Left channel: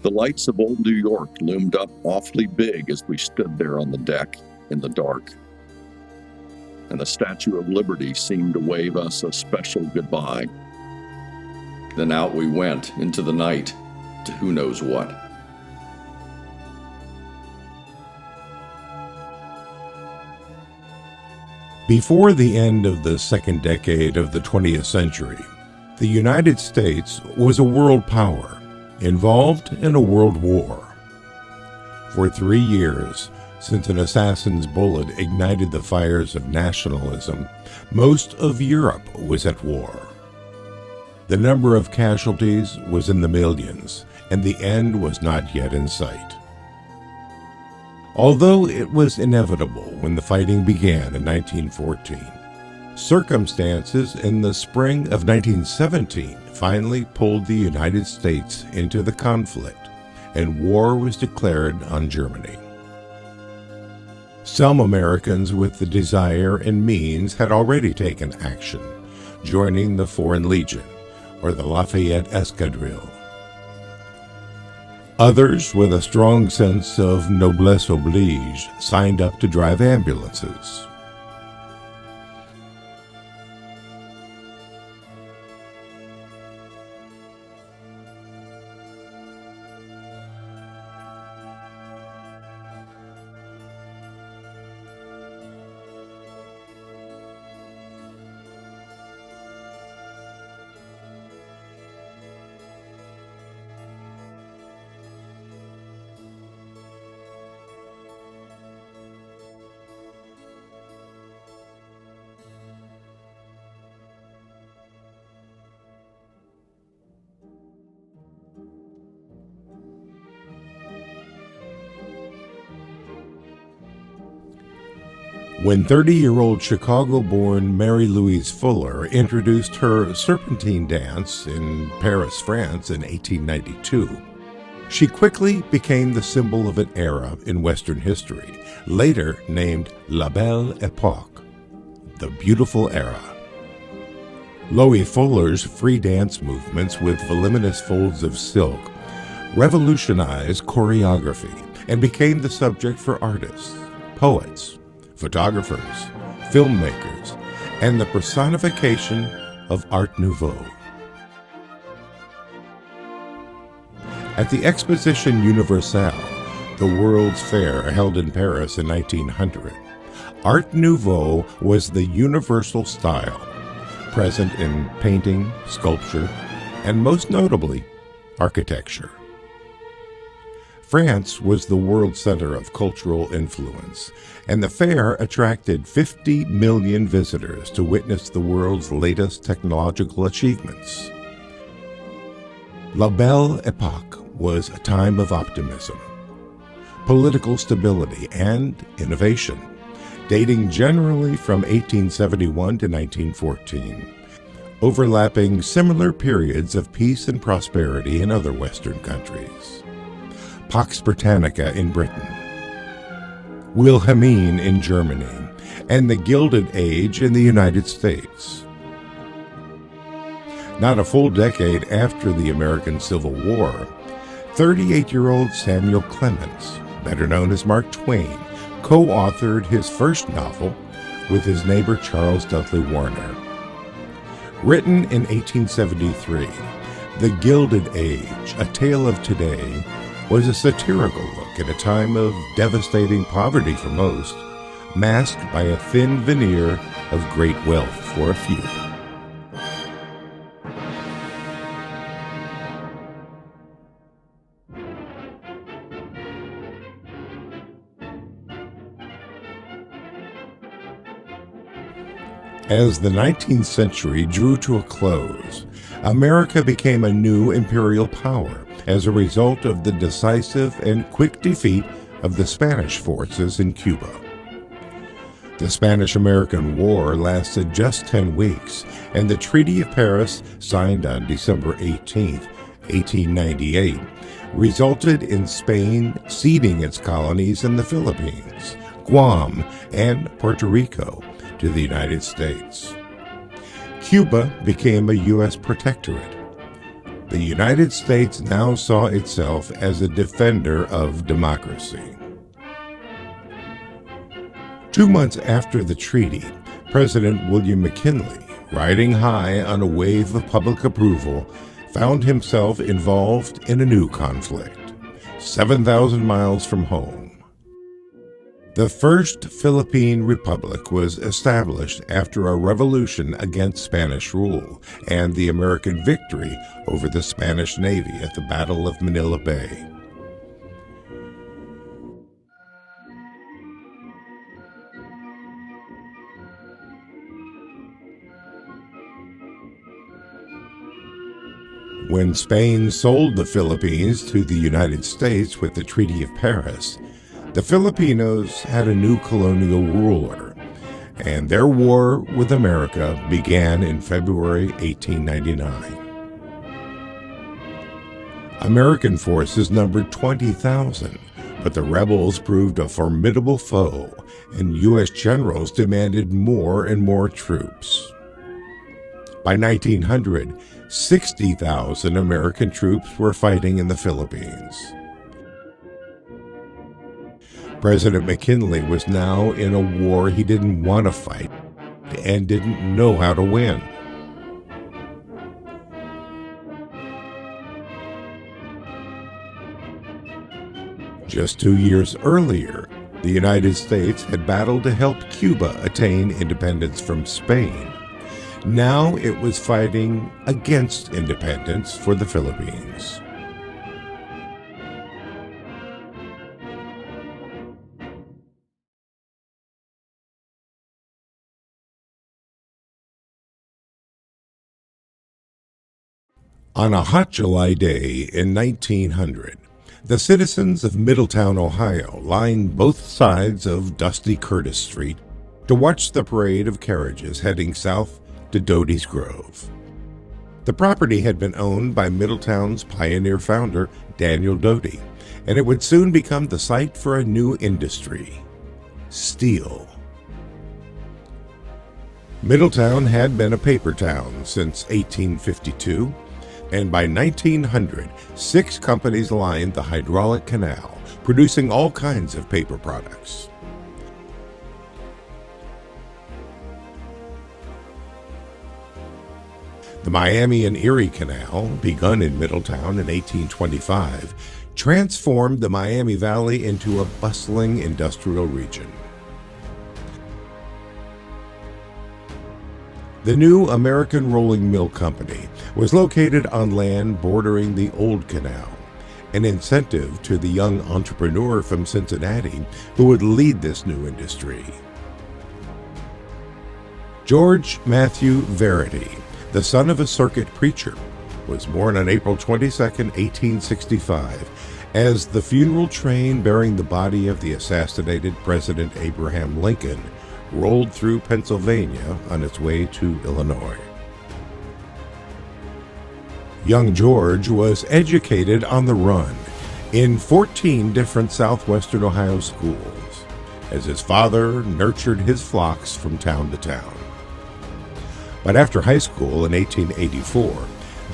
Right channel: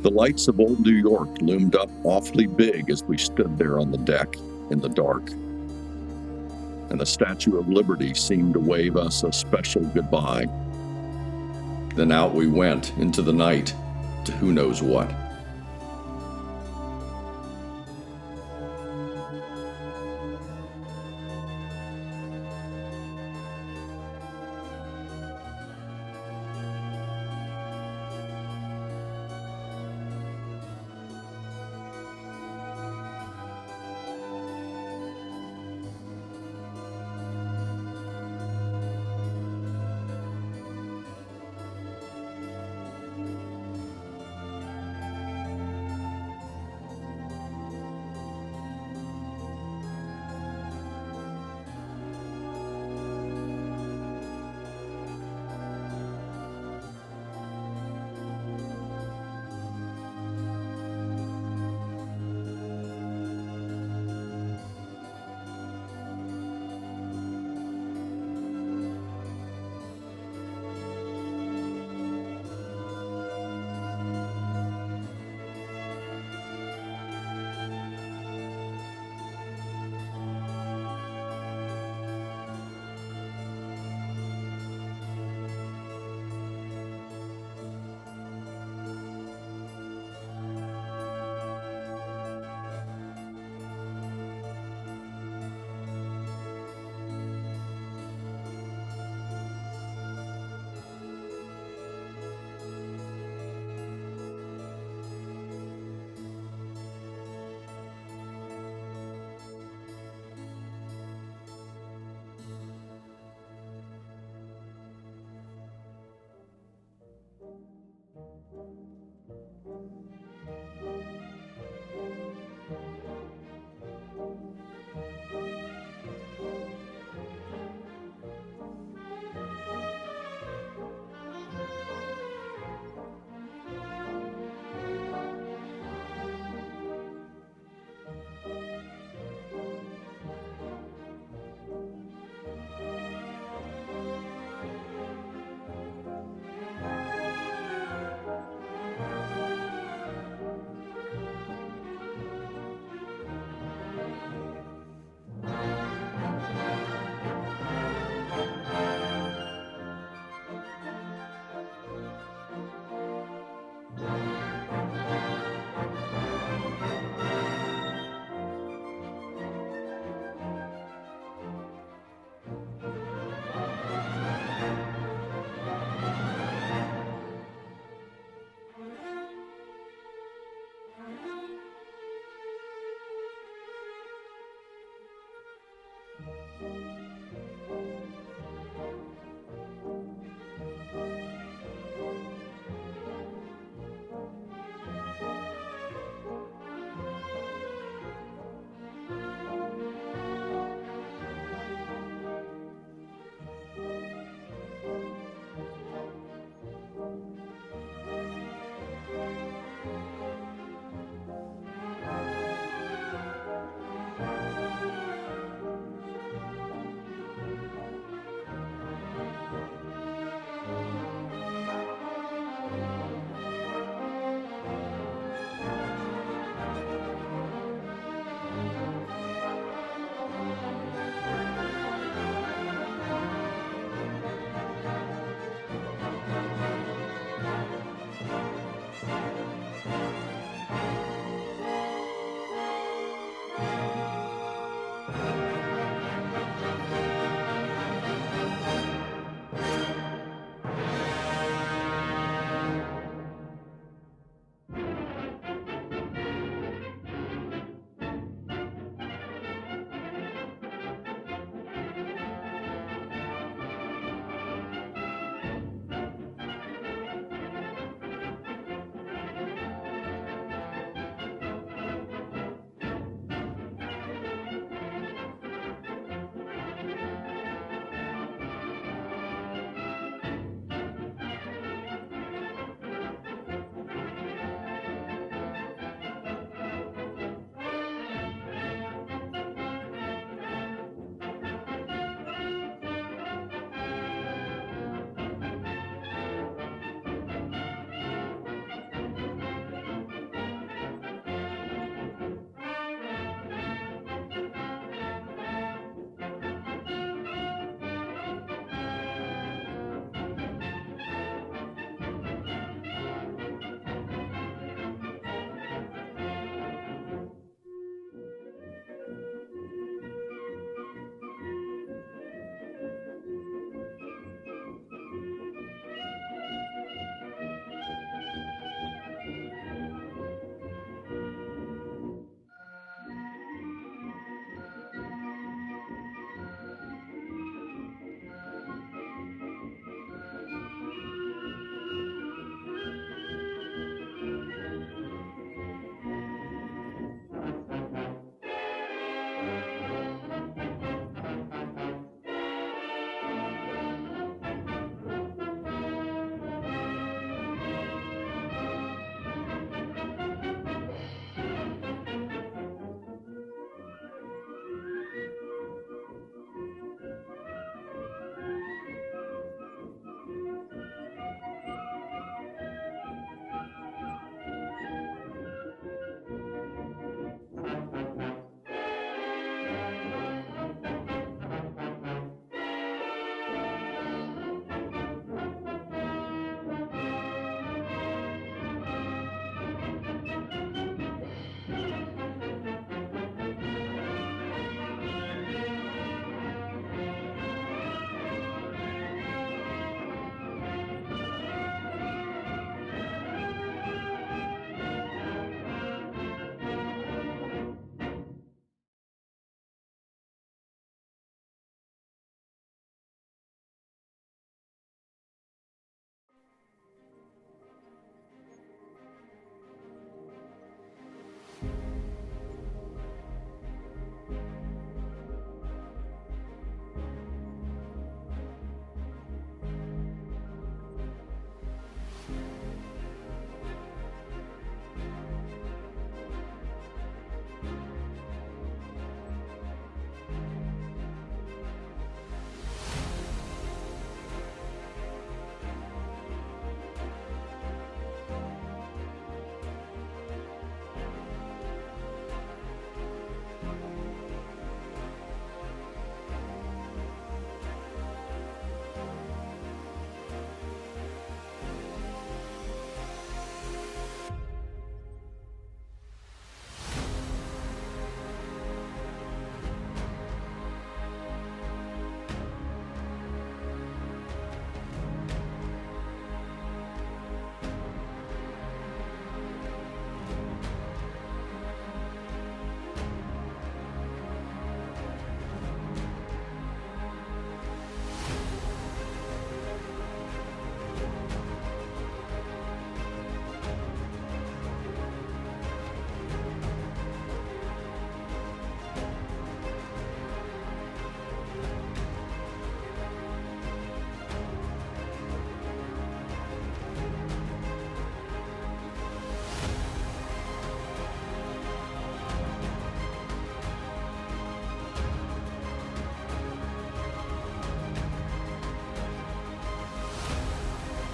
The lights of old New York loomed up awfully big as we stood there on the deck in the dark, and the Statue of Liberty seemed to wave us a special goodbye. Then out we went into the night to who knows what. Before the end of the second decade of the 20th century, the United States was a world power, involved in a world war. For 3 years, since an assassin's bullet ignited the fires of nationalism, most of Europe was at war. The number of casualties was in the millions, and the end was not yet in sight. Although it was inevitable when the fighting began in 1914, circumstances in the spring of 1917 finally pulled the United States into the conflict, and war was declared on Germany. Some Americans with the desire and means had already taken action, joining the Foreign Legion, or the Lafayette Escadrille. Others, with a strong sense of noblesse oblige, signed up to drive ambulances. When 30-year-old Chicago-born Mary Louise Fuller introduced her Serpentine dance in Paris, France in 1892, she quickly became the symbol of an era in Western history, later named La Belle Époque, the beautiful era. Loie Fuller's free dance movements with voluminous folds of silk revolutionized choreography and became the subject for artists, poets, photographers, filmmakers, and the personification of Art Nouveau. At the Exposition Universelle, the World's Fair held in Paris in 1900, Art Nouveau was the universal style, present in painting, sculpture, and most notably, architecture. France was the world center of cultural influence, and the fair attracted 50 million visitors to witness the world's latest technological achievements. La Belle Époque was a time of optimism, political stability, and innovation, dating generally from 1871 to 1914, overlapping similar periods of peace and prosperity in other Western countries. Pax Britannica in Britain, Wilhelmine in Germany, and the Gilded Age in the United States. Not a full decade after the American Civil War, 38-year-old Samuel Clemens, better known as Mark Twain, co-authored his first novel with his neighbor Charles Dudley Warner. Written in 1873, The Gilded Age, A Tale of Today, was a satirical look at a time of devastating poverty for most, masked by a thin veneer of great wealth for a few. As the 19th century drew to a close, America became a new imperial power as a result of the decisive and quick defeat of the Spanish forces in Cuba. The Spanish-American War lasted just 10 weeks, and the Treaty of Paris, signed on December 18, 1898, resulted in Spain ceding its colonies in the Philippines, Guam, and Puerto Rico to the United States. Cuba became a U.S. protectorate. The United States now saw itself as a defender of democracy. 2 months after the treaty, President William McKinley, riding high on a wave of public approval, found himself involved in a new conflict, 7,000 miles from home. The First Philippine Republic was established after a revolution against Spanish rule and the American victory over the Spanish Navy at the Battle of Manila Bay. When Spain sold the Philippines to the United States with the Treaty of Paris, the Filipinos had a new colonial ruler, and their war with America began in February 1899. American forces numbered 20,000, but the rebels proved a formidable foe, and U.S. generals demanded more and more troops. By 1900, 60,000 American troops were fighting in the Philippines. President McKinley was now in a war he didn't want to fight and didn't know how to win. Just 2 years earlier, the United States had battled to help Cuba attain independence from Spain. Now it was fighting against independence for the Philippines. On a hot July day in 1900, the citizens of Middletown, Ohio, lined both sides of dusty Curtis Street to watch the parade of carriages heading south to Doty's Grove. The property had been owned by Middletown's pioneer founder, Daniel Doty, and it would soon become the site for a new industry: steel. Middletown had been a paper town since 1852, and by 1900, 6 companies lined the hydraulic canal, producing all kinds of paper products. The Miami and Erie Canal, begun in Middletown in 1825, transformed the Miami Valley into a bustling industrial region. The new American Rolling Mill Company was located on land bordering the Old Canal, an incentive to the young entrepreneur from Cincinnati who would lead this new industry. George Matthew Verity, the son of a circuit preacher, was born on April 22, 1865, as the funeral train bearing the body of the assassinated President Abraham Lincoln rolled through Pennsylvania on its way to Illinois. Young George was educated on the run in 14 different southwestern Ohio schools, as his father nurtured his flocks from town to town. But after high school in 1884,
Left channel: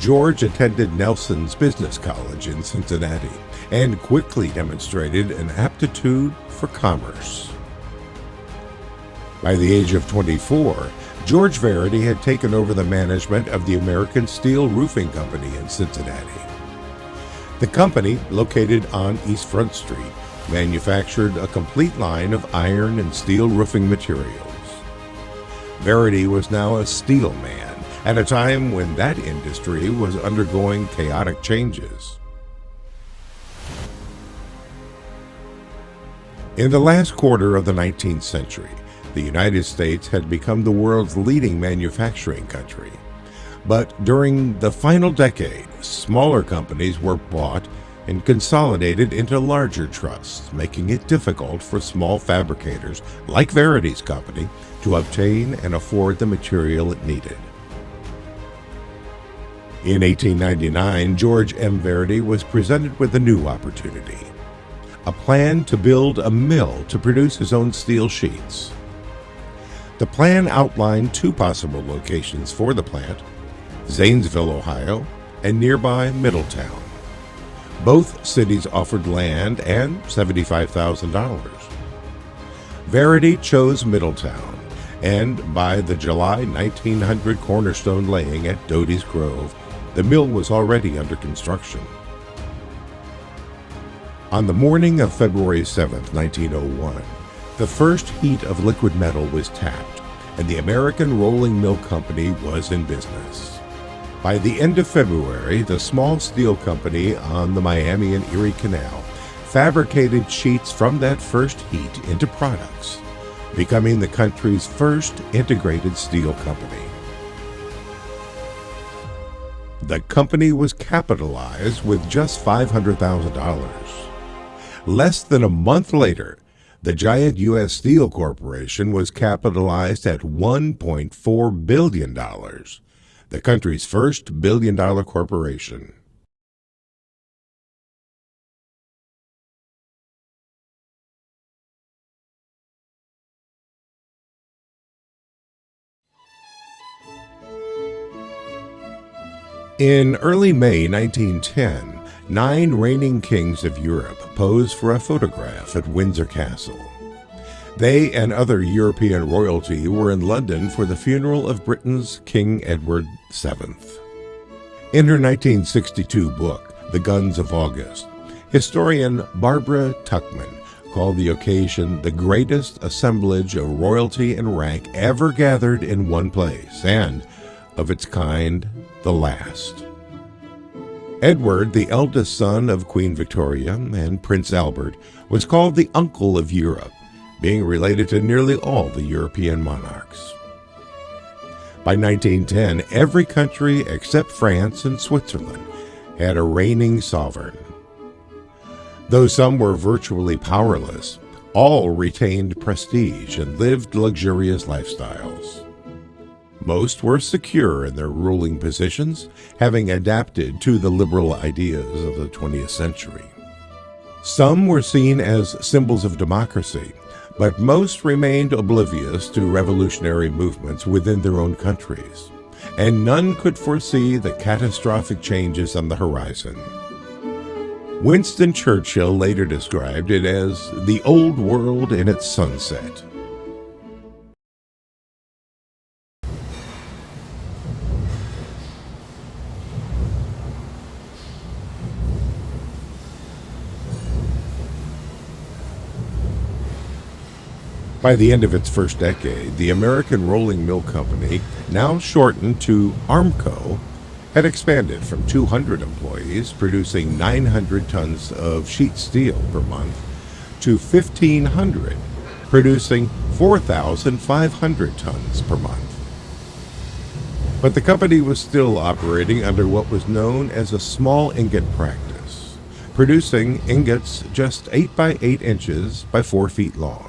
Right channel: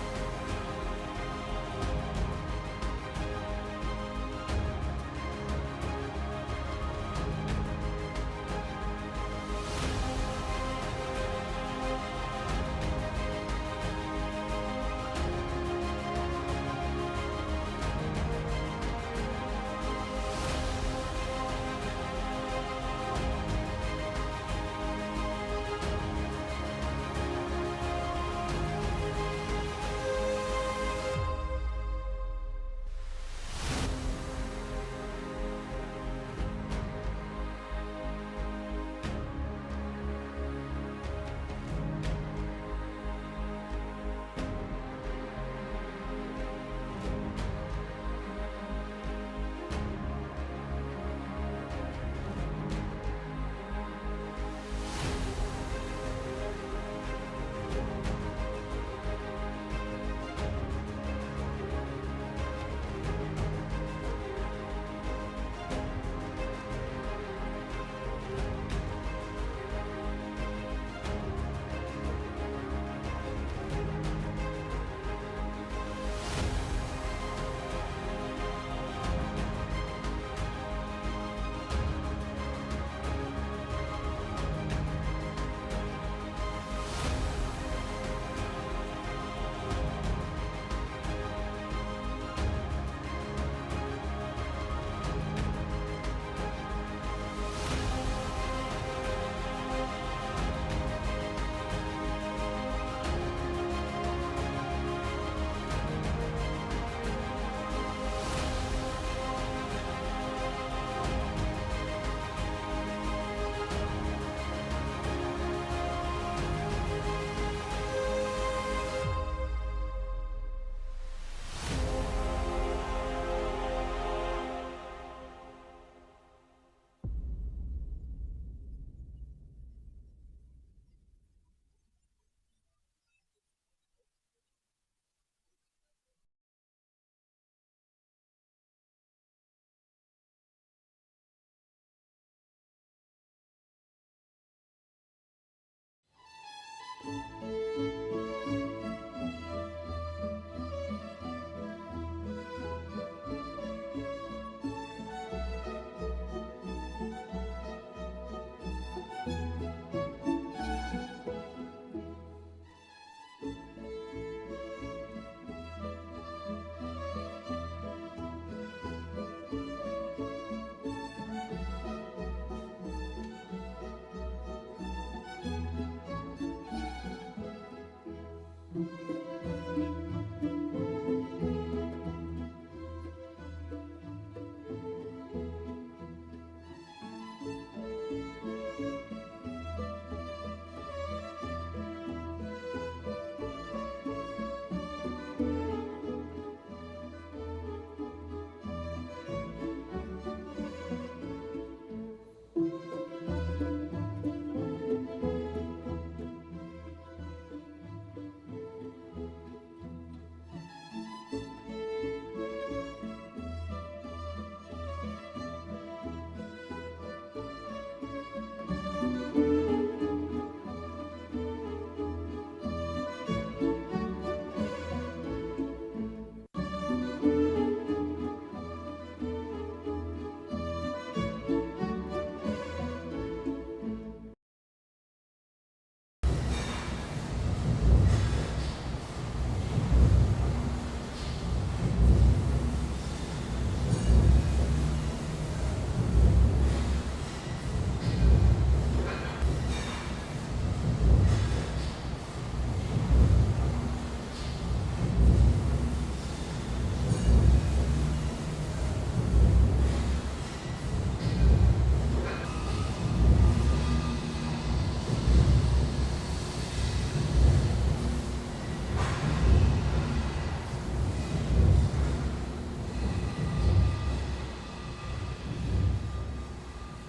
George attended Nelson's Business College in Cincinnati and quickly demonstrated an aptitude for commerce. By the age of 24, George Verity had taken over the management of the American Steel Roofing Company in Cincinnati. The company, located on East Front Street, manufactured a complete line of iron and steel roofing materials. Verity was now a steel man at a time when that industry was undergoing chaotic changes. In the last quarter of the 19th century, the United States had become the world's leading manufacturing country. But during the final decade, smaller companies were bought and consolidated into larger trusts, making it difficult for small fabricators like Verity's company to obtain and afford the material it needed. In 1899, George M. Verity was presented with a new opportunity: a plan to build a mill to produce his own steel sheets. The plan outlined 2 possible locations for the plant: Zanesville, Ohio, and nearby Middletown. Both cities offered land and $75,000. Verity chose Middletown, and by the July 1900 cornerstone laying at Doty's Grove, the mill was already under construction. On the morning of February 7, 1901, the first heat of liquid metal was tapped, and the American Rolling Mill Company was in business. By the end of February, the small steel company on the Miami and Erie Canal fabricated sheets from that first heat into products, becoming the country's first integrated steel company. The company was capitalized with just $500,000. Less than a month later, the giant U.S. Steel Corporation was capitalized at $1.4 billion, the country's first billion-dollar corporation. In early May 1910, 9 reigning kings of Europe posed for a photograph at Windsor Castle. They and other European royalty were in London for the funeral of Britain's King Edward VII. In her 1962 book, The Guns of August, historian Barbara Tuchman called the occasion the greatest assemblage of royalty and rank ever gathered in one place, and, of its kind, the last. Edward, the eldest son of Queen Victoria and Prince Albert, was called the Uncle of Europe, being related to nearly all the European monarchs. By 1910, every country except France and Switzerland had a reigning sovereign. Though some were virtually powerless, all retained prestige and lived luxurious lifestyles. Most were secure in their ruling positions, having adapted to the liberal ideas of the 20th century. Some were seen as symbols of democracy, but most remained oblivious to revolutionary movements within their own countries, and none could foresee the catastrophic changes on the horizon. Winston Churchill later described it as the old world in its sunset. By the end of its first decade, the American Rolling Mill Company, now shortened to Armco, had expanded from 200 employees producing 900 tons of sheet steel per month to 1,500 producing 4,500 tons per month. But the company was still operating under what was known as a small ingot practice, producing ingots just 8 by 8 inches by 4 feet long.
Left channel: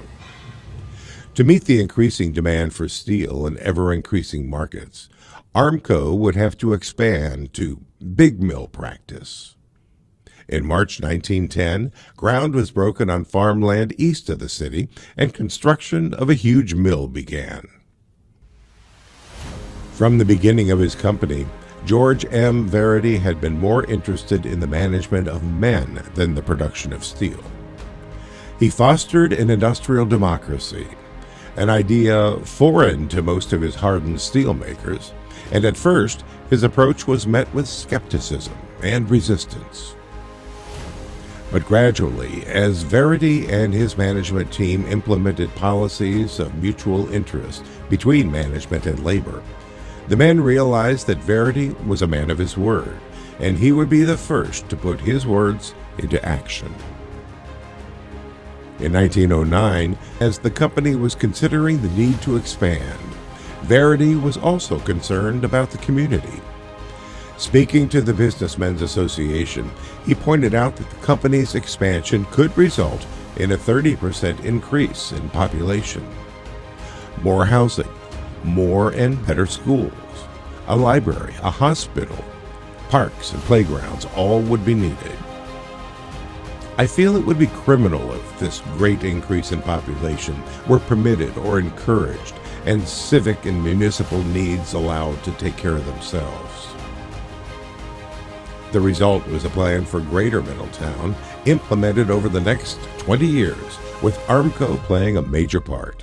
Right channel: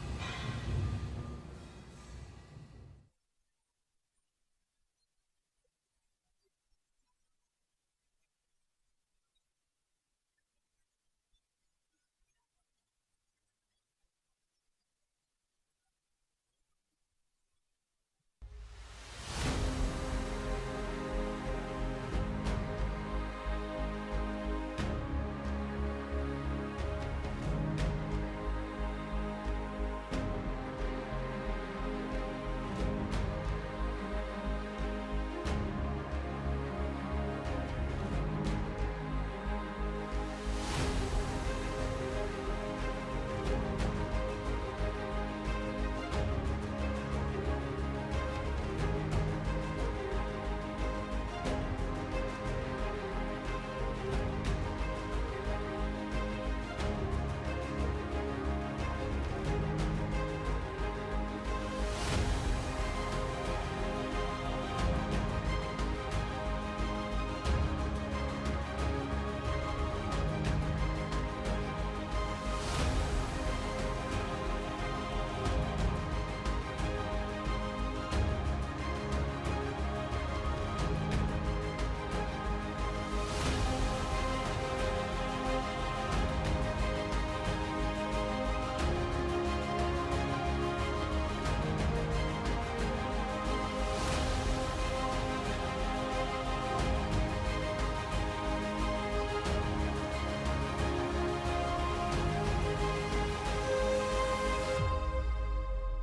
To meet the increasing demand for steel in ever-increasing markets, Armco would have to expand to big mill practice. In March 1910, ground was broken on farmland east of the city, and construction of a huge mill began. From the beginning of his company, George M. Verity had been more interested in the management of men than the production of steel. He fostered an industrial democracy, an idea foreign to most of his hardened steelmakers, and at first his approach was met with skepticism and resistance. But gradually, as Verity and his management team implemented policies of mutual interest between management and labor, the men realized that Verity was a man of his word, and he would be the first to put his words into action. In 1909, as the company was considering the need to expand, Verity was also concerned about the community. Speaking to the Businessmen's Association, he pointed out that the company's expansion could result in a 30% increase in population. More housing, more and better schools, a library, a hospital, parks and playgrounds, all would be needed. I feel it would be criminal if this great increase in population were permitted or encouraged, and civic and municipal needs allowed to take care of themselves. The result was a plan for Greater Middletown, implemented over the next 20 years, with Armco playing a major part.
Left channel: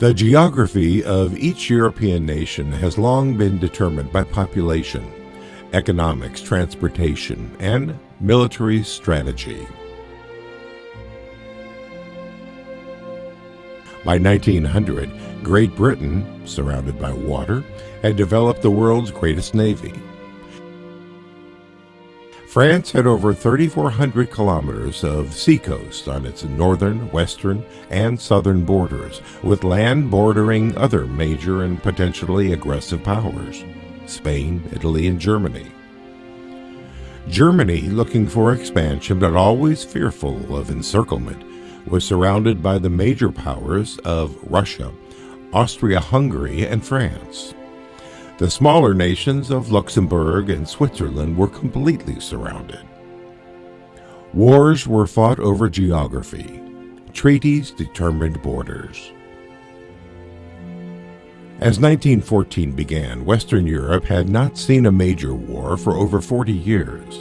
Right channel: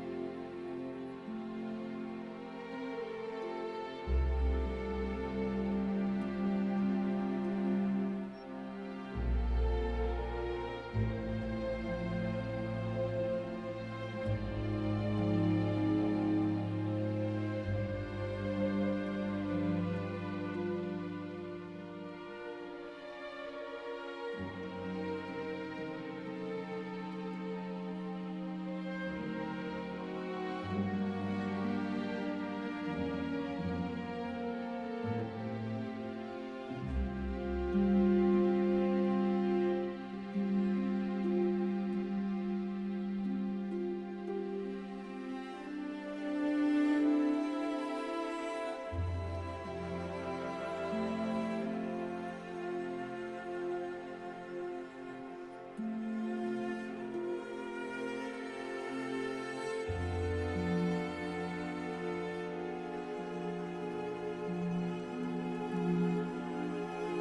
The geography of each European nation has long been determined by population, economics, transportation, and military strategy. By 1900, Great Britain, surrounded by water, had developed the world's greatest navy. France had over 3,400 kilometers of seacoast on its northern, western, and southern borders, with land bordering other major and potentially aggressive powers: Spain, Italy, and Germany. Germany, looking for expansion but always fearful of encirclement, was surrounded by the major powers of Russia, Austria-Hungary, and France. The smaller nations of Luxembourg and Switzerland were completely surrounded. Wars were fought over geography. Treaties determined borders. As 1914 began, Western Europe had not seen a major war for over 40 years.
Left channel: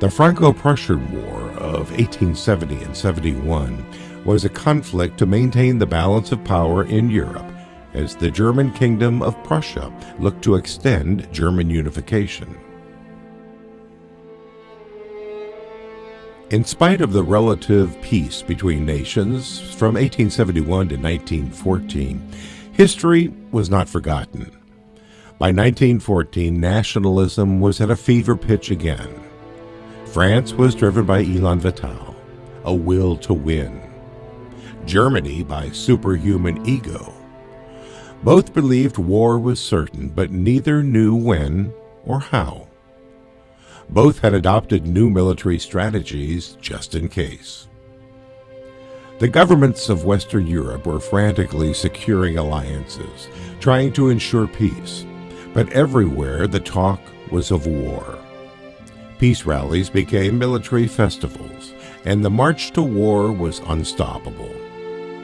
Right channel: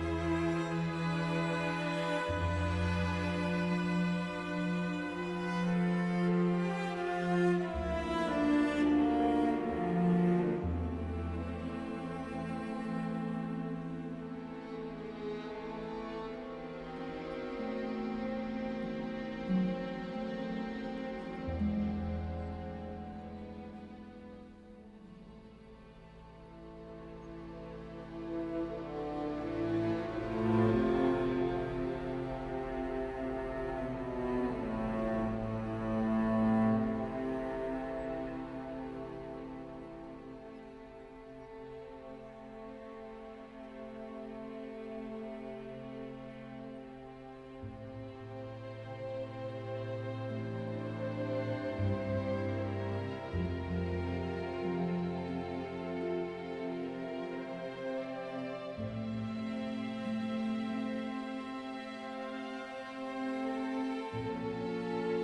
The Franco-Prussian War of 1870 and 71 was a conflict to maintain the balance of power in Europe, as the German Kingdom of Prussia looked to extend German unification. In spite of the relative peace between nations from 1871 to 1914, history was not forgotten. By 1914, nationalism was at a fever pitch again. France was driven by Elan Vital, a will to win. Germany by superhuman ego. Both believed war was certain, but neither knew when or how. Both had adopted new military strategies just in case. The governments of Western Europe were frantically securing alliances, trying to ensure peace, but everywhere the talk was of war. Peace rallies became military festivals, and the march to war was unstoppable.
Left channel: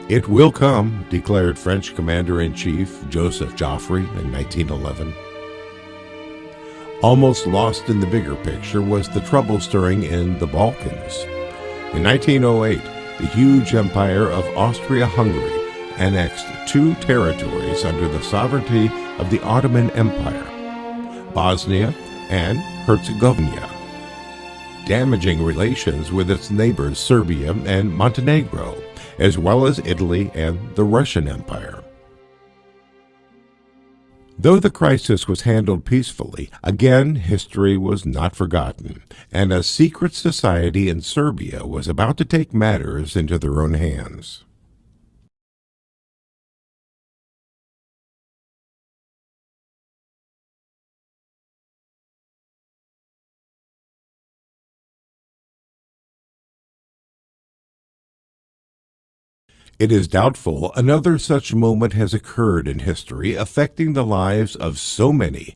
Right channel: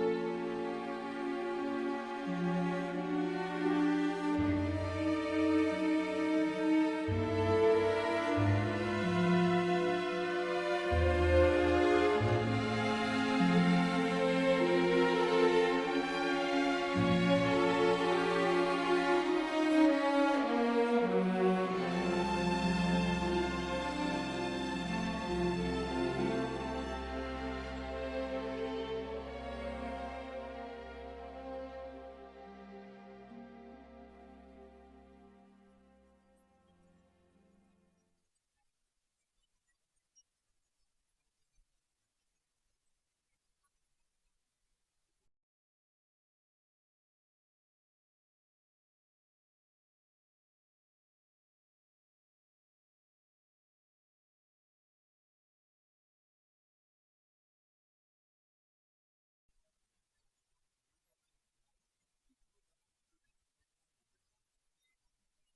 "It will come," declared French Commander-in-Chief Joseph Joffre in 1911. Almost lost in the bigger picture was the trouble stirring in the Balkans. In 1908, the huge empire of Austria-Hungary annexed 2 territories under the sovereignty of the Ottoman Empire, Bosnia and Herzegovina, damaging relations with its neighbors Serbia and Montenegro, as well as Italy and the Russian Empire. Though the crisis was handled peacefully, again history was not forgotten, and a secret society in Serbia was about to take matters into their own hands. It is doubtful another such moment has occurred in history affecting the lives of so many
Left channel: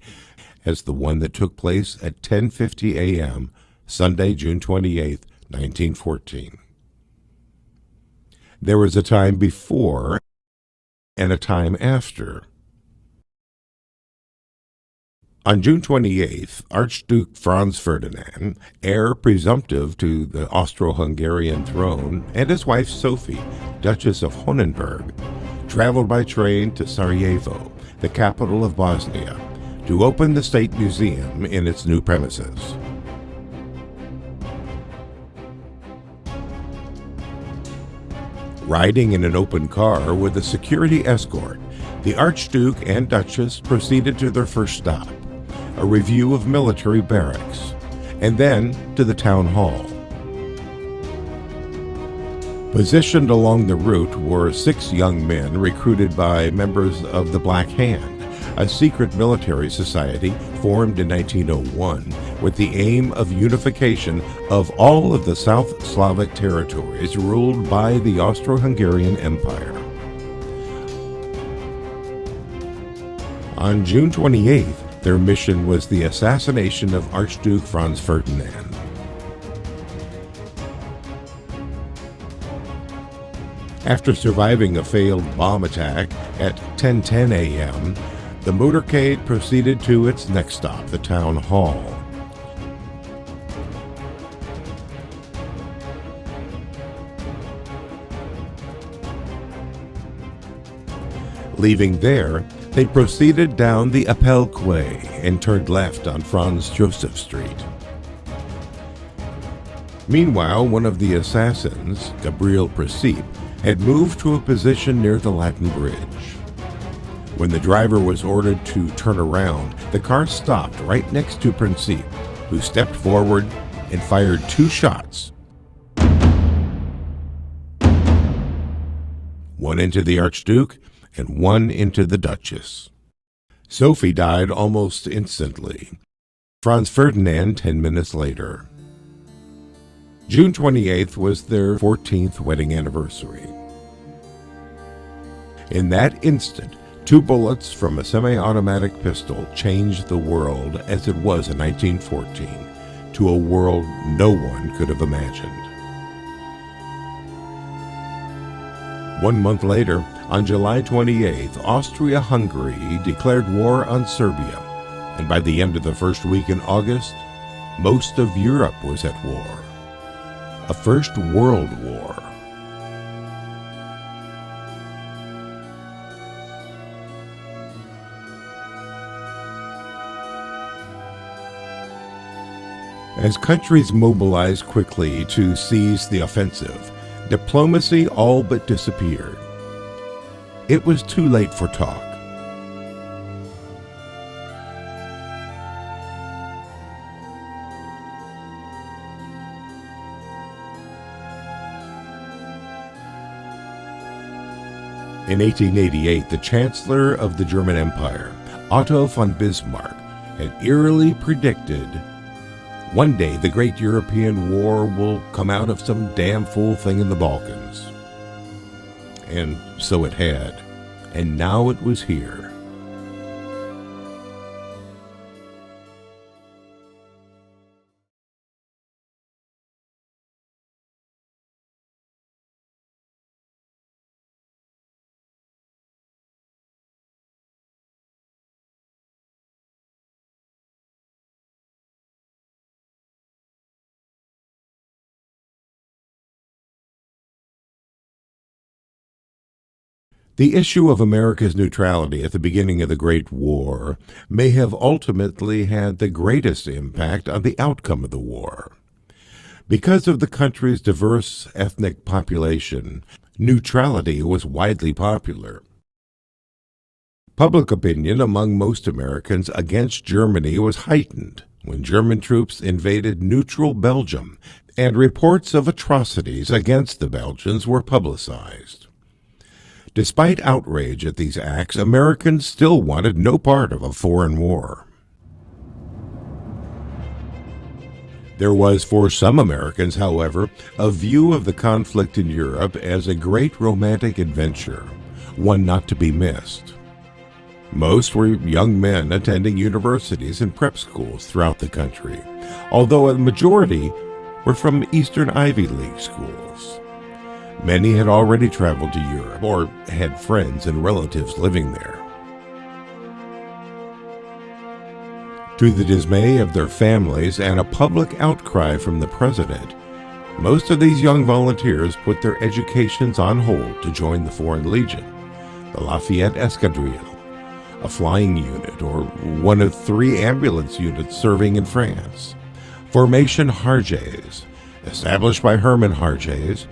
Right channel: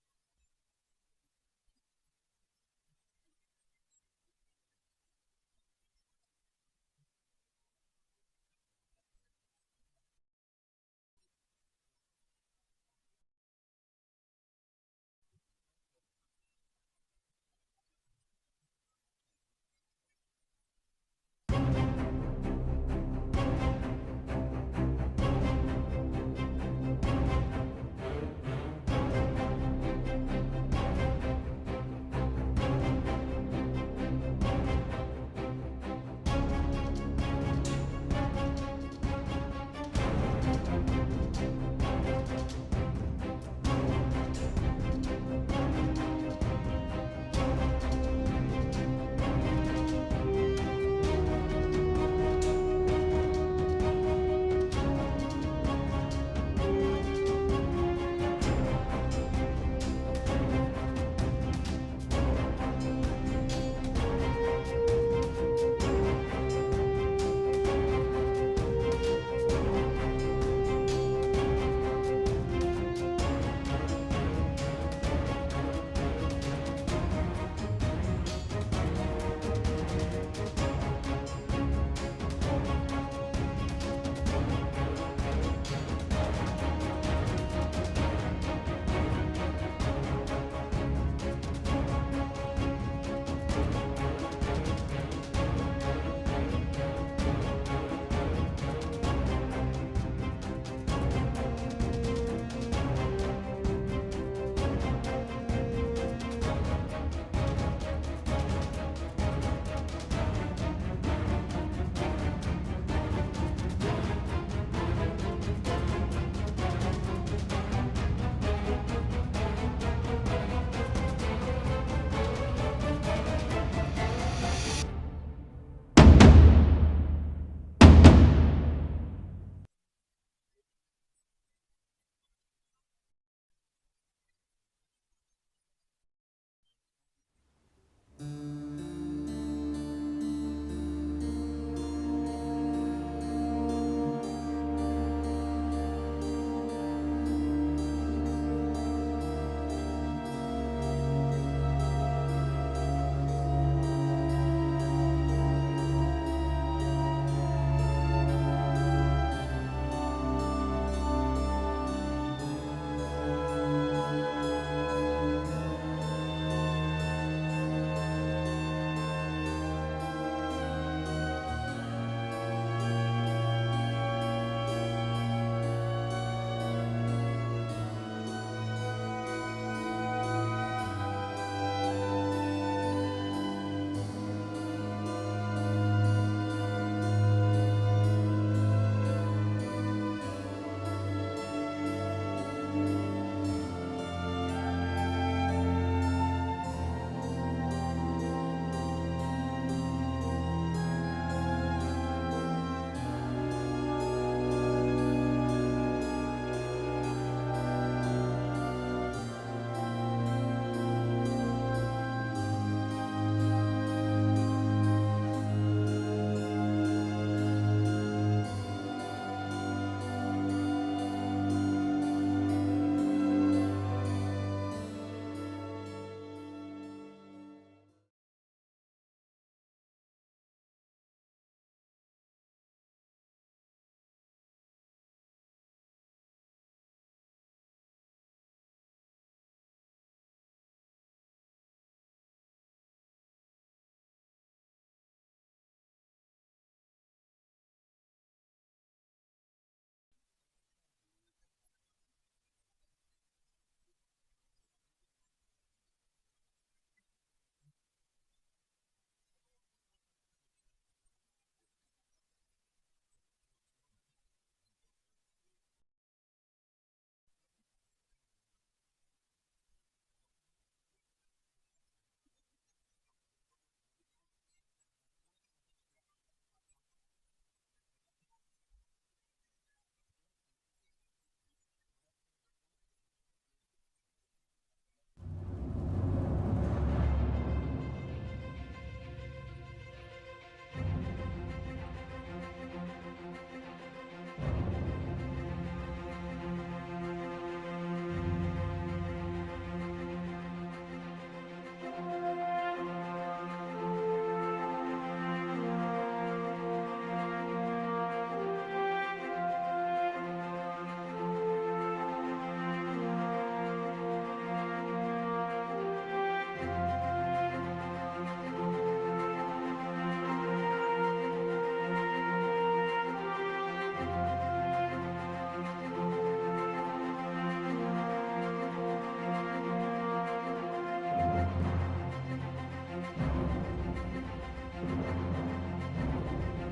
as the one that took place at 10:50 a.m. Sunday, June 28, 1914. There was a time before and a time after. On June 28th, Archduke Franz Ferdinand, heir presumptive to the Austro-Hungarian throne, and his wife Sophie, Duchess of Honenberg, traveled by train to Sarajevo, the capital of Bosnia, to open the State Museum in its new premises. Riding in an open car with a security escort, the Archduke and Duchess proceeded to their first stop, a review of military barracks, and then to the town hall. Positioned along the route were 6 young men recruited by members of the Black Hand, a secret military society formed in 1901 with the aim of unification of all of the South Slavic territories ruled by the Austro-Hungarian Empire. On June 28th, their mission was the assassination of Archduke Franz Ferdinand. After surviving a failed bomb attack at 10:10 a.m., the motorcade proceeded to its next stop, the town hall. Leaving there, they proceeded down the Appelquay and turned left on Franz Joseph Street. Meanwhile, one of the assassins, Gabriel Principe, had moved to a position near the Latin Bridge. When the driver was ordered to turn around, the car stopped right next to Principe, who stepped forward and fired 2 shots. One into the Archduke and one into the Duchess. Sophie died almost instantly. Franz Ferdinand 10 minutes later. June 28th was their 14th wedding anniversary. In that instant, 2 bullets from a semi-automatic pistol changed the world as it was in 1914 to a world no one could have imagined. 1 month later, on July 28th, Austria-Hungary declared war on Serbia, and by the end of the first week in August, most of Europe was at war. A First World War. As countries mobilized quickly to seize the offensive, diplomacy all but disappeared. It was too late for talk. In 1888, the Chancellor of the German Empire, Otto von Bismarck, had eerily predicted, "One day the great European war will come out of some damn fool thing in the Balkans." And so it had, and now it was here. The issue of America's neutrality at the beginning of the Great War may have ultimately had the greatest impact on the outcome of the war. Because of the country's diverse ethnic population, neutrality was widely popular. Public opinion among most Americans against Germany was heightened when German troops invaded neutral Belgium, and reports of atrocities against the Belgians were publicized. Despite outrage at these acts, Americans still wanted no part of a foreign war. There was, for some Americans, however, a view of the conflict in Europe as a great romantic adventure, one not to be missed. Most were young men attending universities and prep schools throughout the country, although a majority were from Eastern Ivy League schools. Many had already traveled to Europe or had friends and relatives living there. To the dismay of their families and a public outcry from the president, most of these young volunteers put their educations on hold to join the Foreign Legion, the Lafayette Escadrille, a flying unit or one of 3 ambulance units serving in France, Formation Harjes, established by Herman Harjes,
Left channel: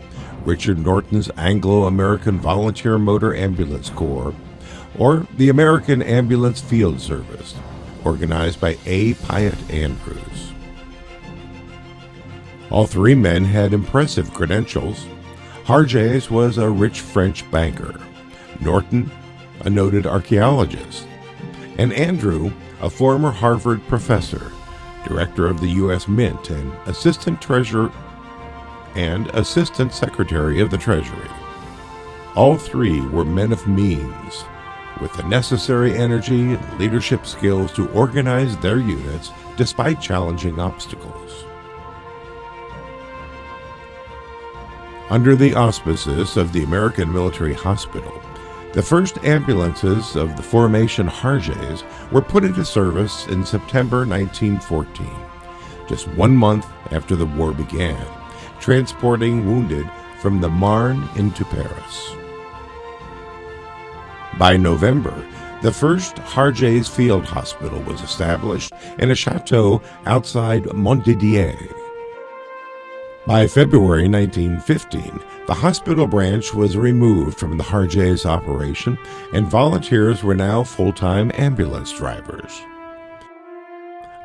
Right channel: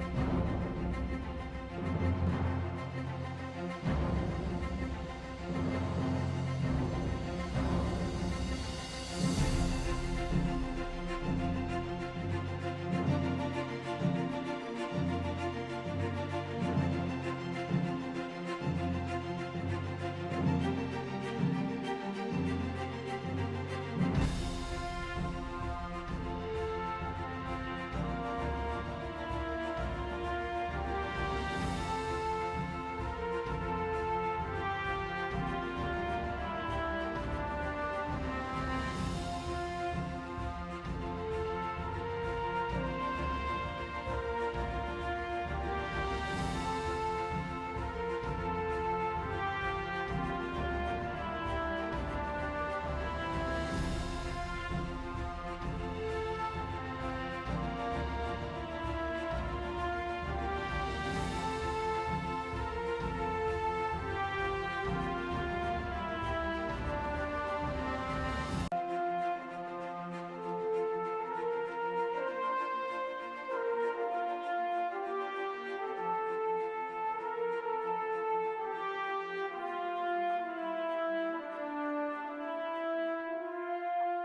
Richard Norton's Anglo-American Volunteer Motor Ambulance Corps, or the American Ambulance Field Service, organized by A. Pyatt Andrews. All 3 men had impressive credentials. Harjes was a rich French banker, Norton, a noted archaeologist, and Andrew, a former Harvard professor, Director of the U.S. Mint, and Assistant Treasurer and Assistant Secretary of the Treasury. All three were men of means, with the necessary energy and leadership skills to organize their units despite challenging obstacles. Under the auspices of the American Military Hospital, the first ambulances of the formation Harjays were put into service in September 1914, just 1 month after the war began, transporting wounded from the Marne into Paris. By November, the first Harjays Field Hospital was established in a chateau outside Montdidier. By February 1915, the hospital branch was removed from the Harjays operation, and volunteers were now full-time ambulance drivers.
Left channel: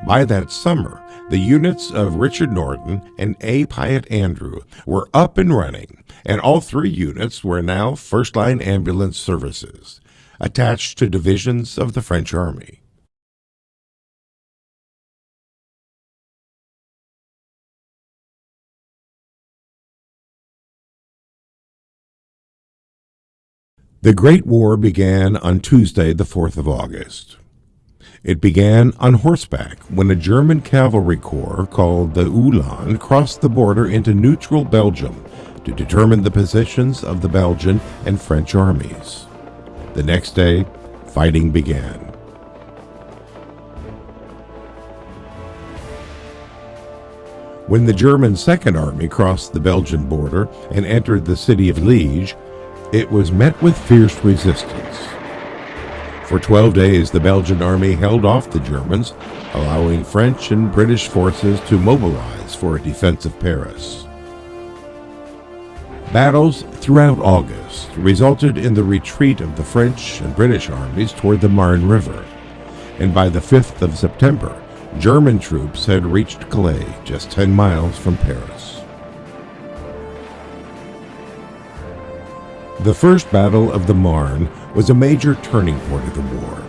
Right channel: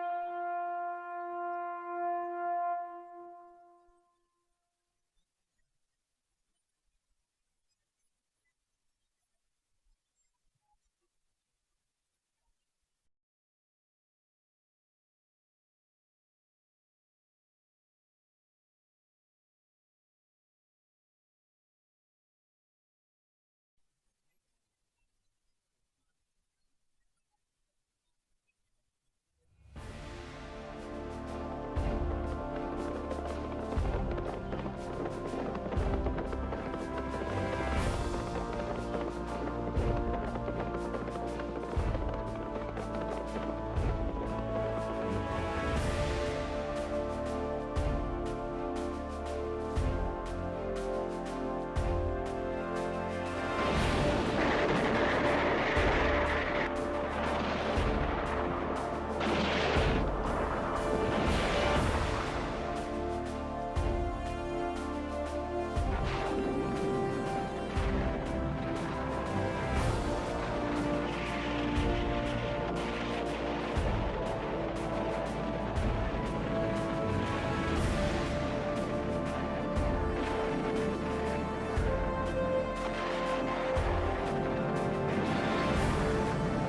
By that summer, the units of Richard Norton and A. Pyatt Andrew were up and running, and all three units were now first-line ambulance services, attached to divisions of the French Army. The Great War began on Tuesday, the 4th of August. It began on horseback when a German cavalry corps called the Uhlans crossed the border into neutral Belgium to determine the positions of the Belgian and French armies. The next day, fighting began. When the German Second Army crossed the Belgian border and entered the city of Liège, it was met with fierce resistance. For 12 days, the Belgian army held off the Germans, allowing French and British forces to mobilize for a defense of Paris. Battles throughout August resulted in the retreat of the French and British armies toward the Marne River, and by the 5th of September, German troops had reached Calais, just 10 miles from Paris. The First Battle of the Marne was a major turning point of the war.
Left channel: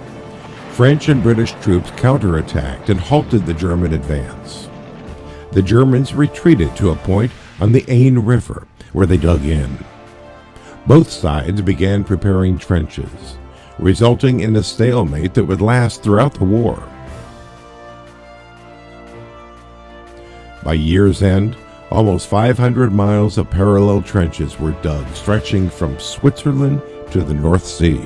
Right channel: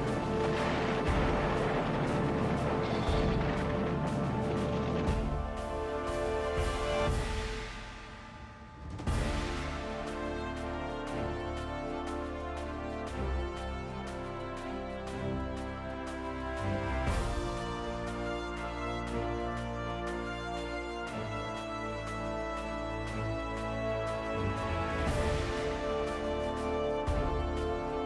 French and British troops counterattacked and halted the German advance. The Germans retreated to a point on the Aisne River, where they dug in. Both sides began preparing trenches, resulting in a stalemate that would last throughout the war. By year's end, almost 500 miles of parallel trenches were dug, stretching from Switzerland to the North Sea.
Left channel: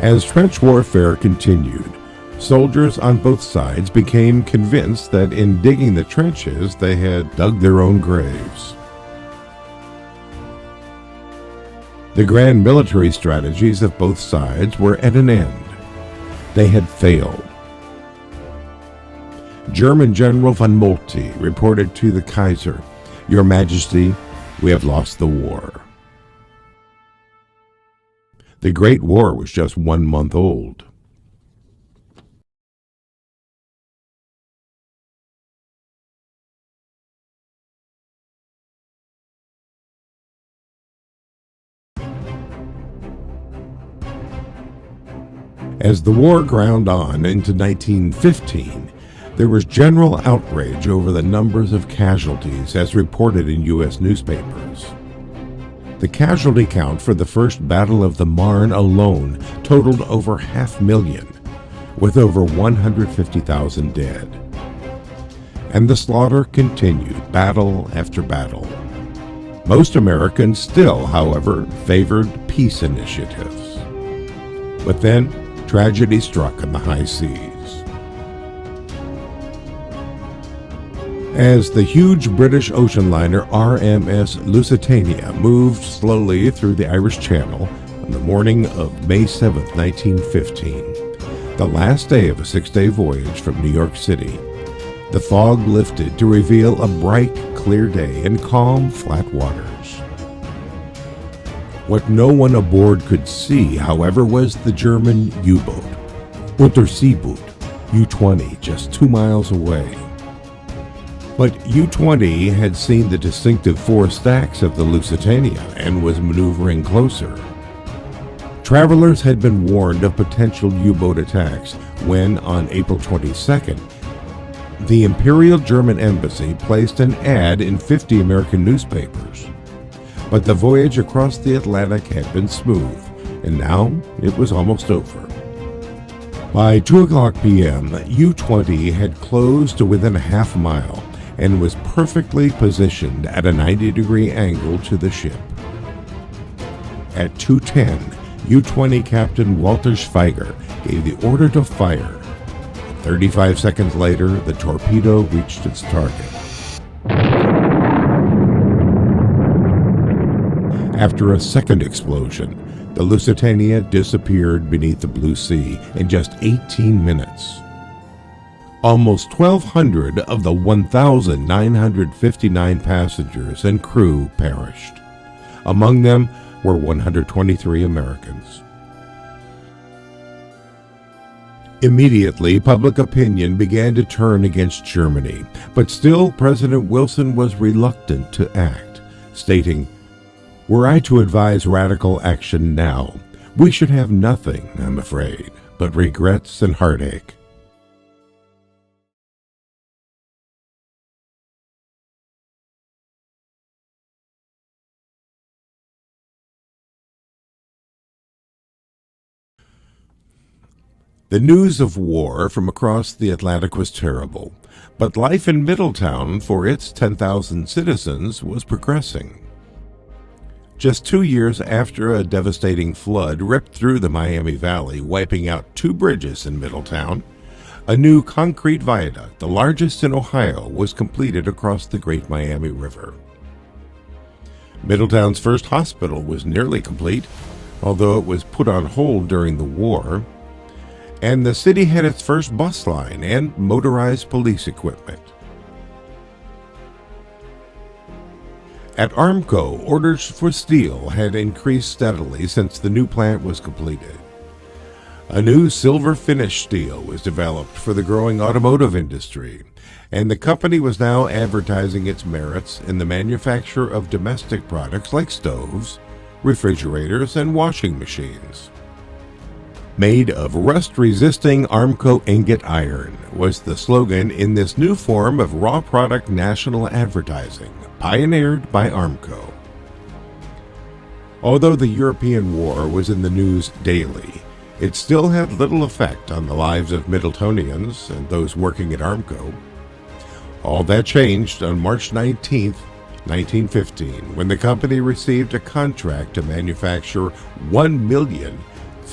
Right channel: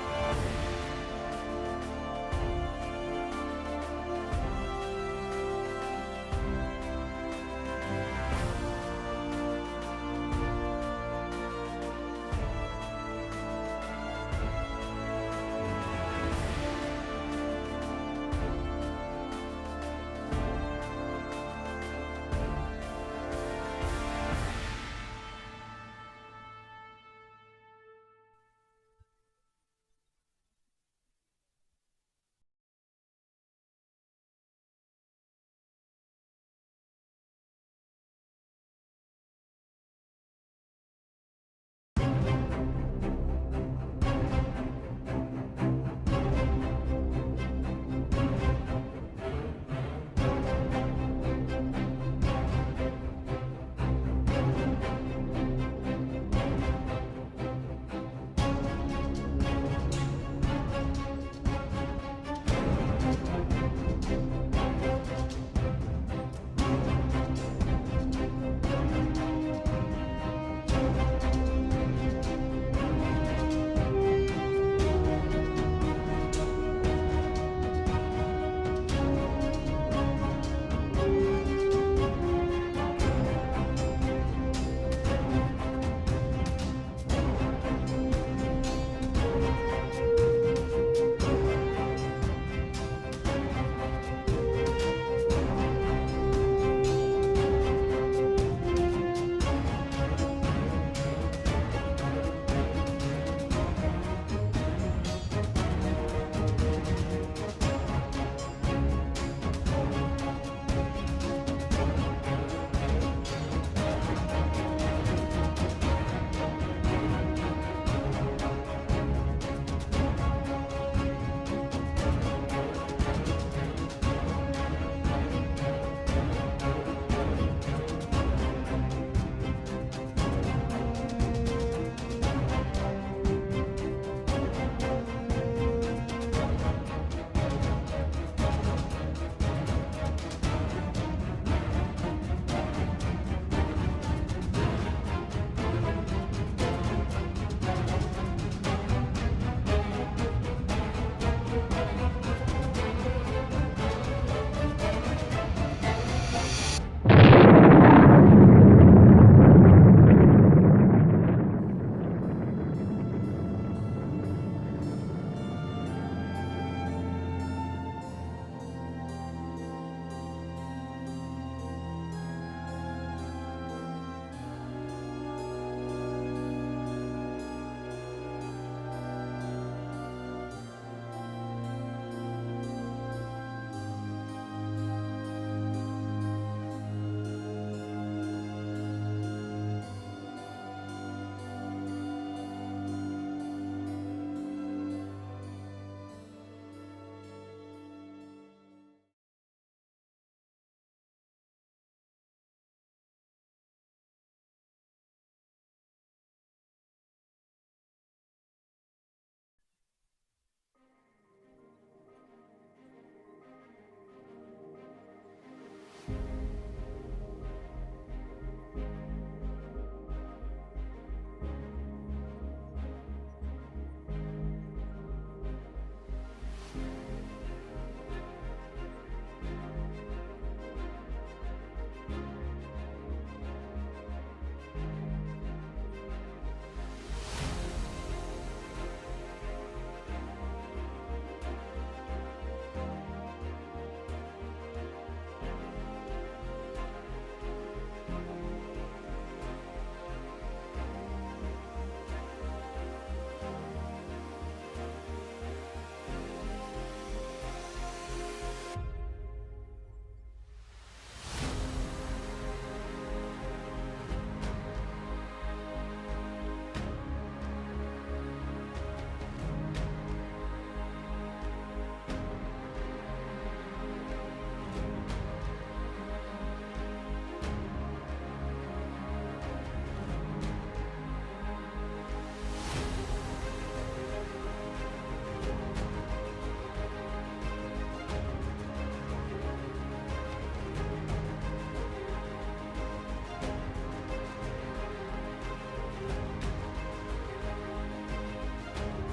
As trench warfare continued, soldiers on both sides became convinced that in digging the trenches they had dug their own graves. The grand military strategies of both sides were at an end. They had failed. German General von Moltke reported to the Kaiser, "Your Majesty, we have lost the war." The Great War was just 1 month old. As the war ground on into 1915, there was general outrage over the numbers of casualties as reported in U.S. newspapers. The casualty count for the First Battle of the Marne alone totaled over 500,000, with over 150,000 dead. And the slaughter continued, battle after battle. Most Americans still, however, favored peace initiatives. But then, tragedy struck in the high seas. As the huge British ocean liner RMS Lusitania moved slowly through the Irish Channel on the morning of May 7, 1915, the last day of a 6-day voyage from New York City, the fog lifted to reveal a bright, clear day in calm, flat waters. What no one aboard could see, however, was the German U-boat, Unterseeboot U-20, just 2 miles away. But U-20 had seen the distinctive four stacks of the Lusitania and was maneuvering closer. Travelers had been warned of potential U-boat attacks when, on April 22nd, the Imperial German Embassy placed an ad in 50 American newspapers. But the voyage across the Atlantic had been smooth, and now it was almost over. By 2 o'clock p.m., U-20 had closed to within a half mile and was perfectly positioned at a 90-degree angle to the ship. At 2:10, U-20 Captain Walter Schweiger gave the order to fire. 35 seconds later, the torpedo reached its target. After a second explosion, the Lusitania disappeared beneath the blue sea in just 18 minutes. Almost 1,200 of the 1,959 passengers and crew perished. Among them were 123 Americans. Immediately, public opinion began to turn against Germany, but still President Wilson was reluctant to act, stating, "Were I to advise radical action now, we should have nothing, I'm afraid, but regrets and heartache." The news of war from across the Atlantic was terrible, but life in Middletown for its 10,000 citizens was progressing. Just 2 years after a devastating flood ripped through the Miami Valley, wiping out 2 bridges in Middletown, a new concrete viaduct, the largest in Ohio, was completed across the Great Miami River. Middletown's first hospital was nearly complete, although it was put on hold during the war, and the city had its first bus line and motorized police equipment. At Armco, orders for steel had increased steadily since the new plant was completed. A new silver finish steel was developed for the growing automotive industry, and the company was now advertising its merits in the manufacture of domestic products like stoves, refrigerators, and washing machines. "Made of rust-resisting Armco ingot iron" was the slogan in this new form of raw product national advertising, pioneered by Armco. Although the European War was in the news daily, it still had little effect on the lives of Middletonians and those working at Armco. All that changed on March 19, 1915, when the company received a contract to manufacture 1 million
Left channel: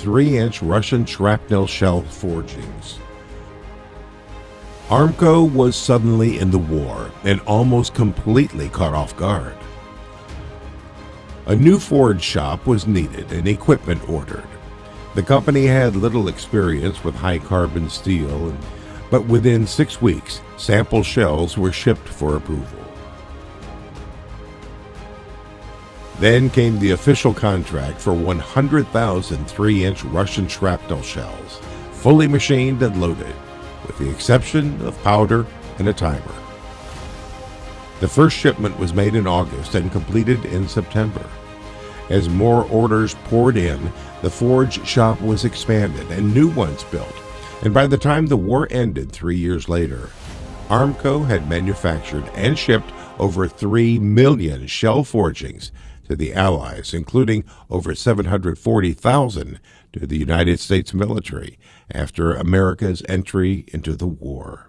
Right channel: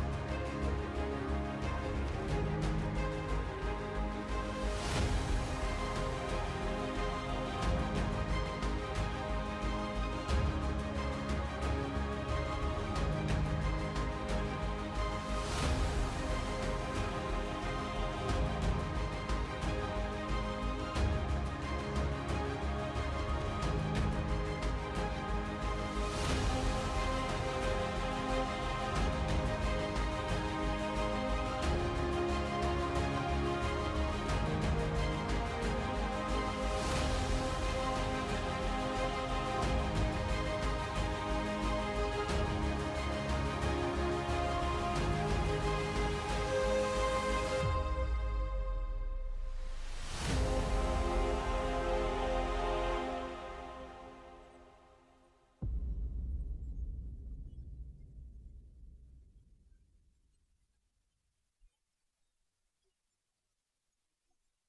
3-inch Russian shrapnel shell forgings. Armco was suddenly in the war and almost completely caught off guard. A new forge shop was needed and equipment ordered. The company had little experience with high-carbon steel, but within 6 weeks, sample shells were shipped for approval. Then came the official contract for 100,000 3-inch Russian shrapnel shells, fully machined and loaded, with the exception of powder and a timer. The first shipment was made in August and completed in September. As more orders poured in, the forge shop was expanded and new ones built, and by the time the war ended 3 years later, Armco had manufactured and shipped over 3 million shell forgings to the Allies, including over 740,000 to the United States military after America's entry into the war.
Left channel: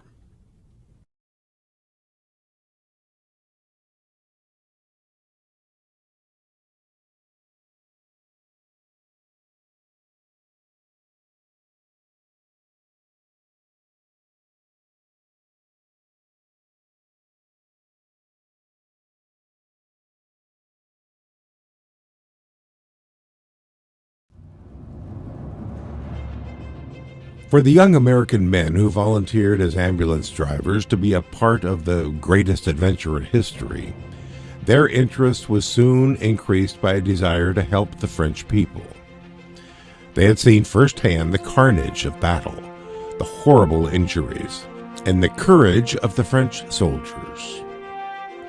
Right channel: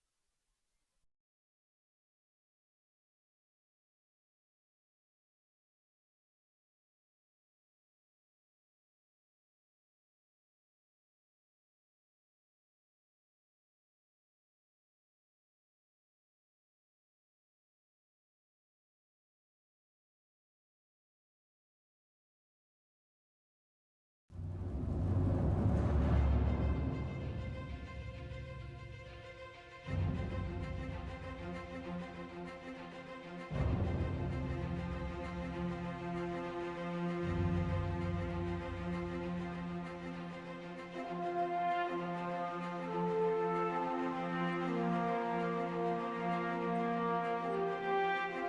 For the young American men who volunteered as ambulance drivers to be a part of the greatest adventure in history, their interest was soon increased by a desire to help the French people. They had seen firsthand the carnage of battle, the horrible injuries, and the courage of the French soldiers.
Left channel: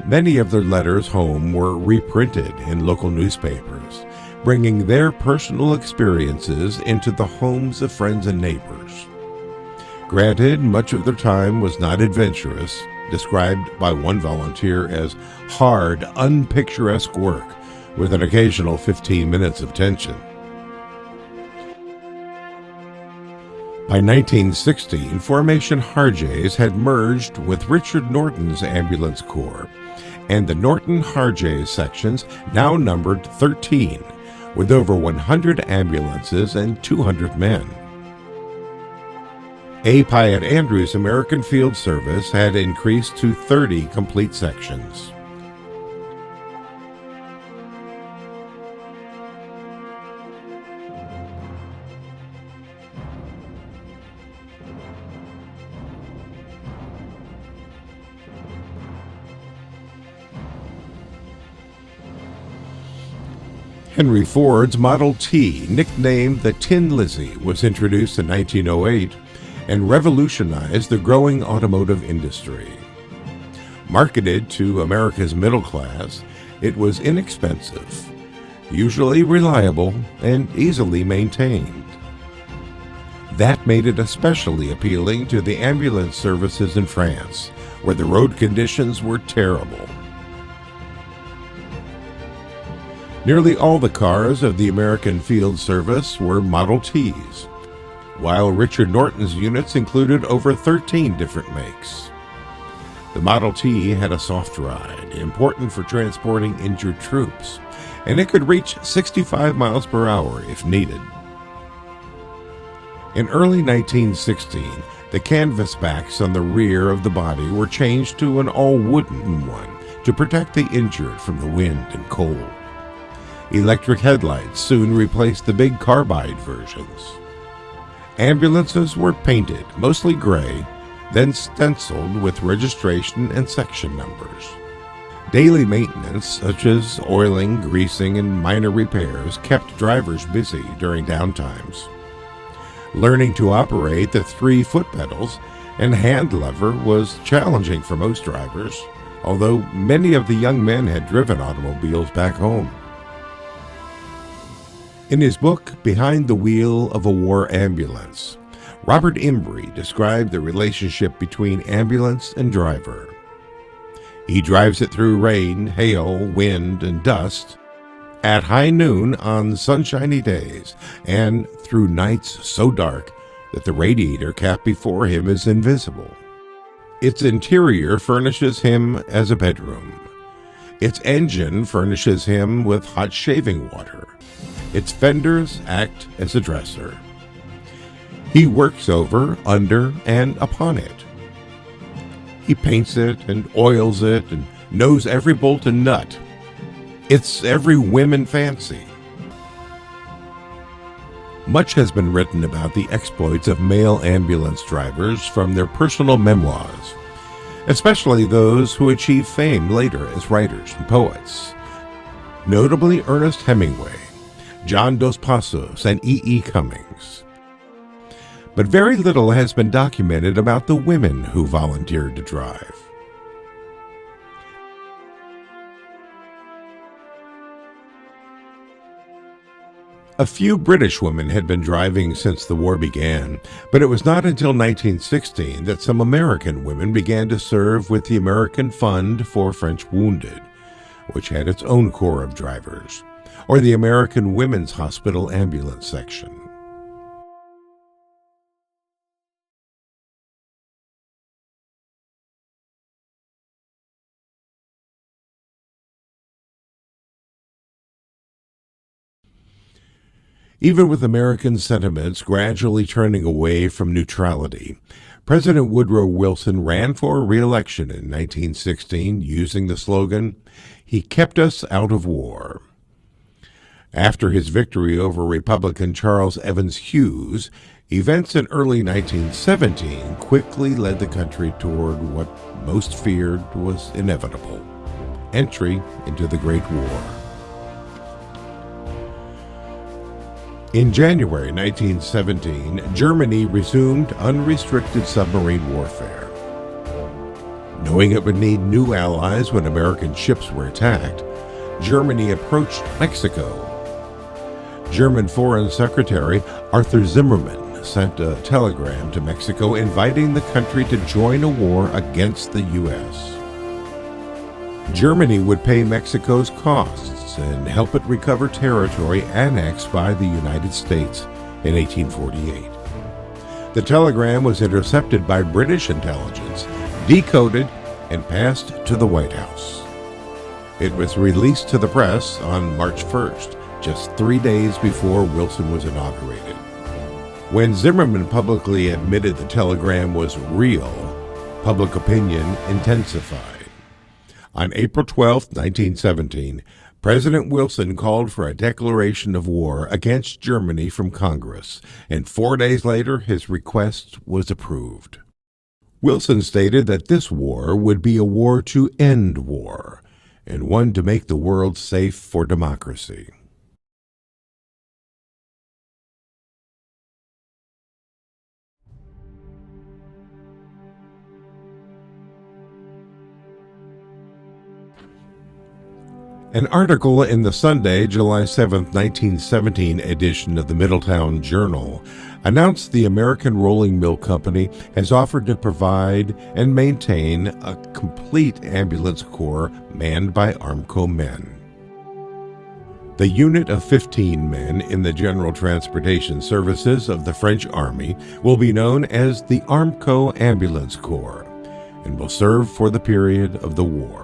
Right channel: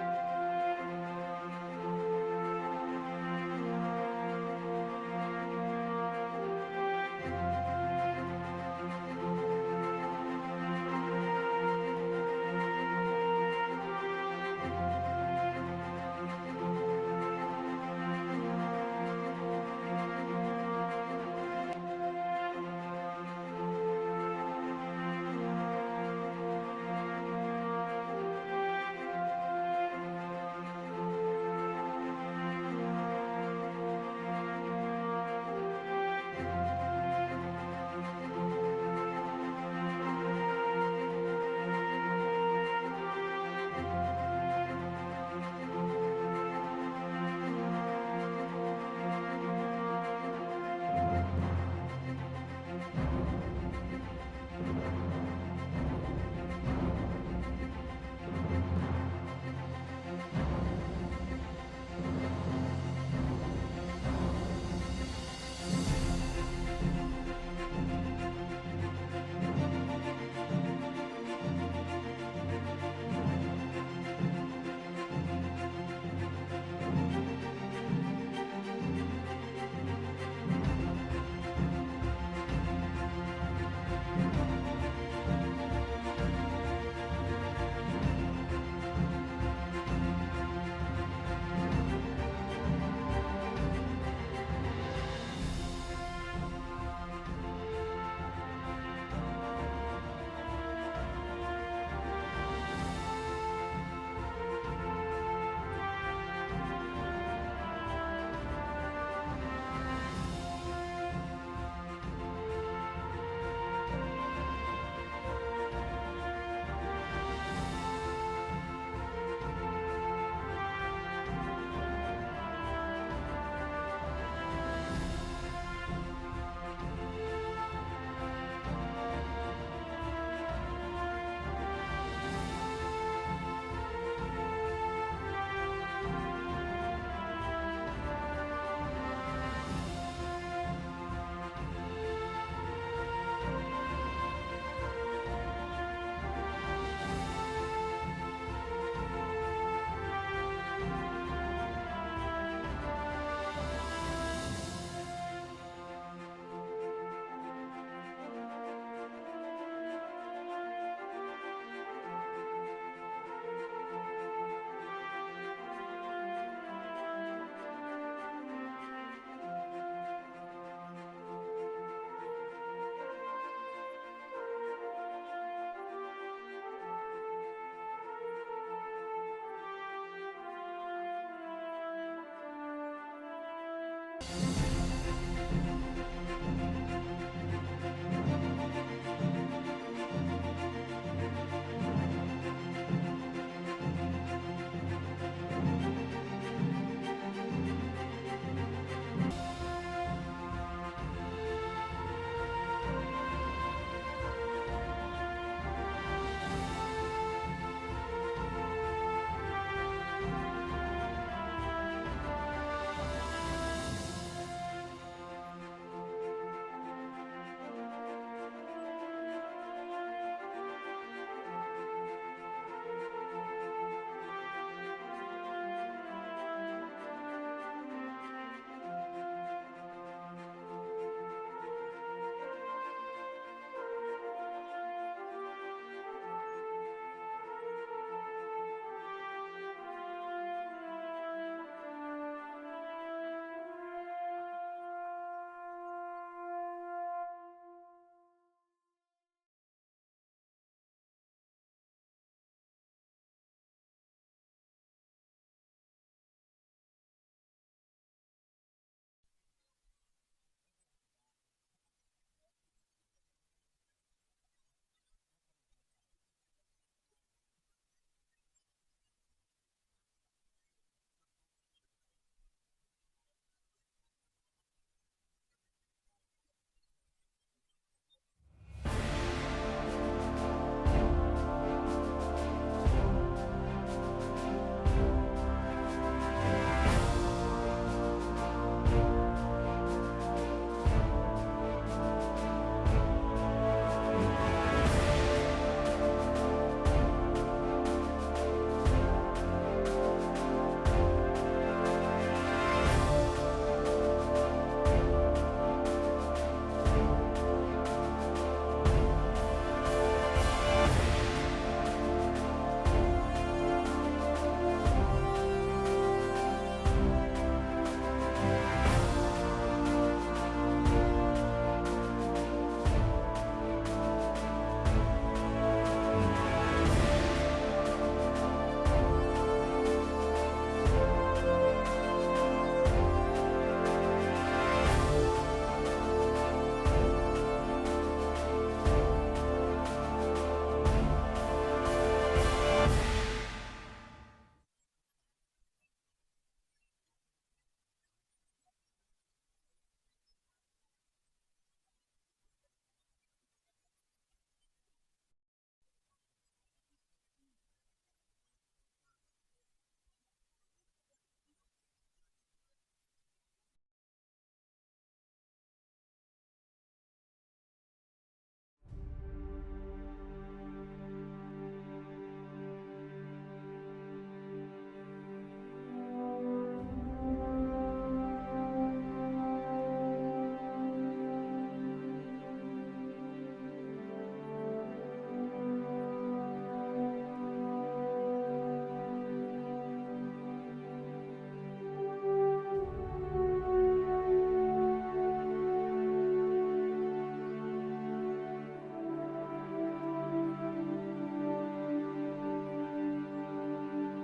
Many of their letters home were reprinted in local newspapers, bringing their personal experiences into the homes of friends and neighbors. Granted, much of their time was not adventurous, described by one volunteer as hard, unpicturesque work with an occasional 15 minutes of tension. By 1916, Formation Harjays had merged with Richard Norton's Ambulance Corps, and the Norton Harjays sections now numbered 13, with over 100 ambulances and 200 men. A. Pyatt Andrews' American Field Service had increased to 30 complete sections. Henry Ford's Model T, nicknamed the Tin Lizzie, was introduced in 1908 and revolutionized the growing automotive industry. Marketed to America's middle class, it was inexpensive, usually reliable, and easily maintained. That made it especially appealing to the ambulance services in France, where the road conditions were terrible. Nearly all the cars of the American Field Service were Model Ts, while Richard Norton's units included over 13 different makes. The Model T had a soft ride, important for transporting injured troops, and it could reach 65 miles per hour if needed. In early 1916, the canvas backs on the rear of the body were changed to an all-wooden one to protect the injured from the wind and cold. Electric headlights soon replaced the big carbide versions. Ambulances were painted, mostly gray, then stenciled with registration and section numbers. Daily maintenance, such as oiling, greasing, and minor repairs, kept drivers busy during downtimes. Learning to operate the 3 foot pedals and hand lever was challenging for most drivers, although many of the young men had driven automobiles back home. In his book, Behind the Wheel of a War Ambulance, Robert Embry described the relationship between ambulance and driver. He drives it through rain, hail, wind, and dust, at high noon on sunshiny days, and through nights so dark that the radiator cap before him is invisible. Its interior furnishes him as a bedroom. Its engine furnishes him with hot shaving water. Its fenders act as a dresser. He works over, under, and upon it. He paints it and oils it and knows every bolt and nut. It's every whim and fancy. Much has been written about the exploits of male ambulance drivers from their personal memoirs, especially those who achieve fame later as writers and poets. Notably Ernest Hemingway, John Dos Passos, and E. Cummings. But very little has been documented about the women who volunteered to drive. A few British women had been driving since the war began, but it was not until 1916 that some American women began to serve with the American Fund for French Wounded, which had its own corps of drivers, or the American Women's Hospital Ambulance Section. Even with American sentiments gradually turning away from neutrality, President Woodrow Wilson ran for re-election in 1916 using the slogan, "He kept us out of war." After his victory over Republican Charles Evans Hughes, events in early 1917 quickly led the country toward what most feared was inevitable: entry into the Great War. In January 1917, Germany resumed unrestricted submarine warfare. Knowing it would need new allies when American ships were attacked, Germany approached Mexico. German Foreign Secretary Arthur Zimmermann sent a telegram to Mexico inviting the country to join a war against the U.S. Germany would pay Mexico's costs and help it recover territory annexed by the United States in 1848. The telegram was intercepted by British intelligence, decoded, and passed to the White House. It was released to the press on March 1st, just 3 days before Wilson was inaugurated. When Zimmermann publicly admitted the telegram was real, public opinion intensified. On April 12, 1917, President Wilson called for a declaration of war against Germany from Congress, and 4 days later his request was approved. Wilson stated that this war would be a war to end war, and one to make the world safe for democracy. An article in the Sunday, July 7, 1917 edition of the Middletown Journal announced the American Rolling Mill Company has offered to provide and maintain a complete ambulance corps manned by Armco men. The unit of 15 men in the General Transportation Services of the French Army will be known as the Armco Ambulance Corps and will serve for the period of the war.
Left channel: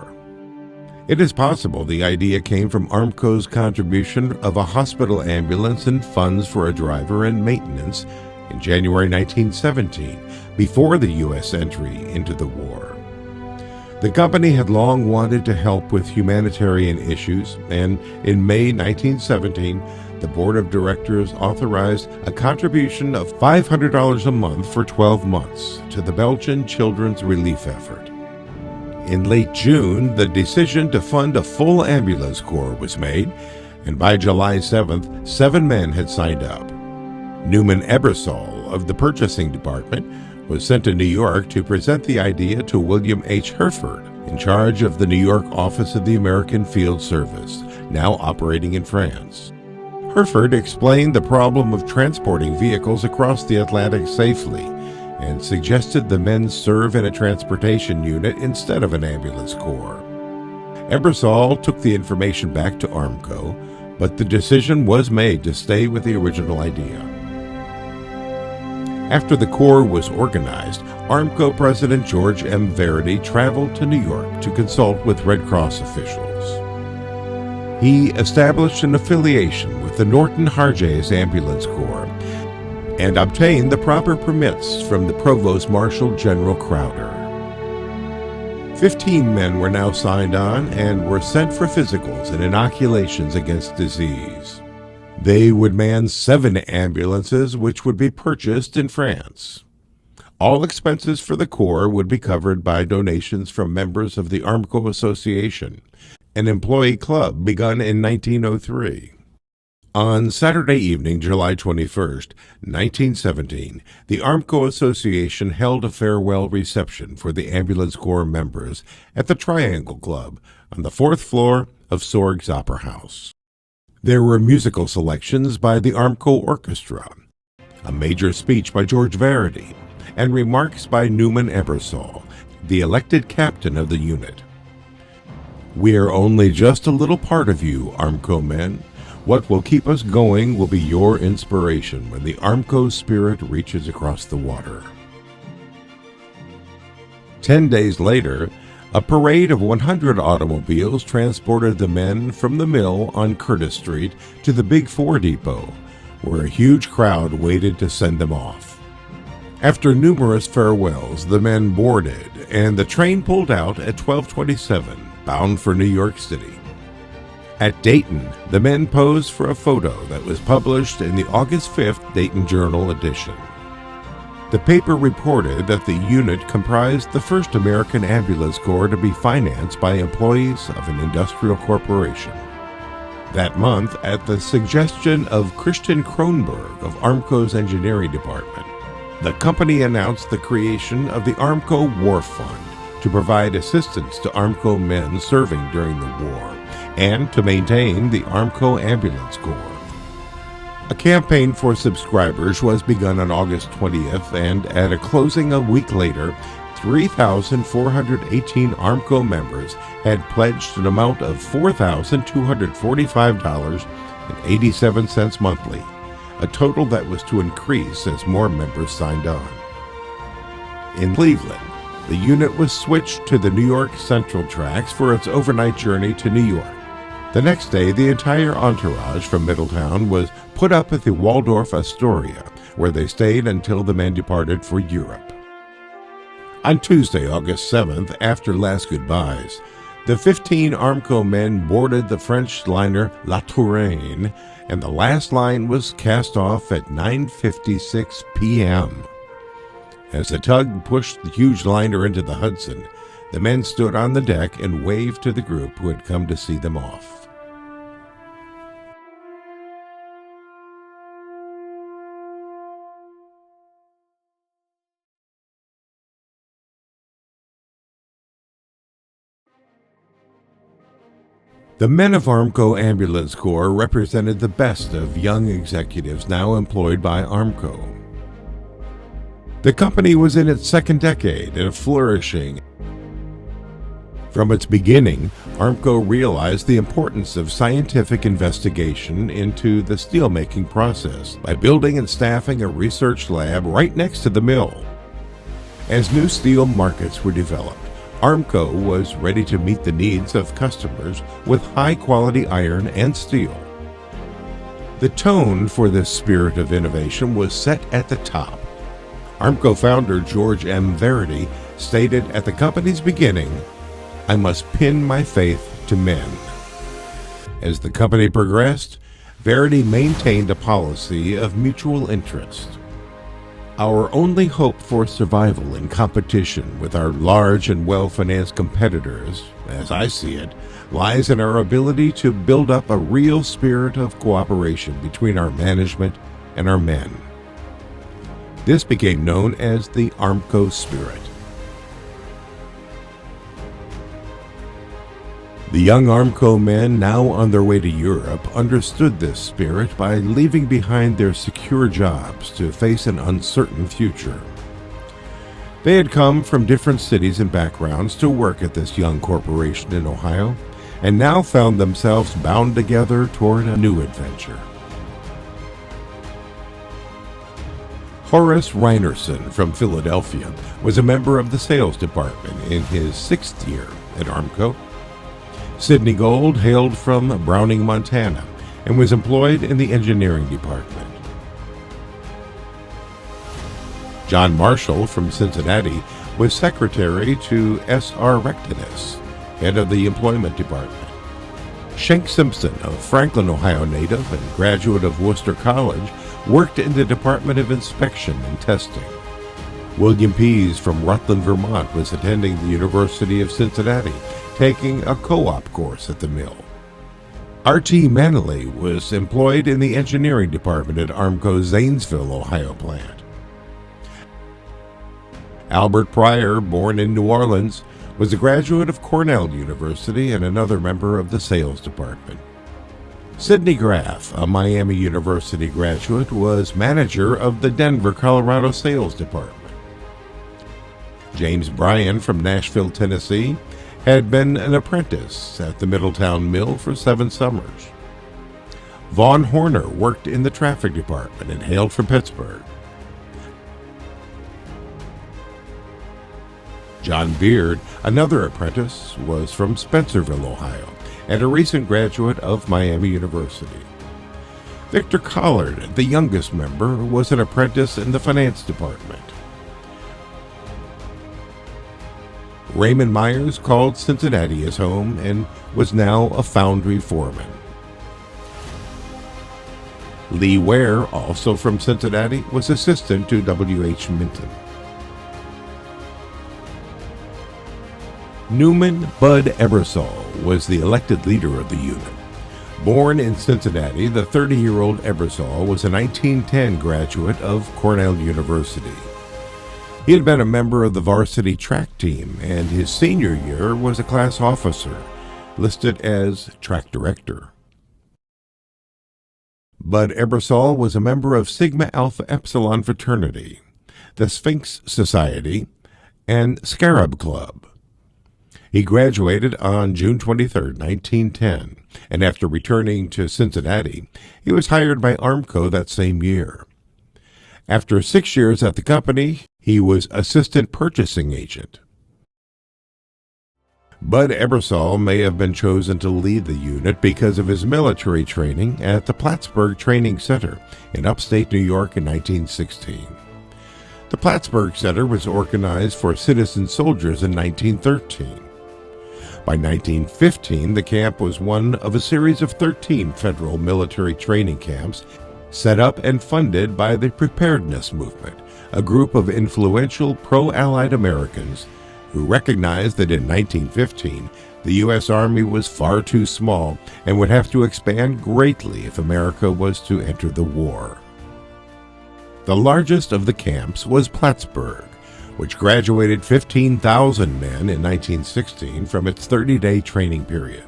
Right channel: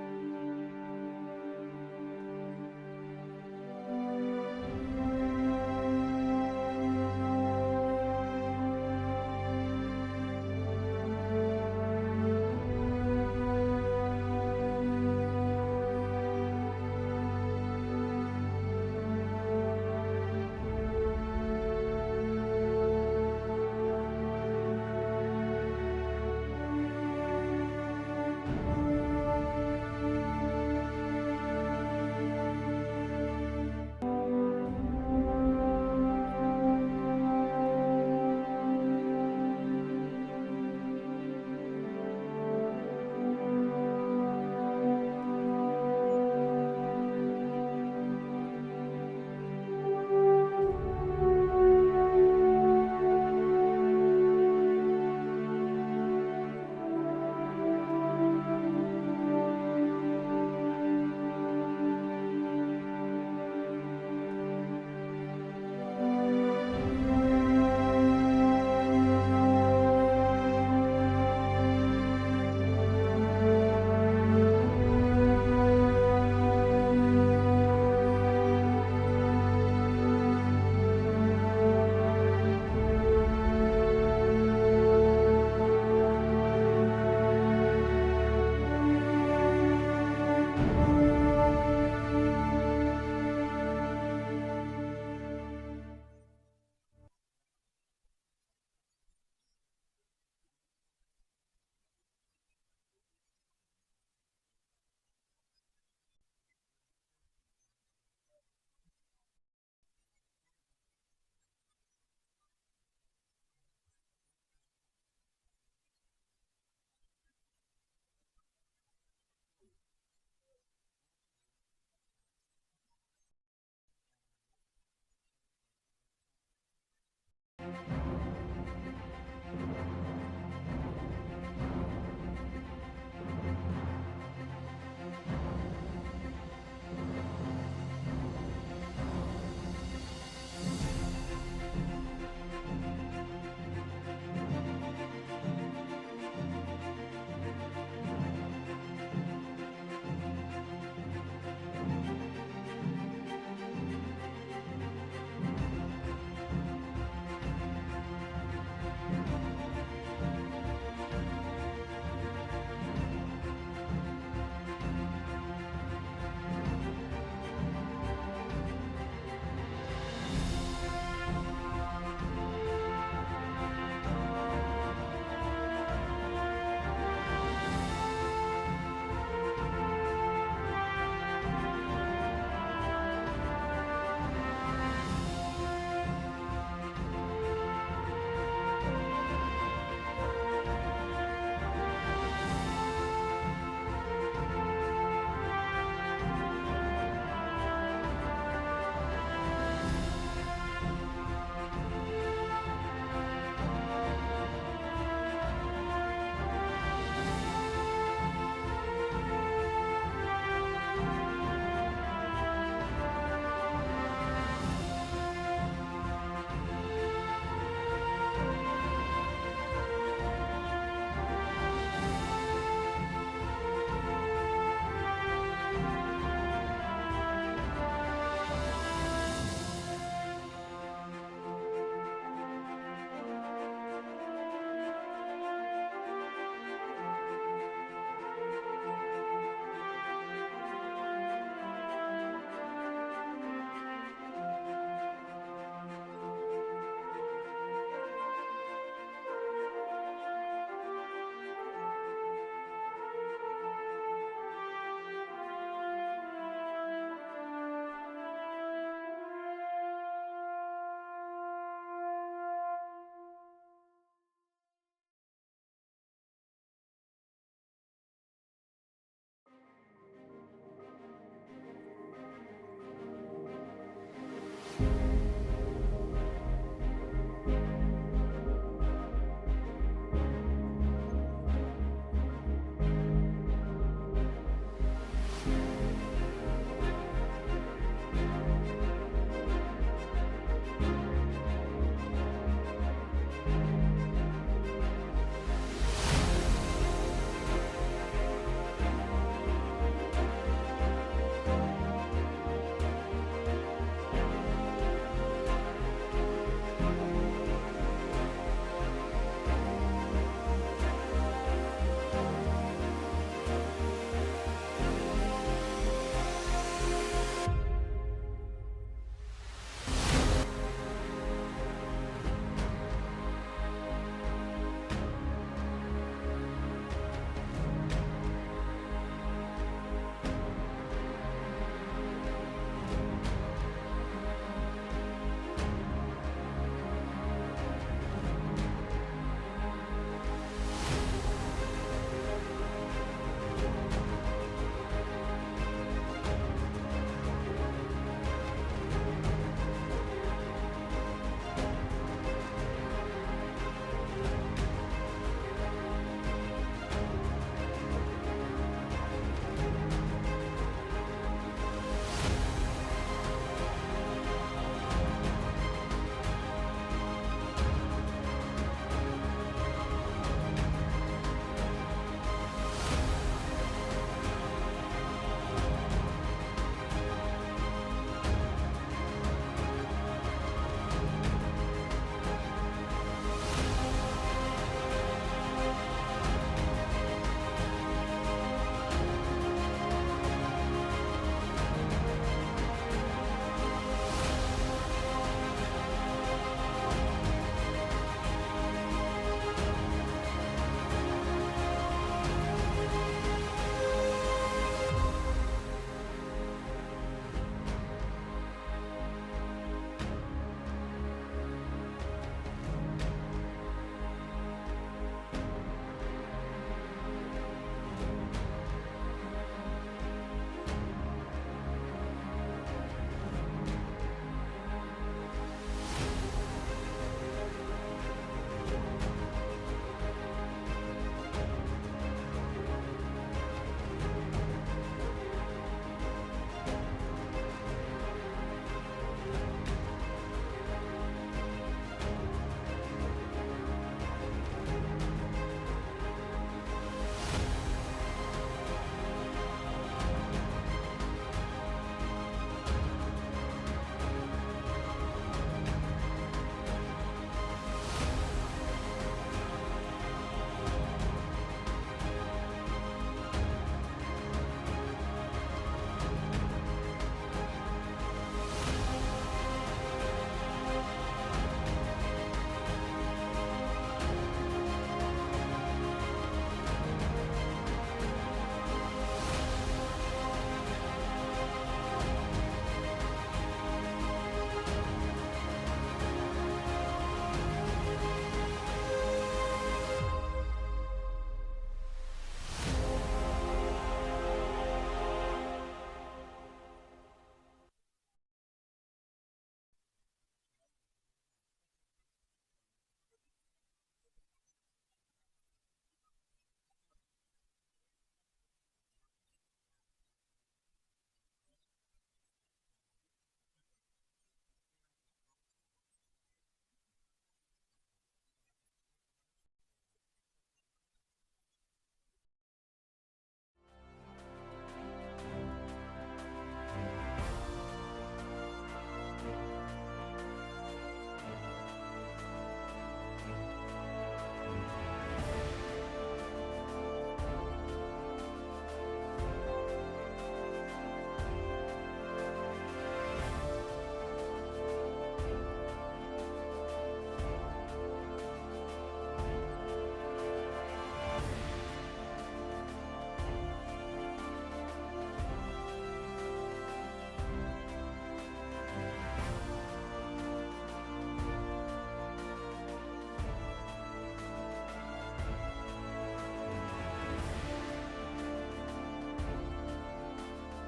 It is possible the idea came from Armco's contribution of a hospital ambulance and funds for a driver and maintenance in January 1917, before the U.S. entry into the war. The company had long wanted to help with humanitarian issues, and in May 1917, the board of directors authorized a contribution of $500 a month for 12 months to the Belgian children's relief effort. In late June, the decision to fund a full ambulance corps was made, and by July 7th, 7 men had signed up. Newman Ebersol of the purchasing department was sent to New York to present the idea to William H. Herford, in charge of the New York office of the American Field Service, now operating in France. Herford explained the problem of transporting vehicles across the Atlantic safely, and suggested the men serve in a transportation unit instead of an ambulance corps. Ebersol took the information back to Armco, but the decision was made to stay with the original idea. After the corps was organized, Armco President George M. Verity traveled to New York to consult with Red Cross officials. He established an affiliation with the Norton Harjes Ambulance Corps and obtained the proper permits from the Provost Marshal General Crowder. 15 men were now signed on and were sent for physicals and inoculations against disease. They would man 7 ambulances, which would be purchased in France. All expenses for the Corps would be covered by donations from members of the Armco Association, an employee club begun in 1903. On Saturday evening, July 21st, 1917, the Armco Association held a farewell reception for the Ambulance Corps members at the Triangle Club on the 4th floor of Sorg's Opera House. There were musical selections by the Armco Orchestra, a major speech by George Verity, and remarks by Newman Ebersol, the elected captain of the unit. "We are only just a little part of you, Armco men. What will keep us going will be your inspiration when the Armco spirit reaches across the water." 10 days later, a parade of 100 automobiles transported the men from the mill on Curtis Street to the Big Four Depot, where a huge crowd waited to send them off. After numerous farewells, the men boarded, and the train pulled out at 12:27, bound for New York City. At Dayton, the men posed for a photo that was published in the August 5th Dayton Journal edition. The paper reported that the unit comprised the first American ambulance corps to be financed by employees of an industrial corporation. That month, at the suggestion of Christian Kronberg of Armco's engineering department, the company announced the creation of the Armco War Fund to provide assistance to Armco men serving during the war and to maintain the Armco Ambulance Corps. A campaign for subscribers was begun on August 20th, and at a closing a week later, 3,418 Armco members had pledged an amount of $4,245.87 monthly, a total that was to increase as more members signed on. In Cleveland, the unit was switched to the New York Central tracks for its overnight journey to New York. The next day, the entire entourage from Middletown was put up at the Waldorf Astoria, where they stayed until the men departed for Europe. On Tuesday, August 7th, after last goodbyes, the 15 Armco men boarded the French liner La Touraine, and the last line was cast off at 9:56 p.m. As the tug pushed the huge liner into the Hudson, the men stood on the deck and waved to the group who had come to see them off. The men of Armco Ambulance Corps represented the best of young executives now employed by Armco. The company was in its second decade and flourishing. From its beginning, Armco realized the importance of scientific investigation into the steelmaking process by building and staffing a research lab right next to the mill. As new steel markets were developed, Armco was ready to meet the needs of customers with high-quality iron and steel. The tone for this spirit of innovation was set at the top. Armco founder George M. Verity stated at the company's beginning, "I must pin my faith to men." As the company progressed, Verity maintained a policy of mutual interest. Our only hope for survival in competition with our large and well-financed competitors, as I see it, lies in our ability to build up a real spirit of cooperation between our management and our men. This became known as the Armco spirit. The young Armco men, now on their way to Europe, understood this spirit by leaving behind their secure jobs to face an uncertain future. They had come from different cities and backgrounds to work at this young corporation in Ohio, and now found themselves bound together toward a new adventure. Horace Reinerson from Philadelphia was a member of the sales department in his 6th year at Armco. Sidney Gold hailed from Browning, Montana, and was employed in the engineering department. John Marshall from Cincinnati was secretary to S.R. Rectinus, head of the employment department. Shank Simpson, a Franklin, Ohio native and graduate of Worcester College, worked in the Department of Inspection and Testing. William Pease from Rutland, Vermont, was attending the University of Cincinnati, taking a co-op course at the mill. R.T. Manley was employed in the engineering department at Armco's Zanesville, Ohio plant. Albert Pryor, born in New Orleans, was a graduate of Cornell University and another member of the sales department. Sidney Graff, a Miami University graduate, was manager of the Denver, Colorado sales department. James Bryan from Nashville, Tennessee, had been an apprentice at the Middletown mill for 7 summers. Vaughn Horner worked in the traffic department and hailed from Pittsburgh. John Beard, another apprentice, was from Spencerville, Ohio, and a recent graduate of Miami University. Victor Collard, the youngest member, was an apprentice in the finance department. Raymond Myers called Cincinnati his home and was now a foundry foreman. Lee Ware, also from Cincinnati, was assistant to W.H. Minton. Newman Bud Ebersol was the elected leader of the unit. Born in Cincinnati, the 30-year-old Ebersol was a 1910 graduate of Cornell University. He had been a member of the varsity track team, and his senior year was a class officer, listed as track director. Bud Ebersol was a member of Sigma Alpha Epsilon fraternity, the Sphinx Society, and Scarab Club. He graduated on June 23, 1910, and after returning to Cincinnati, he was hired by Armco that same year. After 6 years at the company, he was assistant purchasing agent. Bud Ebersol may have been chosen to lead the unit because of his military training at the Plattsburgh Training Center in upstate New York in 1916. The Plattsburgh Center was organized for citizen soldiers in 1913. By 1915, the camp was one of a series of 13 federal military training camps set up and funded by the Preparedness Movement, a group of influential pro-Allied Americans who recognized that in 1915, the U.S. Army was far too small and would have to expand greatly if America was to enter the war. The largest of the camps was Plattsburgh, which graduated 15,000 men in 1916 from its 30-day training period.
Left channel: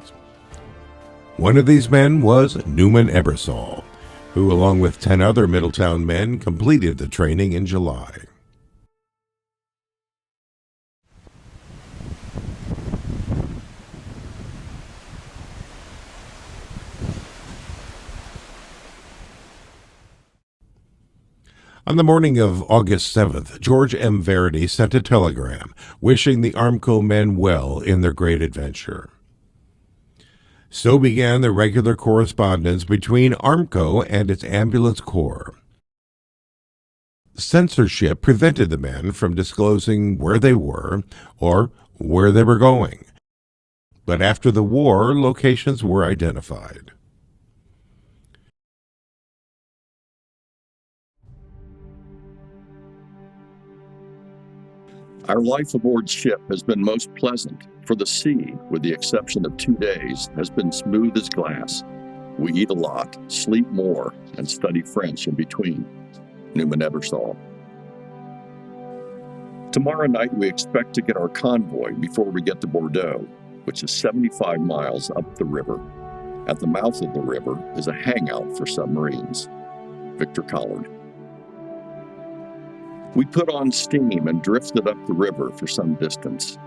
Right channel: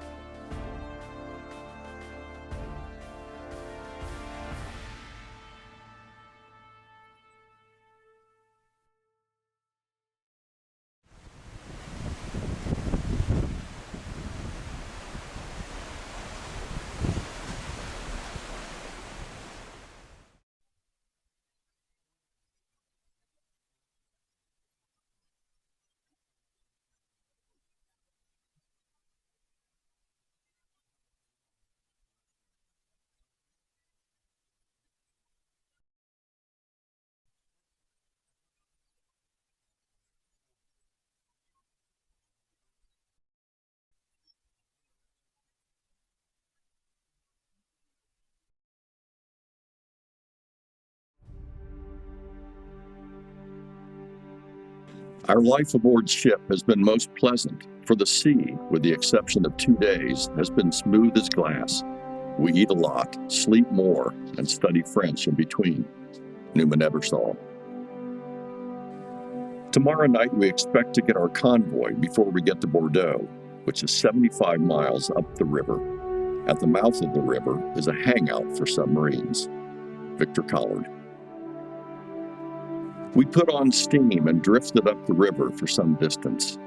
One of these men was Newman Ebersol, who, along with 10 other Middletown men, completed the training in July. On the morning of August 7th, George M. Verity sent a telegram wishing the Armco men well in their great adventure. So began the regular correspondence between Armco and its ambulance corps. Censorship prevented the men from disclosing where they were or where they were going. But after the war, locations were identified. Our life aboard ship has been most pleasant, for the sea, with the exception of 2 days, has been smooth as glass. We eat a lot, sleep more, and study French in between. Newman Ebersol. Tomorrow night we expect to get our convoy before we get to Bordeaux, which is 75 miles up the river. At the mouth of the river is a hangout for submarines. Victor Collard. We put on steam and drifted up the river for some distance.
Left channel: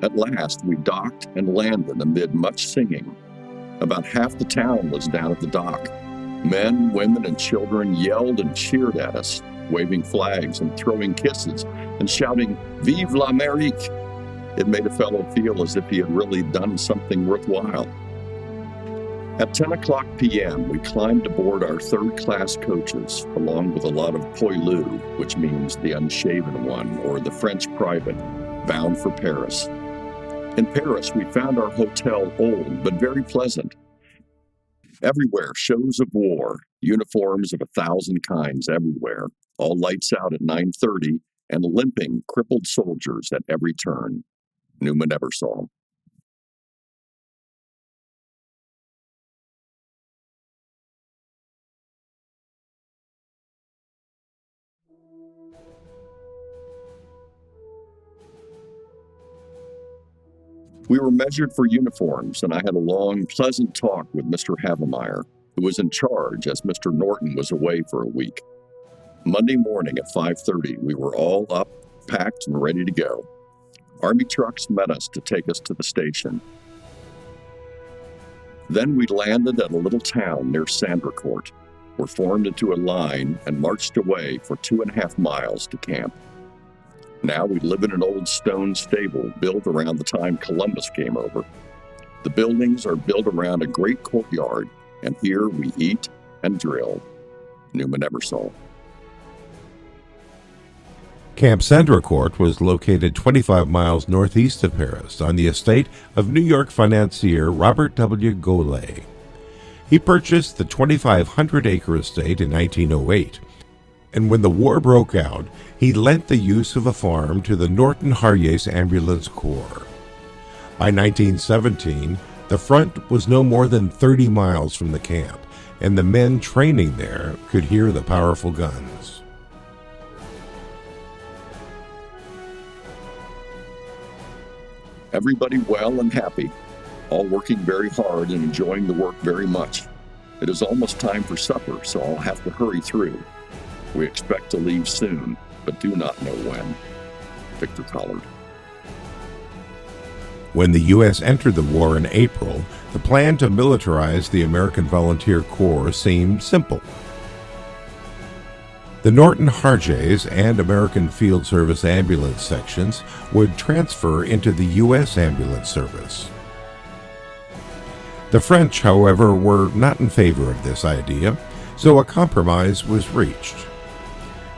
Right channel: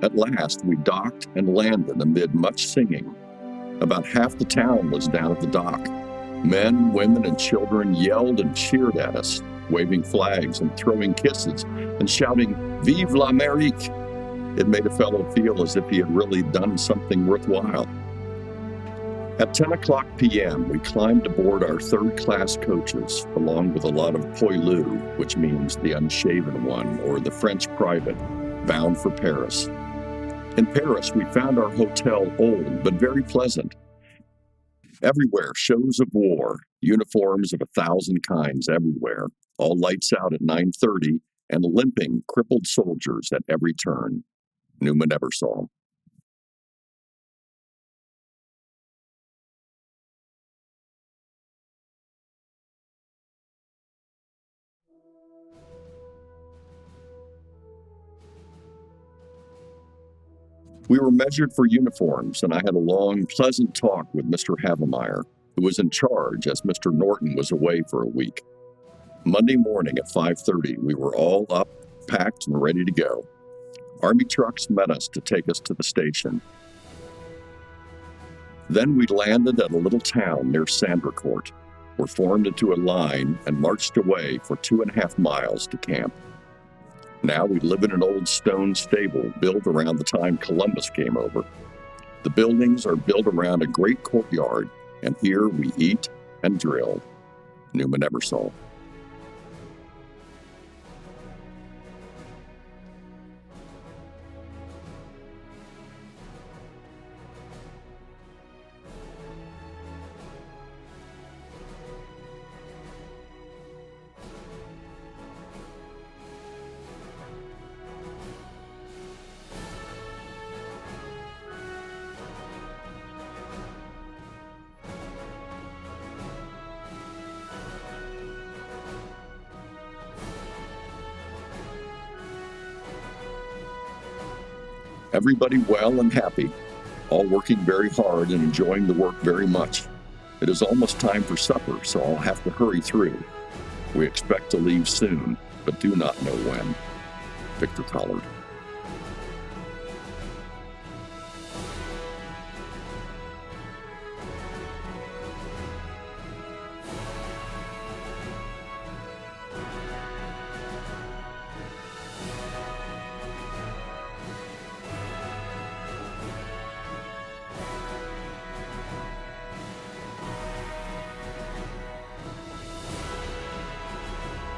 At last, we docked and landed amid much singing. About half the town was down at the dock. Men, women, and children yelled and cheered at us, waving flags and throwing kisses and shouting, "Vive l'Amérique!" It made a fellow feel as if he had really done something worthwhile. At 10 o'clock p.m., we climbed aboard our third-class coaches, along with a lot of poilus, which means the unshaven one, or the French private, bound for Paris. In Paris, we found our hotel old, but very pleasant. Everywhere, shows of war, uniforms of 1,000 kinds everywhere, all lights out at 9:30, and limping, crippled soldiers at every turn. Newman Ebersol. We were measured for uniforms, and I had a long, pleasant talk with Mr. Havemeyer, who was in charge as Mr. Norton was away for a week. Monday morning at 5:30, we were all up, packed, and ready to go. Army trucks met us to take us to the station. Then we landed at a little town near Sandricourt, were formed into a line, and marched away for 2.5 miles to camp. Now we live in an old stone stable built around the time Columbus came over. The buildings are built around a great courtyard, and here we eat and drill. Newman Ebersol. Camp Sandricourt was located 25 miles northeast of Paris on the estate of New York financier Robert W. Goulet. He purchased the 2,500-acre estate in 1908, and when the war broke out, he lent the use of a farm to the Norton Harjes Ambulance Corps. By 1917, the front was no more than 30 miles from the camp, and the men training there could hear the powerful guns. Everybody well and happy, all working very hard and enjoying the work very much. It is almost time for supper, so I'll have to hurry through. We expect to leave soon, but do not know when. Victor Collard. When the U.S. entered the war in April, the plan to militarize the American Volunteer Corps seemed simple. The Norton Harjays and American Field Service ambulance sections would transfer into the U.S. Ambulance Service. The French, however, were not in favor of this idea, so a compromise was reached.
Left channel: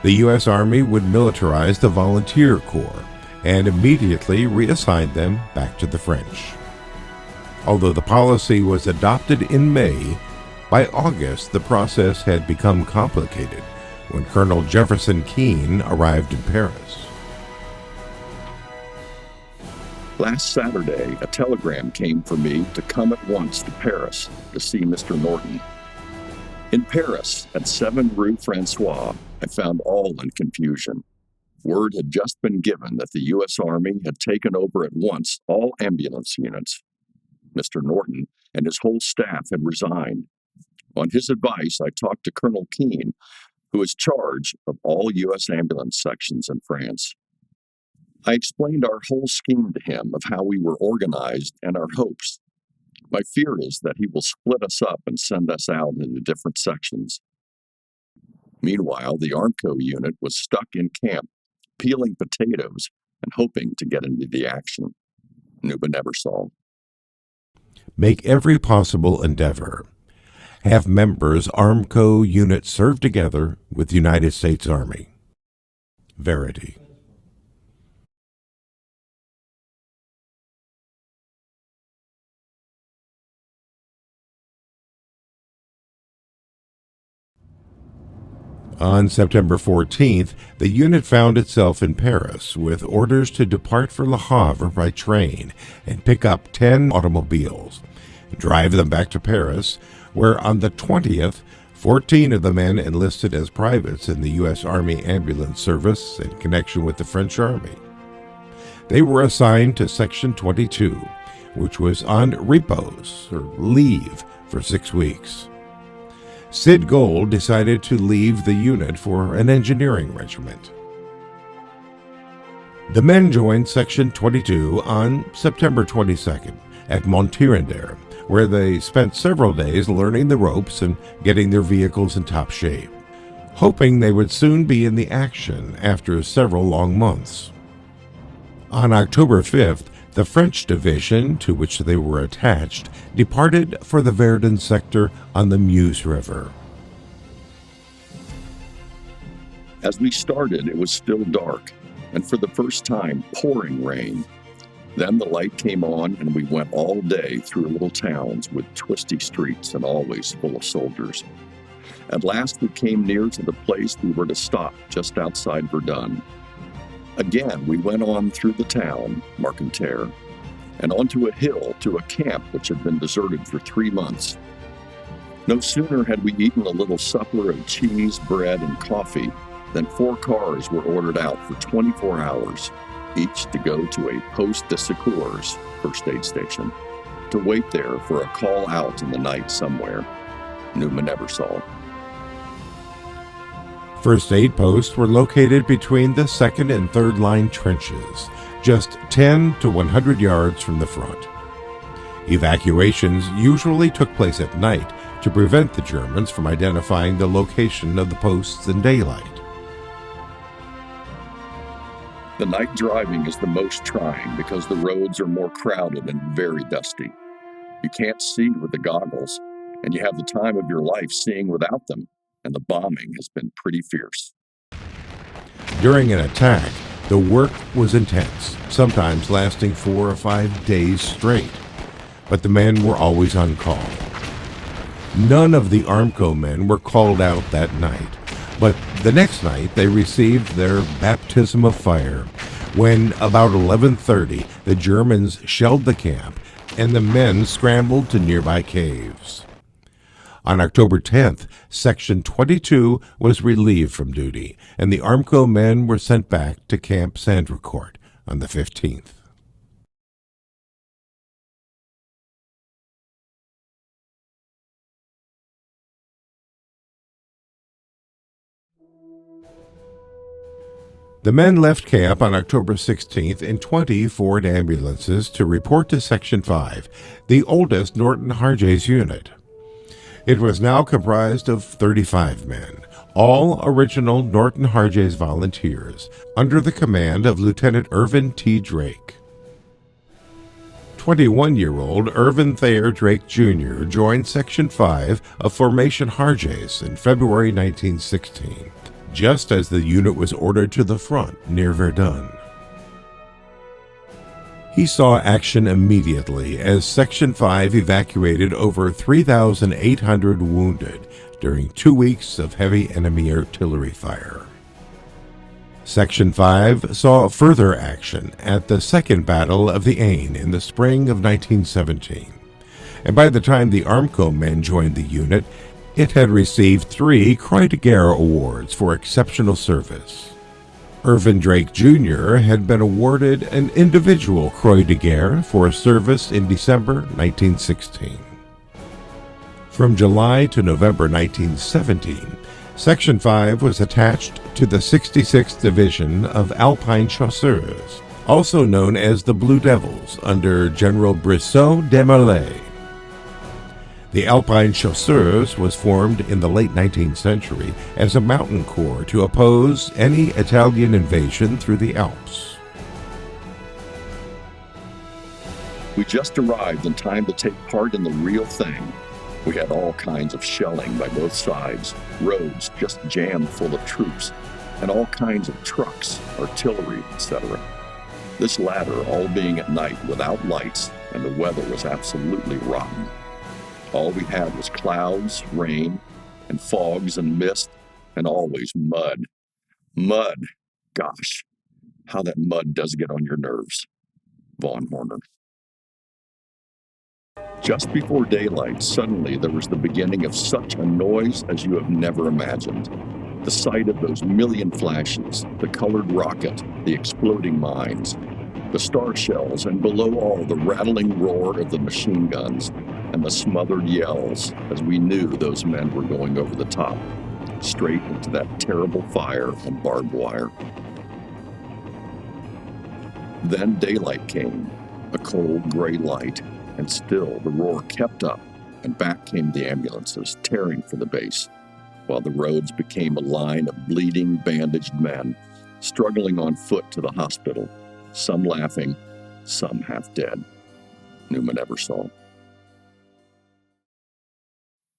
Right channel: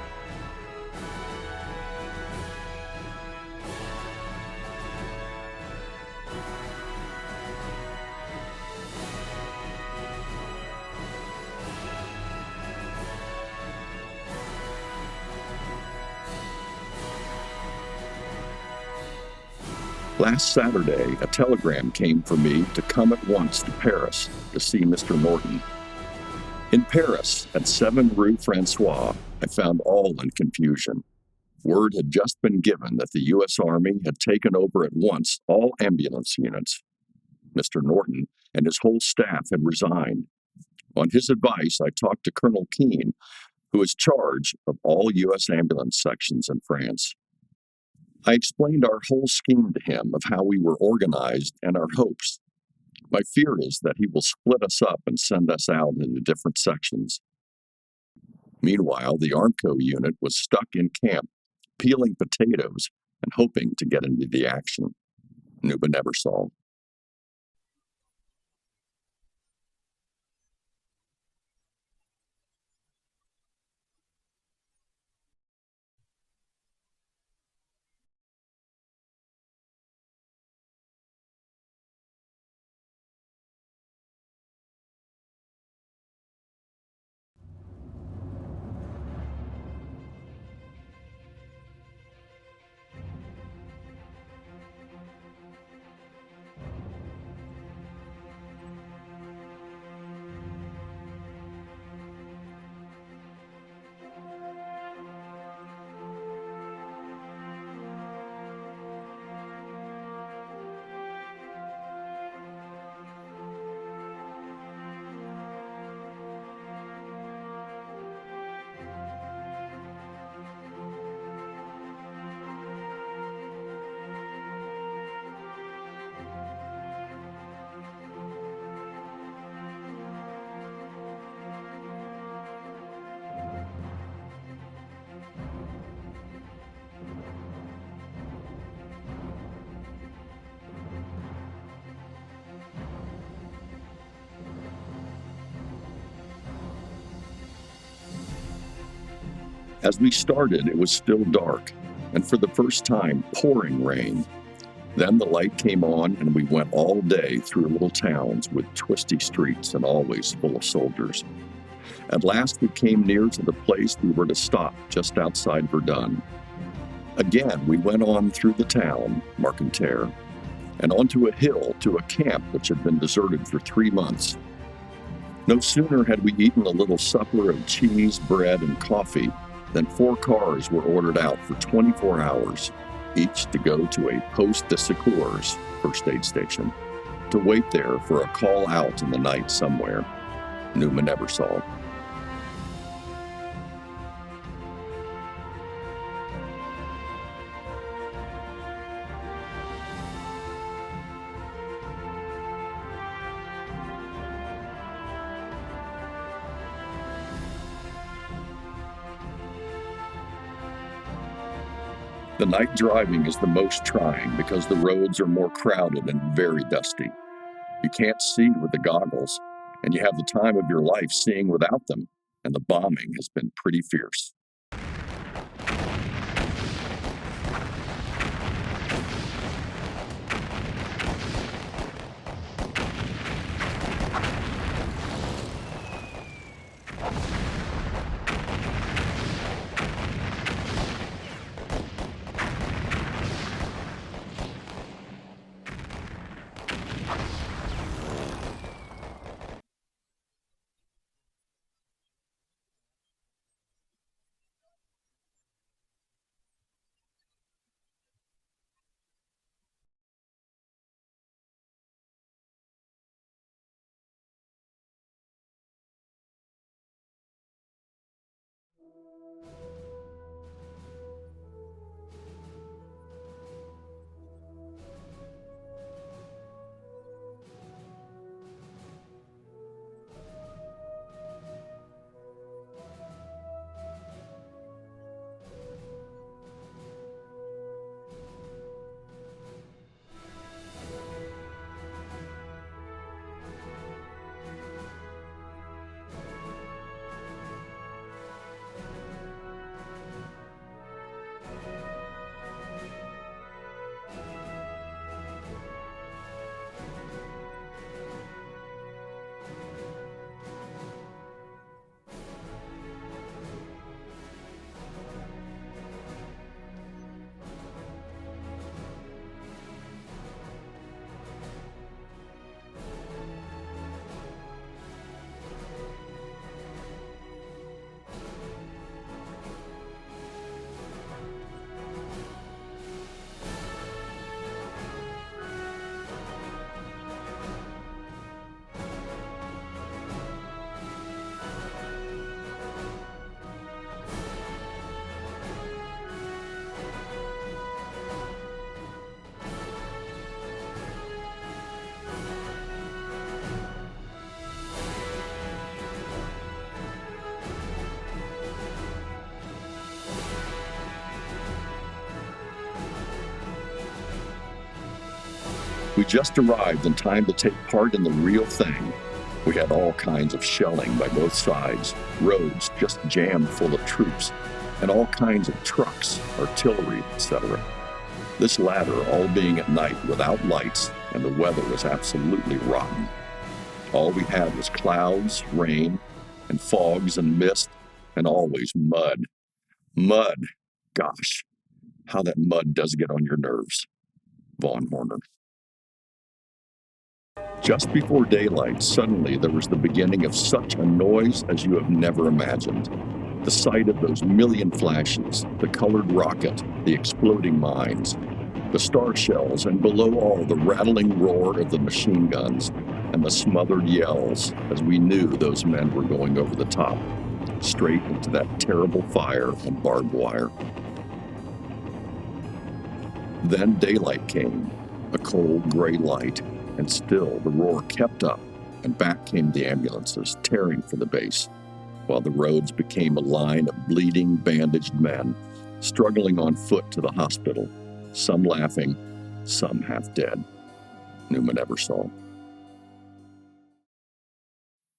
The U.S. Army would militarize the Volunteer Corps and immediately reassign them back to the French. Although the policy was adopted in May, by August the process had become complicated when Colonel Jefferson Keane arrived in Paris. Last Saturday, a telegram came for me to come at once to Paris to see Mr. Norton. In Paris, at 7 Rue Francois, I found all in confusion. Word had just been given that the U.S. Army had taken over at once all ambulance units. Mr. Norton and his whole staff had resigned. On his advice, I talked to Colonel Keane, who is charge of all U.S. ambulance sections in France. I explained our whole scheme to him of how we were organized and our hopes. My fear is that he will split us up and send us out into different sections. Meanwhile, the Armco unit was stuck in camp, peeling potatoes and hoping to get into the action. Nuba never saw. Make every possible endeavor. Have members Armco units serve together with the United States Army. Verity. On September 14th, the unit found itself in Paris with orders to depart for Le Havre by train and pick up 10 automobiles, drive them back to Paris, where on the 20th, 14 of the men enlisted as privates in the U.S. Army Ambulance Service in connection with the French Army. They were assigned to Section 22, which was on repos, or leave, for 6 weeks. Sid Gold decided to leave the unit for an engineering regiment. The men joined Section 22 on September 22nd at Montirandere, where they spent several days learning the ropes and getting their vehicles in top shape, hoping they would soon be in the action after several long months. On October 5th, the French division, to which they were attached, departed for the Verdun sector on the Meuse River. As we started, it was still dark, and for the first time, pouring rain. Then the light came on, and we went all day through little towns with twisty streets and always full of soldiers. At last we came near to the place we were to stop just outside Verdun. Again, we went on through the town, Marcanterre, and onto a hill to a camp which had been deserted for 3 months. No sooner had we eaten a little supper of cheese, bread, and coffee than 4 cars were ordered out for 24 hours, each to go to a poste de secours, first aid station, to wait there for a call out in the night somewhere. Numa never saw. First aid posts were located between the second and third line trenches, just 10 to 100 yards from the front. Evacuations usually took place at night to prevent the Germans from identifying the location of the posts in daylight. The night driving is the most trying because the roads are more crowded and very dusty. You can't see with the goggles, and you have the time of your life seeing without them, and the bombing has been pretty fierce. During an attack, the work was intense, sometimes lasting 4 or 5 days straight, but the men were always on call. None of the Armco men were called out that night, but the next night they received their baptism of fire when, about 11:30, the Germans shelled the camp and the men scrambled to nearby caves. On October 10th, Section 22 was relieved from duty, and the Armco men were sent back to Camp Sandrecourt on the 15th. The men left camp on October 16th in 20 Ford ambulances to report to Section 5, the oldest Norton Harjes unit. It was now comprised of 35 men, all original Norton Harjes volunteers, under the command of Lieutenant Irvin T. Drake. 21-year-old Irvin Thayer Drake Jr. joined Section 5 of Formation Harjes in February 1916. Just as the unit was ordered to the front near Verdun. He saw action immediately as Section 5 evacuated over 3,800 wounded during 2 weeks of heavy enemy artillery fire. Section 5 saw further action at the Second Battle of the Aisne in the spring of 1917, and by the time the Armco men joined the unit, it had received 3 Croix de Guerre awards for exceptional service. Irvin Drake Jr. had been awarded an individual Croix de Guerre for service in December 1916. From July to November 1917, Section 5 was attached to the 66th Division of Alpine Chasseurs, also known as the Blue Devils, under General Brissot de Merlet. The Alpine Chasseurs was formed in the late 19th century as a mountain corps to oppose any Italian invasion through the Alps. We just arrived in time to take part in the real thing. We had all kinds of shelling by both sides, roads just jammed full of troops, and all kinds of trucks, artillery, etc. This latter all being at night without lights, and the weather was absolutely rotten. All we had was clouds, rain, and fogs and mist, and always mud. Mud! Gosh, how that mud does get on your nerves. Von Horner. Just before daylight, suddenly there was the beginning of such a noise as you have never imagined. The sight of those million flashes, the colored rocket, the exploding mines, the star shells, and below all the rattling roar of the machine guns and the smothered yells as we knew those men were going over the top, straight into that terrible fire and barbed wire. Then daylight came, a cold gray light, and still the roar kept up, and back came the ambulances, tearing for the base, while the roads became a line of bleeding, bandaged men, struggling on foot to the hospital, some laughing, some half dead. Newman Eversole.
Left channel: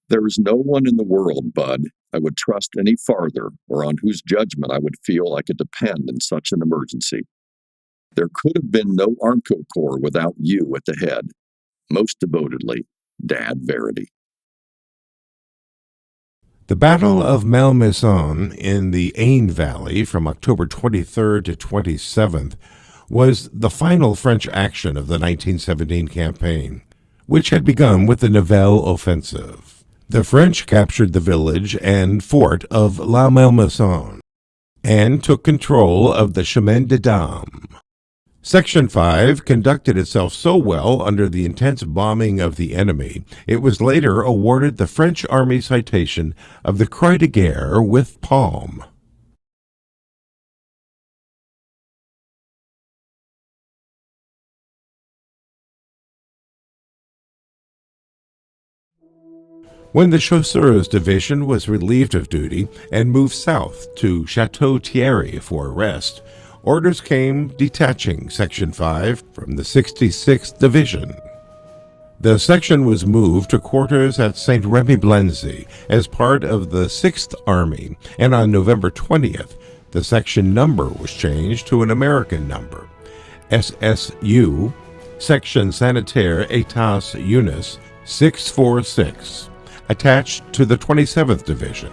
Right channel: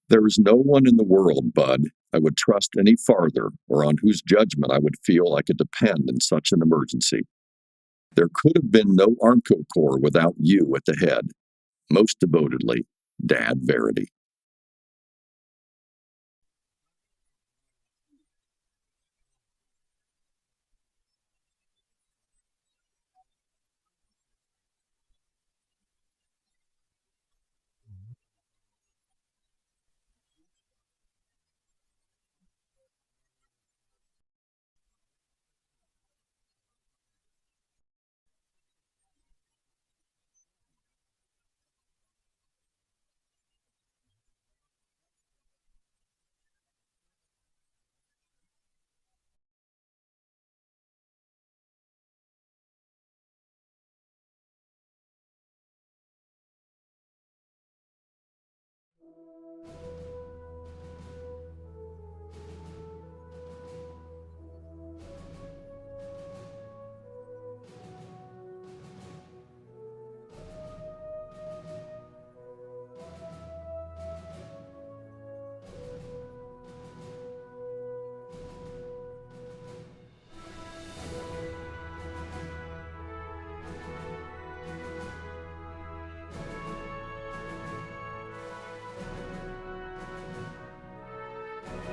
There is no one in the world, Bud, I would trust any farther, or on whose judgment I would feel I could depend in such an emergency. There could have been no Armco Corps without you at the head. Most devotedly, Dad Verity. The Battle of Malmaison in the Aisne Valley from October 23rd to 27th was the final French action of the 1917 campaign, which had begun with the Nivelle offensive. The French captured the village and fort of La Malmaison and took control of the Chemin des Dames. Section 5 conducted itself so well under the intense bombing of the enemy, it was later awarded the French Army citation of the Croix de Guerre with Palm. When the Chasseurs Division was relieved of duty and moved south to Chateau Thierry for a rest, orders came detaching Section 5 from the 66th Division. The section was moved to quarters at St. Remy-Blenzy as part of the 6th Army, and on November 20th, the section number was changed to an American number, SSU, Section Sanitaire Etats Unis 646, attached to the 27th Division.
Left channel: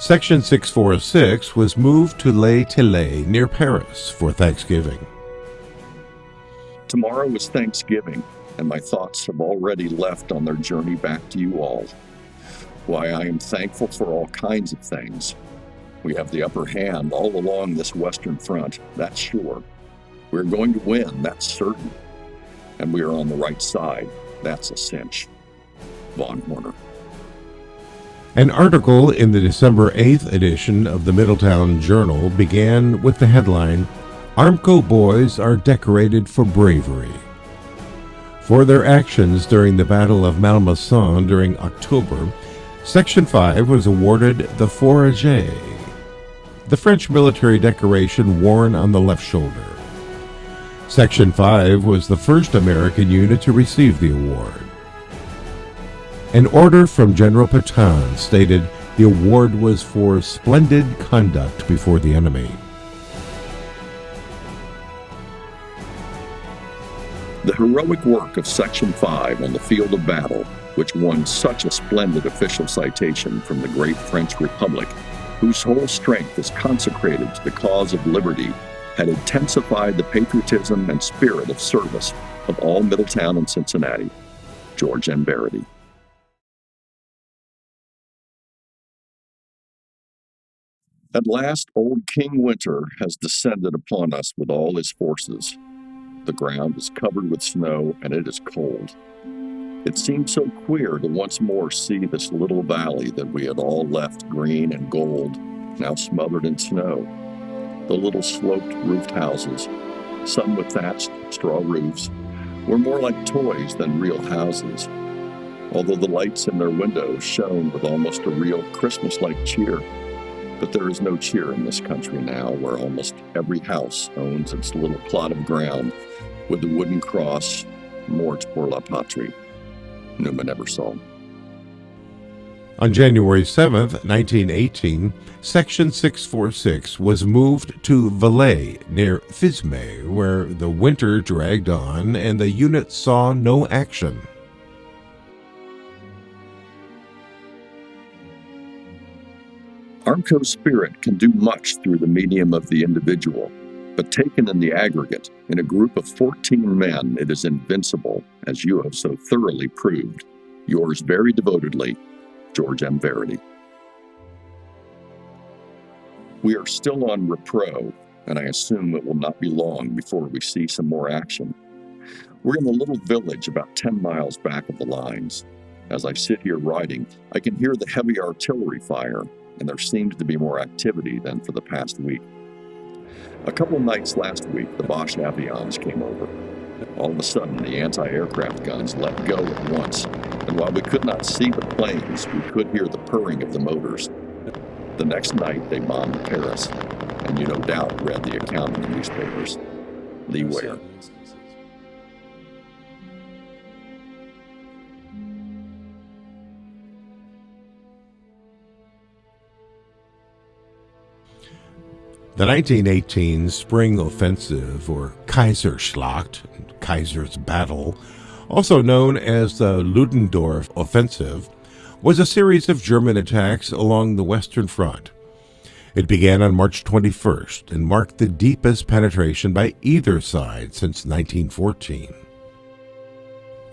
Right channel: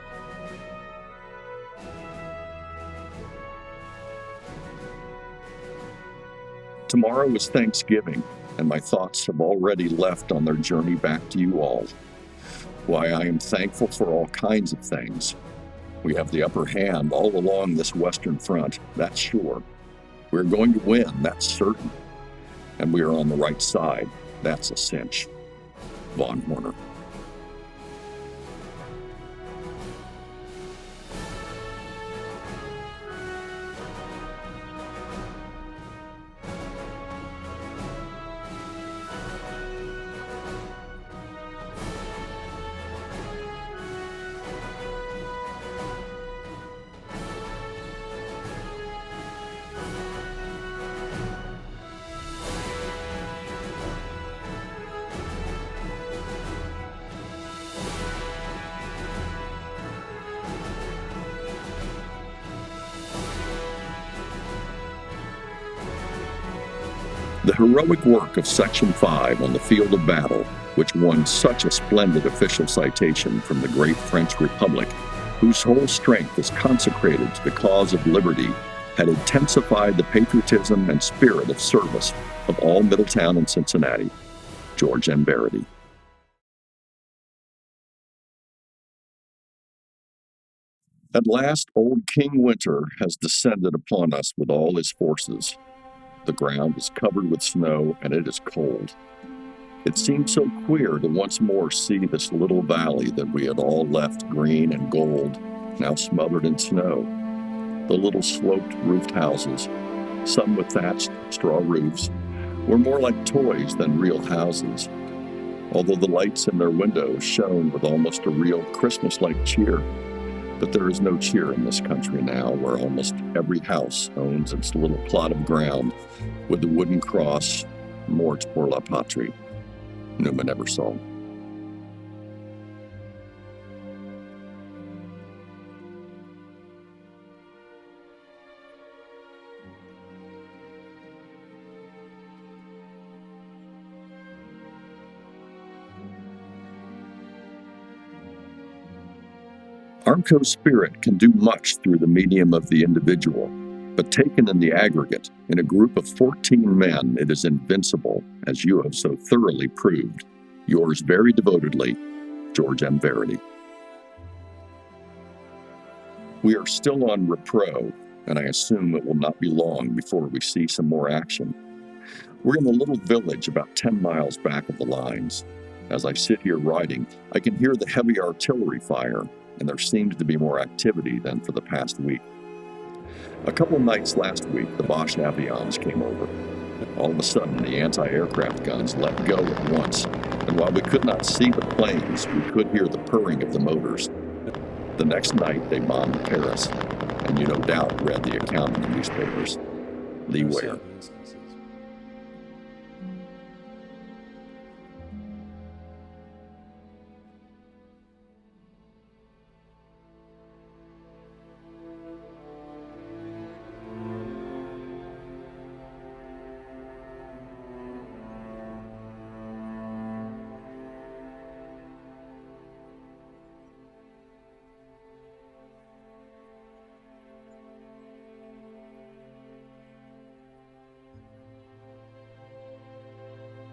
Section 646 was moved to Les Tillets near Paris for Thanksgiving. Tomorrow is Thanksgiving, and my thoughts have already left on their journey back to you all. Why, I am thankful for all kinds of things. We have the upper hand all along this Western Front, that's sure. We're going to win, that's certain. And we are on the right side, that's a cinch. Von Horner. An article in the December 8th edition of the Middletown Journal began with the headline, "Armco boys are decorated for bravery." For their actions during the Battle of Malmaison during October, Section 5 was awarded the Fourragère, the French military decoration worn on the left shoulder. Section 5 was the first American unit to receive the award. An order from General Pétain stated the award was for splendid conduct before the enemy. The heroic work of Section 5 on the field of battle, which won such a splendid official citation from the great French Republic, whose whole strength is consecrated to the cause of liberty, had intensified the patriotism and spirit of service of all Middletown and Cincinnati. George M. Verity. At last, old King Winter has descended upon us with all his forces. The ground is covered with snow, and it is cold. It seemed so queer to once more see this little valley that we had all left green and gold, now smothered in snow. The little sloped roofed houses, some with thatched straw roofs, were more like toys than real houses, although the lights in their windows shone with almost a real Christmas-like cheer. But there is no cheer in this country now, where almost every house owns its little plot of ground with the wooden cross, "Mort pour la patrie," Newman Eversole. On January 7, 1918, Section 646 was moved to Valais, near Fismes, where the winter dragged on and the unit saw no action. Armco's spirit can do much through the medium of the individual, but taken in the aggregate, in a group of 14 men, it is invincible, as you have so thoroughly proved. Yours very devotedly, George M. Verity. We are still on repro, and I assume it will not be long before we see some more action. We're in a little village about 10 miles back of the lines. As I sit here writing, I can hear the heavy artillery fire, and there seems to be more activity than for the past week. A couple of nights last week, the Boche avions came over. All of a sudden, the anti-aircraft guns let go at once, and while we could not see the planes, we could hear the purring of the motors. The next night, they bombed Paris, and you no doubt read the account in the newspapers. Lee Ware. The 1918 Spring Offensive, or Kaiserschlacht, Kaiser's Battle, also known as the Ludendorff Offensive, was a series of German attacks along the Western Front. It began on March 21st and marked the deepest penetration by either side since 1914.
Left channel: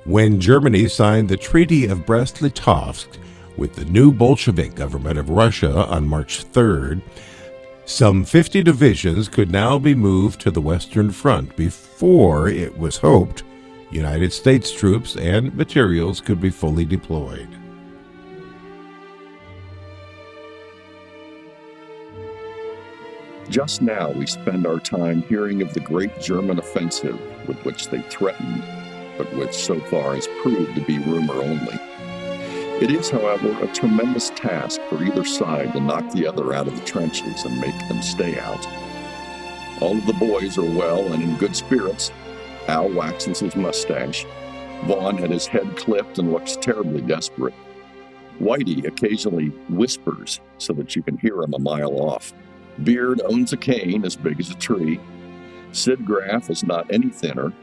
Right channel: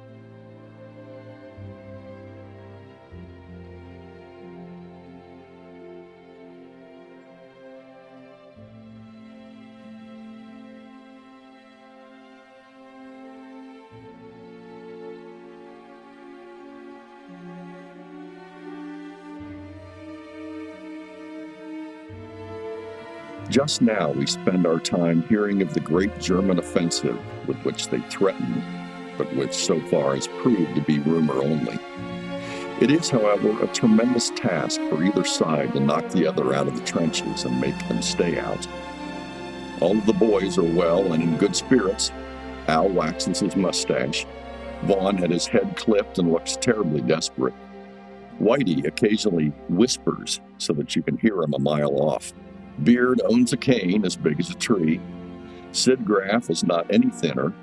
When Germany signed the Treaty of Brest-Litovsk with the new Bolshevik government of Russia on March 3rd, some 50 divisions could now be moved to the Western Front before, it was hoped, United States troops and materials could be fully deployed. Just now we spend our time hearing of the great German offensive with which they threatened, but which so far has proved to be rumor only. It is, however, a tremendous task for either side to knock the other out of the trenches and make them stay out. All of the boys are well and in good spirits. Al waxes his mustache. Vaughn had his head clipped and looks terribly desperate. Whitey occasionally whispers so that you can hear him a mile off. Beard owns a cane as big as a tree. Sid Graff is not any thinner.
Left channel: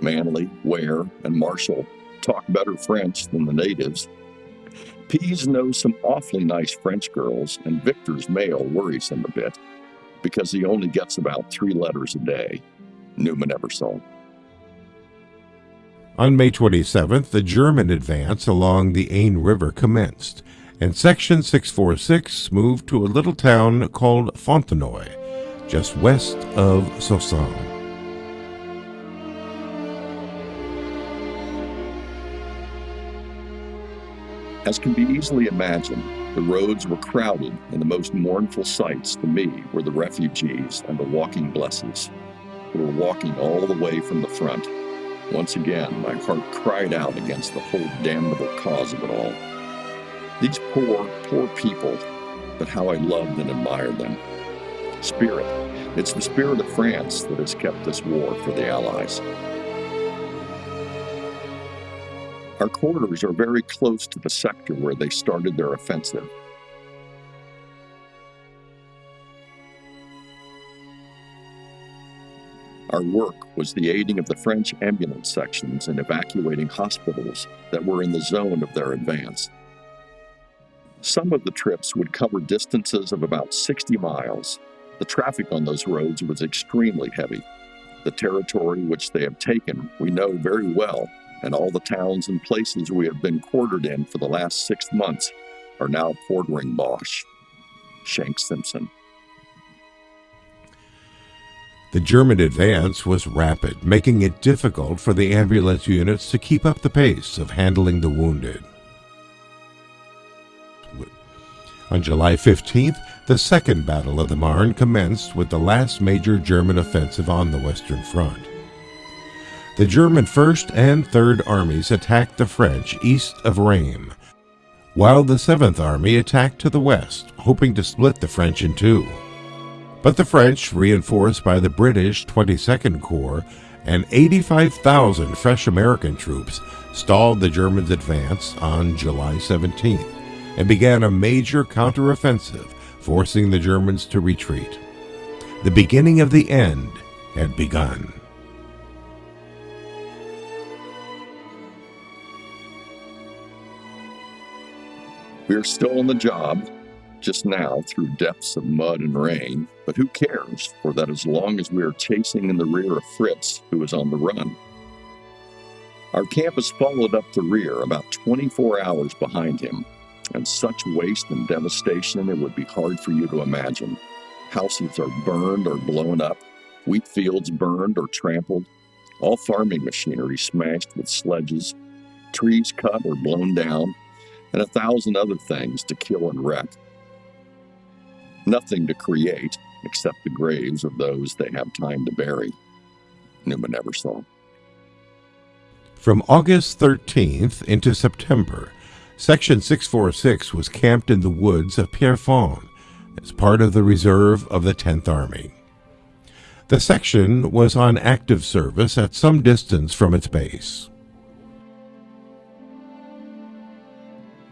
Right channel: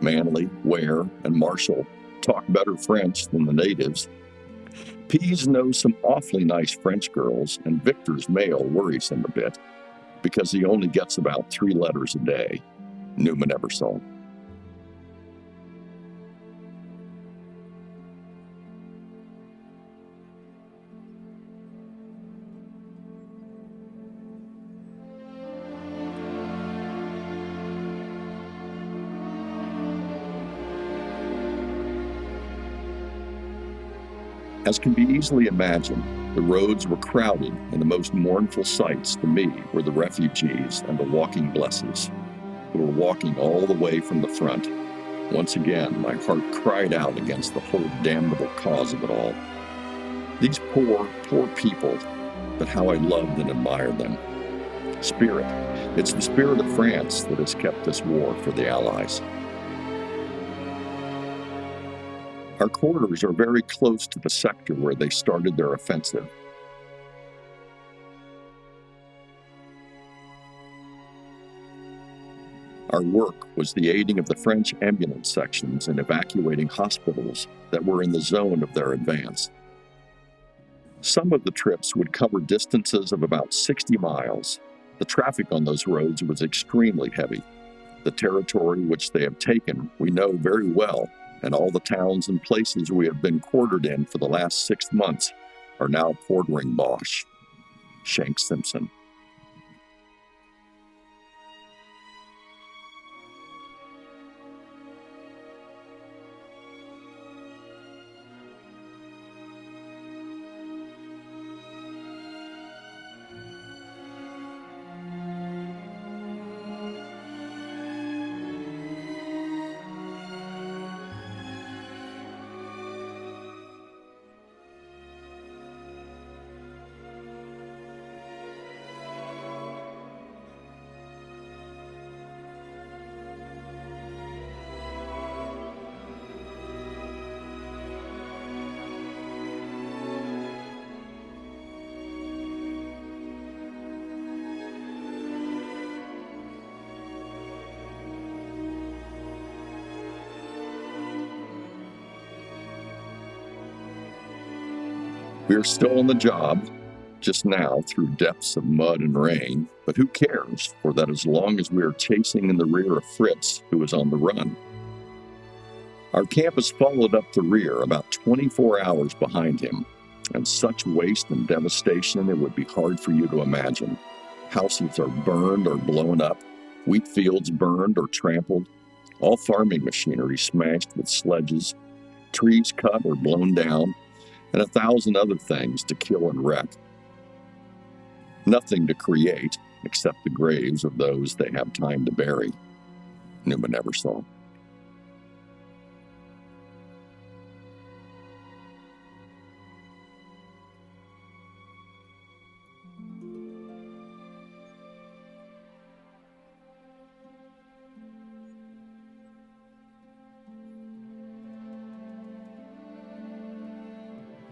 Manley, Ware, and Marshall talk better French than the natives. Pease knows some awfully nice French girls, and Victor's mail worries him a bit because he only gets about 3 letters a day. Newman Eversole. On May 27th, the German advance along the Aisne River commenced, and Section 646 moved to a little town called Fontenoy, just west of Soissons. As can be easily imagined, the roads were crowded, and the most mournful sights to me were the refugees and the walking blesses, who were walking all the way from the front. Once again, my heart cried out against the whole damnable cause of it all. These poor, poor people, but how I loved and admired them. Spirit. It's the spirit of France that has kept this war for the Allies. Our quarters are very close to the sector where they started their offensive. Our work was the aiding of the French ambulance sections in evacuating hospitals that were in the zone of their advance. Some of the trips would cover distances of about 60 miles. The traffic on those roads was extremely heavy. The territory which they have taken we know very well, and all the towns and places we have been quartered in for the last 6 months are now quartering Boche. Shank Simpson. The German advance was rapid, making it difficult for the ambulance units to keep up the pace of handling the wounded. On July 15th, the Second Battle of the Marne commenced with the last major German offensive on the Western Front. The German 1st and 3rd Armies attacked the French east of Rheims, while the 7th Army attacked to the west, hoping to split the French in two. But the French, reinforced by the British 22nd Corps and 85,000 fresh American troops, stalled the Germans' advance on July 17th and began a major counteroffensive, forcing the Germans to retreat. The beginning of the end had begun. We are still on the job, just now through depths of mud and rain, but who cares, for that as long as we are chasing in the rear of Fritz, who is on the run. Our camp has followed up the rear about 24 hours behind him, and such waste and devastation it would be hard for you to imagine. Houses are burned or blown up, wheat fields burned or trampled, all farming machinery smashed with sledges, trees cut or blown down, and 1,000 other things to kill and wreck. Nothing to create except the graves of those they have time to bury. Newman never saw. From August 13th into September, Section 646 was camped in the woods of Pierrefonds as part of the reserve of the 10th Army. The section was on active service at some distance from its base.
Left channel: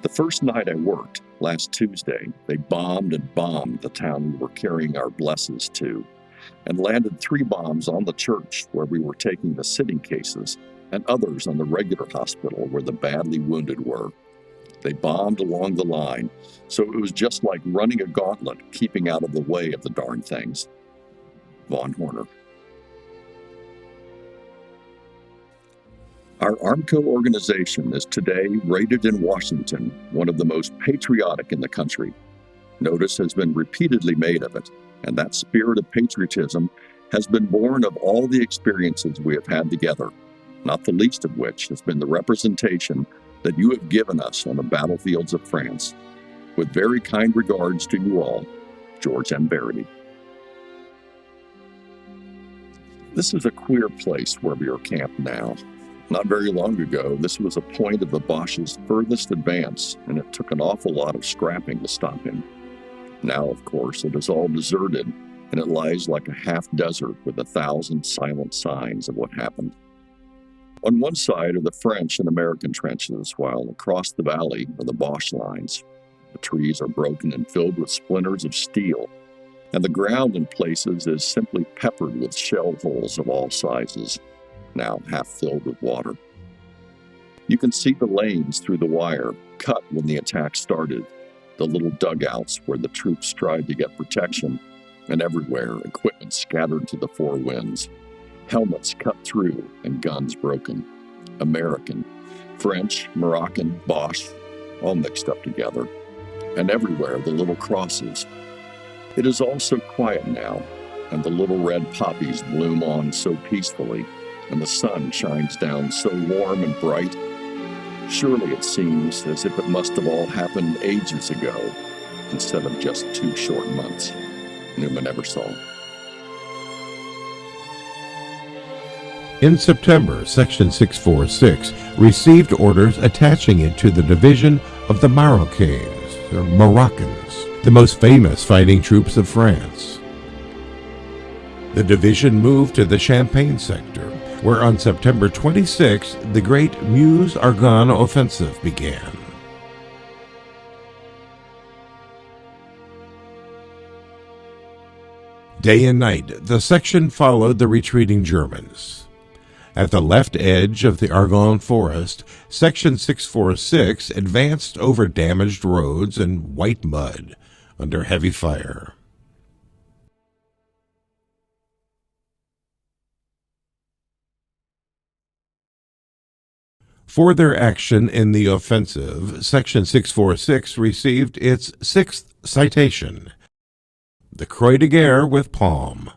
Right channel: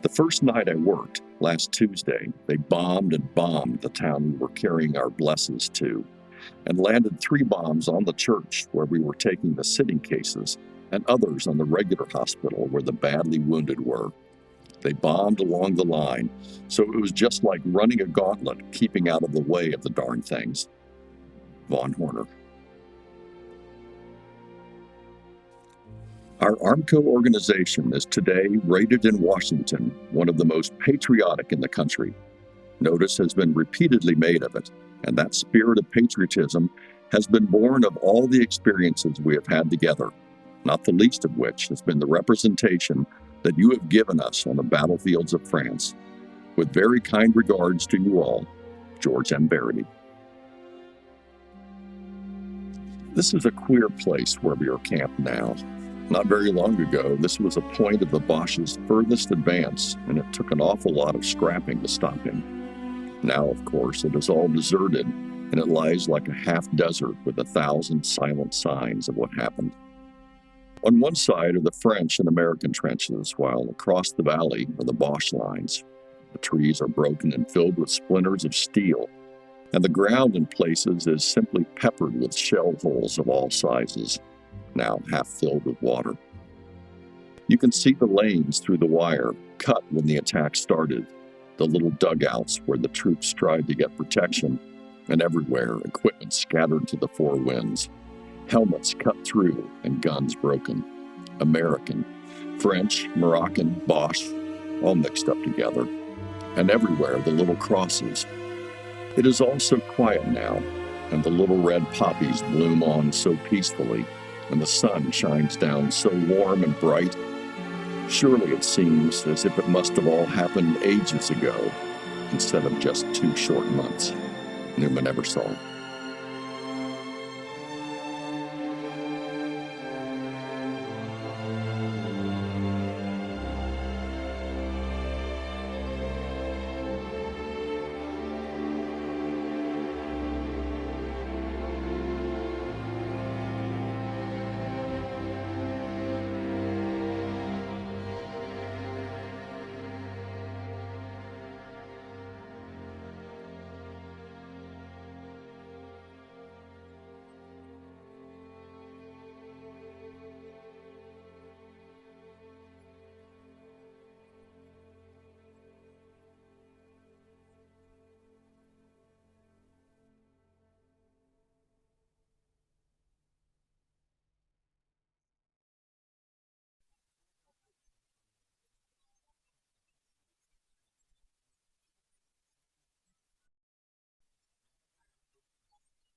The first night I worked, last Tuesday, they bombed and bombed the town we were carrying our blesses to, and landed 3 bombs on the church where we were taking the sitting cases, and others on the regular hospital where the badly wounded were. They bombed along the line, so it was just like running a gauntlet, keeping out of the way of the darn things. Von Horner. Our Armco organization is today rated in Washington one of the most patriotic in the country. Notice has been repeatedly made of it, and that spirit of patriotism has been born of all the experiences we have had together, not the least of which has been the representation that you have given us on the battlefields of France. With very kind regards to you all, George M. Verity. This is a queer place where we are camped now. Not very long ago, this was a point of the Boche's furthest advance, and it took an awful lot of scrapping to stop him. Now, of course, it is all deserted, and it lies like a half-desert with 1,000 silent signs of what happened. On one side are the French and American trenches, while across the valley are the Boche lines. The trees are broken and filled with splinters of steel, and the ground in places is simply peppered with shell holes of all sizes, now half filled with water. You can see the lanes through the wire, cut when the attack started, the little dugouts where the troops tried to get protection, and everywhere equipment scattered to the 4 winds. Helmets cut through and guns broken. American, French, Moroccan, Boche, all mixed up together. And everywhere the little crosses. It is all so quiet now, and the little red poppies bloom on so peacefully, and the sun shines down so warm and bright. Surely it seems as if it must have all happened ages ago, instead of just 2 short months. Newman Eversole. In September, Section 646 received orders attaching it to the division of the Marocains, or Moroccans, the most famous fighting troops of France. The division moved to the Champagne sector, where on September 26 the Great Meuse-Argonne Offensive began. Day and night, the section followed the retreating Germans. At the left edge of the Argonne Forest, Section 646 advanced over damaged roads and white mud under heavy fire. For their action in the offensive, Section 646 received its 6th citation, the Croix de Guerre with Palm.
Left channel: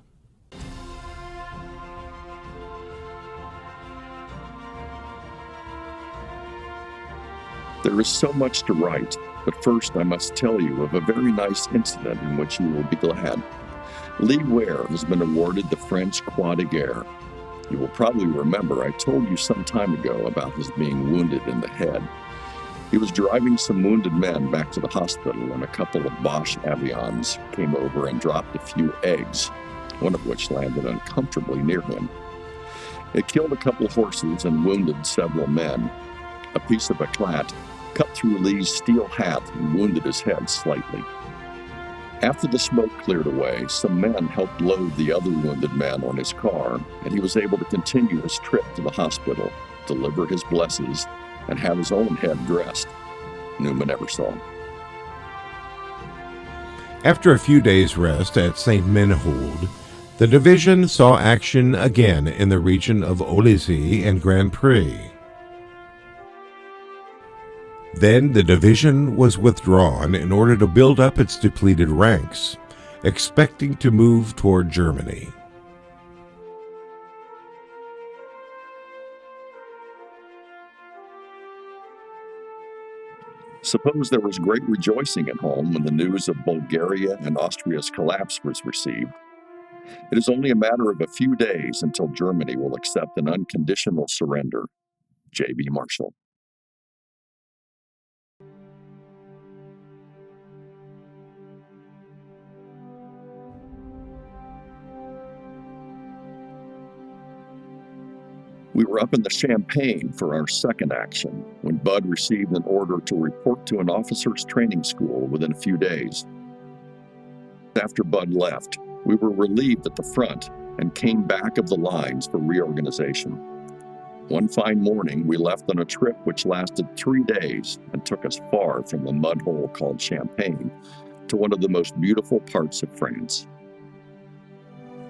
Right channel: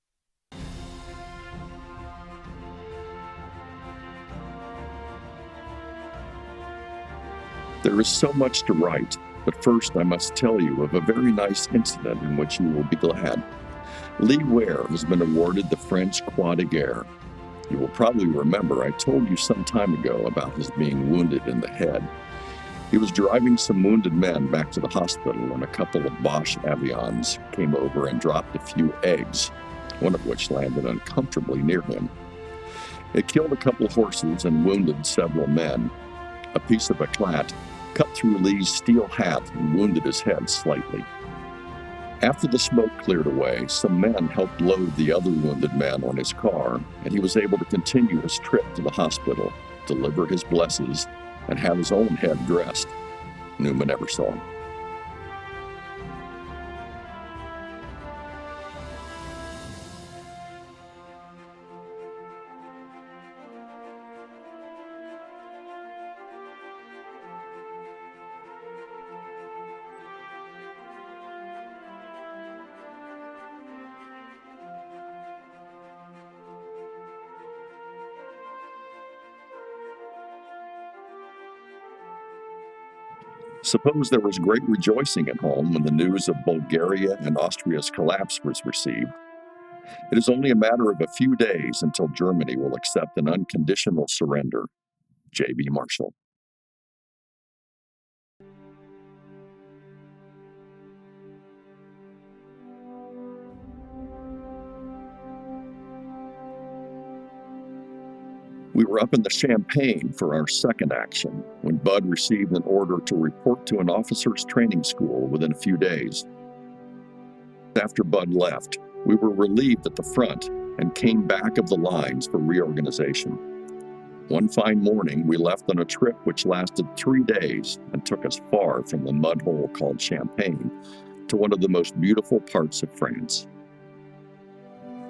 There is so much to write, but first I must tell you of a very nice incident in which you will be glad. Lee Ware has been awarded the French Croix de Guerre. You will probably remember I told you some time ago about his being wounded in the head. He was driving some wounded men back to the hospital when a couple of Boche avions came over and dropped a few eggs, one of which landed uncomfortably near him. It killed a couple of horses and wounded several men. A piece of éclat cut through Lee's steel hat and wounded his head slightly. After the smoke cleared away, some men helped load the other wounded man on his car, and he was able to continue his trip to the hospital, deliver his blesses, and have his own head dressed. Newman Eversole. After a few days' rest at St. Menehould, the division saw action again in the region of Olysee and Grand Pré. Then the division was withdrawn in order to build up its depleted ranks, expecting to move toward Germany. Suppose there was great rejoicing at home when the news of Bulgaria and Austria's collapse was received. It is only a matter of a few days until Germany will accept an unconditional surrender. J.B. Marshall. We were up in the Champagne for our second action when Bud received an order to report to an officers' training school within a few days. After Bud left, we were relieved at the front and came back of the lines for reorganization. One fine morning, we left on a trip which lasted 3 days and took us far from the mud hole called Champagne to one of the most beautiful parts of France.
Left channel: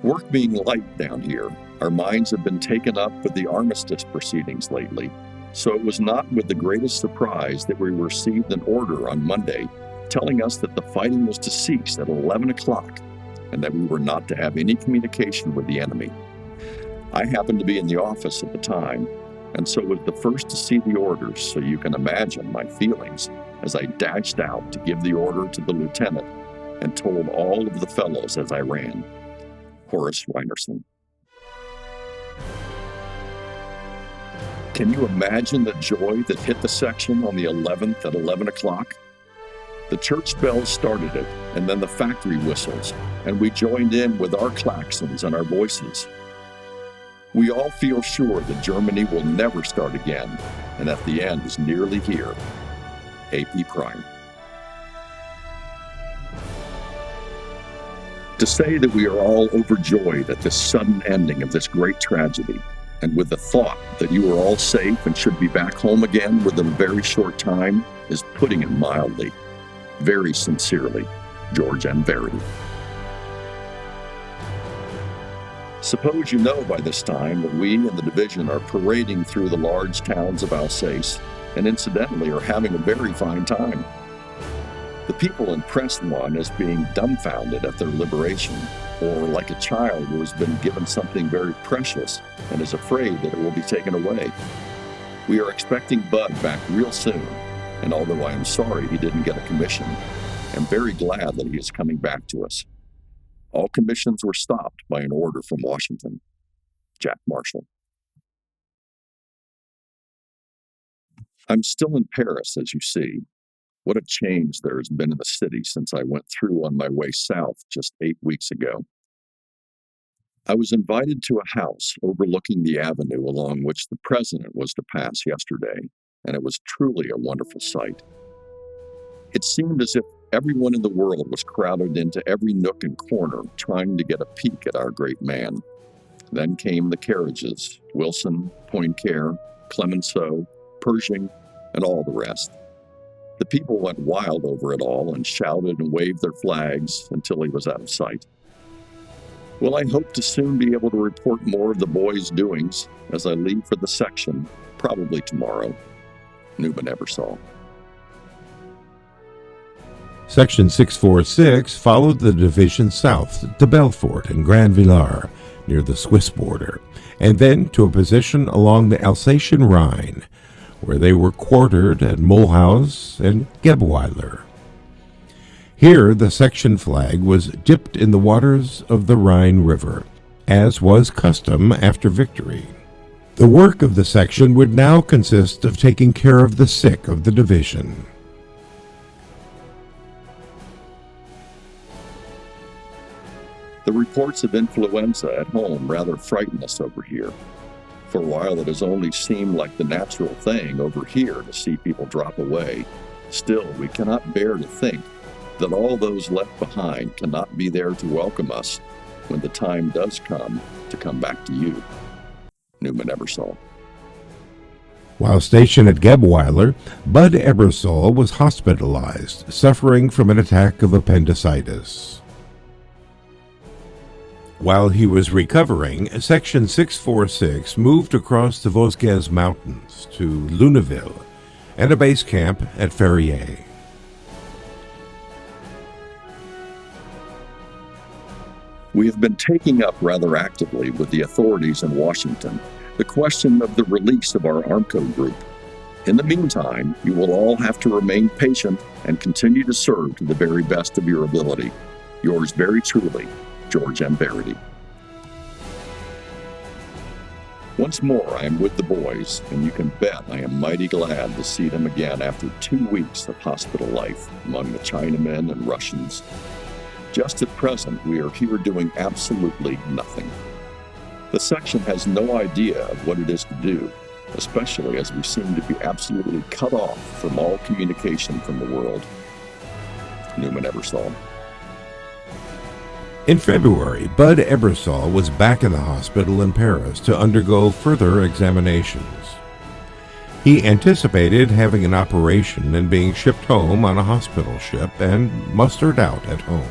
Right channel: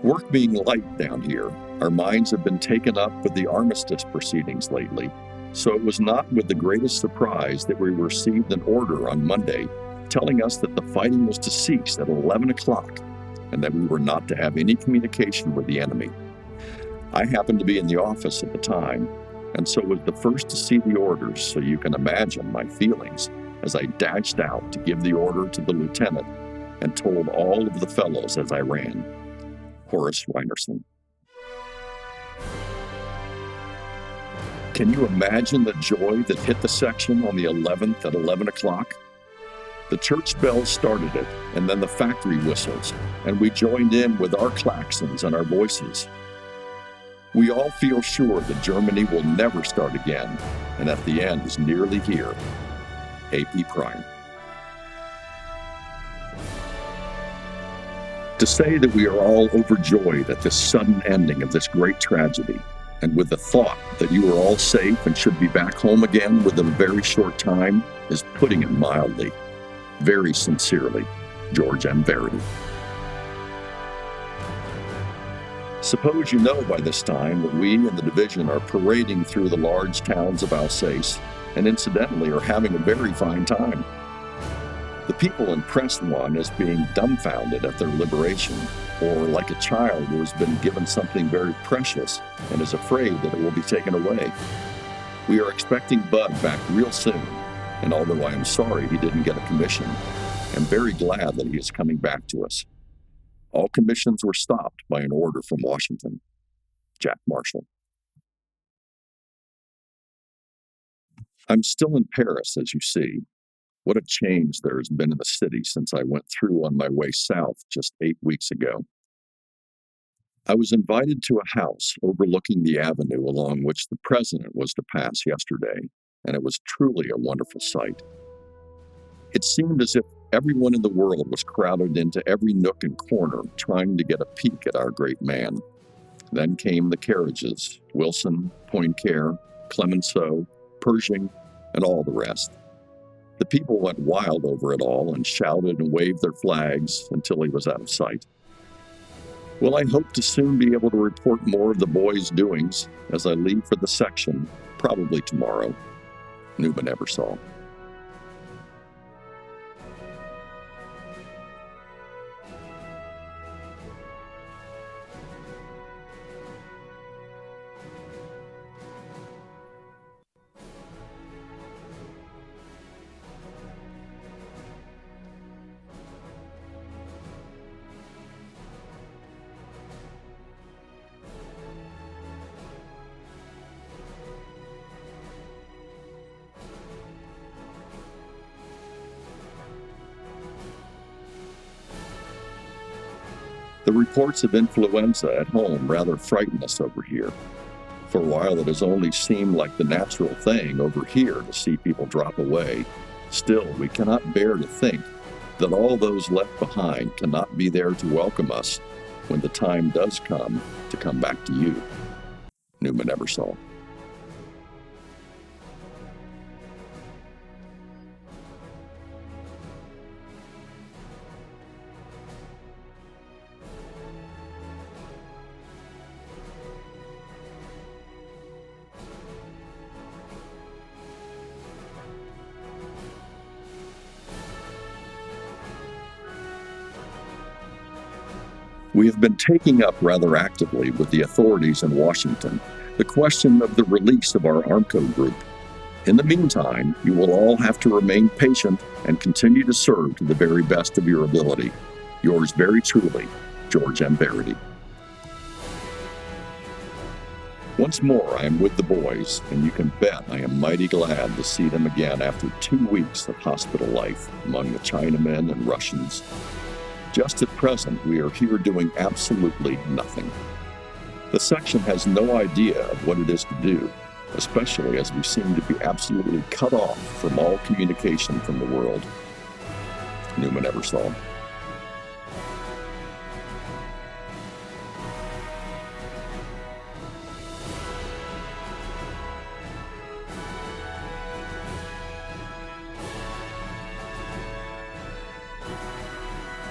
Work being light down here, our minds have been taken up with the armistice proceedings lately, so it was not with the greatest surprise that we received an order on Monday telling us that the fighting was to cease at 11 o'clock and that we were not to have any communication with the enemy. I happened to be in the office at the time, and so was the first to see the orders, so you can imagine my feelings as I dashed out to give the order to the lieutenant and told all of the fellows as I ran. Horace Reinerson. Can you imagine the joy that hit the section on the 11th at 11 o'clock? The church bells started it, and then the factory whistles, and we joined in with our klaxons and our voices. We all feel sure that Germany will never start again, and that the end is nearly here. A.P. Pryor. To say that we are all overjoyed at this sudden ending of this great tragedy, and with the thought that you are all safe and should be back home again within a very short time, is putting it mildly. Very sincerely, George M. Verity. Suppose you know by this time that we in the division are parading through the large towns of Alsace, and incidentally are having a very fine time. The people impress one as being dumbfounded at their liberation, or like a child who has been given something very precious and is afraid that it will be taken away. We are expecting Bud back real soon, and although I am sorry he didn't get a commission, I'm very glad that he is coming back to us. All commissions were stopped by an order from Washington. Jack Marshall. I'm still in Paris, as you see. What a change there has been in the city since I went through on my way south just 8 weeks ago. I was invited to a house overlooking the avenue along which the president was to pass yesterday, and it was truly a wonderful sight. It seemed as if everyone in the world was crowded into every nook and corner trying to get a peek at our great man. Then came the carriages, Wilson, Poincare, Clemenceau, Pershing, and all the rest. The people went wild over it all and shouted and waved their flags until he was out of sight. Well, I hope to soon be able to report more of the boys' doings as I leave for the section, probably tomorrow. Newman Eversole. Section 646 followed the division south to Belfort and Grand Villars, near the Swiss border, and then to a position along the Alsatian Rhine, where they were quartered at Mulhouse and Gebweiler. Here the section flag was dipped in the waters of the Rhine River, as was custom after victory. The work of the section would now consist of taking care of the sick of the division. The reports of influenza at home rather frighten us over here. For a while it has only seemed like the natural thing over here to see people drop away. Still, we cannot bear to think that all those left behind cannot be there to welcome us when the time does come to come back to you. Newman Eversole. While stationed at Gebweiler, Bud Ebersole was hospitalized, suffering from an attack of appendicitis. While he was recovering, Section 646 moved across the Vosges Mountains to Luneville and a base camp at Ferrier. We have been taking up rather actively with the authorities in Washington the question of the release of our Armco group. In the meantime, you will all have to remain patient and continue to serve to the very best of your ability. Yours very truly, George M. Verity. Once more, I am with the boys, and you can bet I am mighty glad to see them again after 2 weeks of hospital life among the Chinamen and Russians. Just at present, we are here doing absolutely nothing. The section has no idea of what it is to do, especially as we seem to be absolutely cut off from all communication from the world. Newman Eversole. In February, Bud Ebersole was back in the hospital in Paris to undergo further examinations. He anticipated having an operation and being shipped home on a hospital ship and mustered out at home.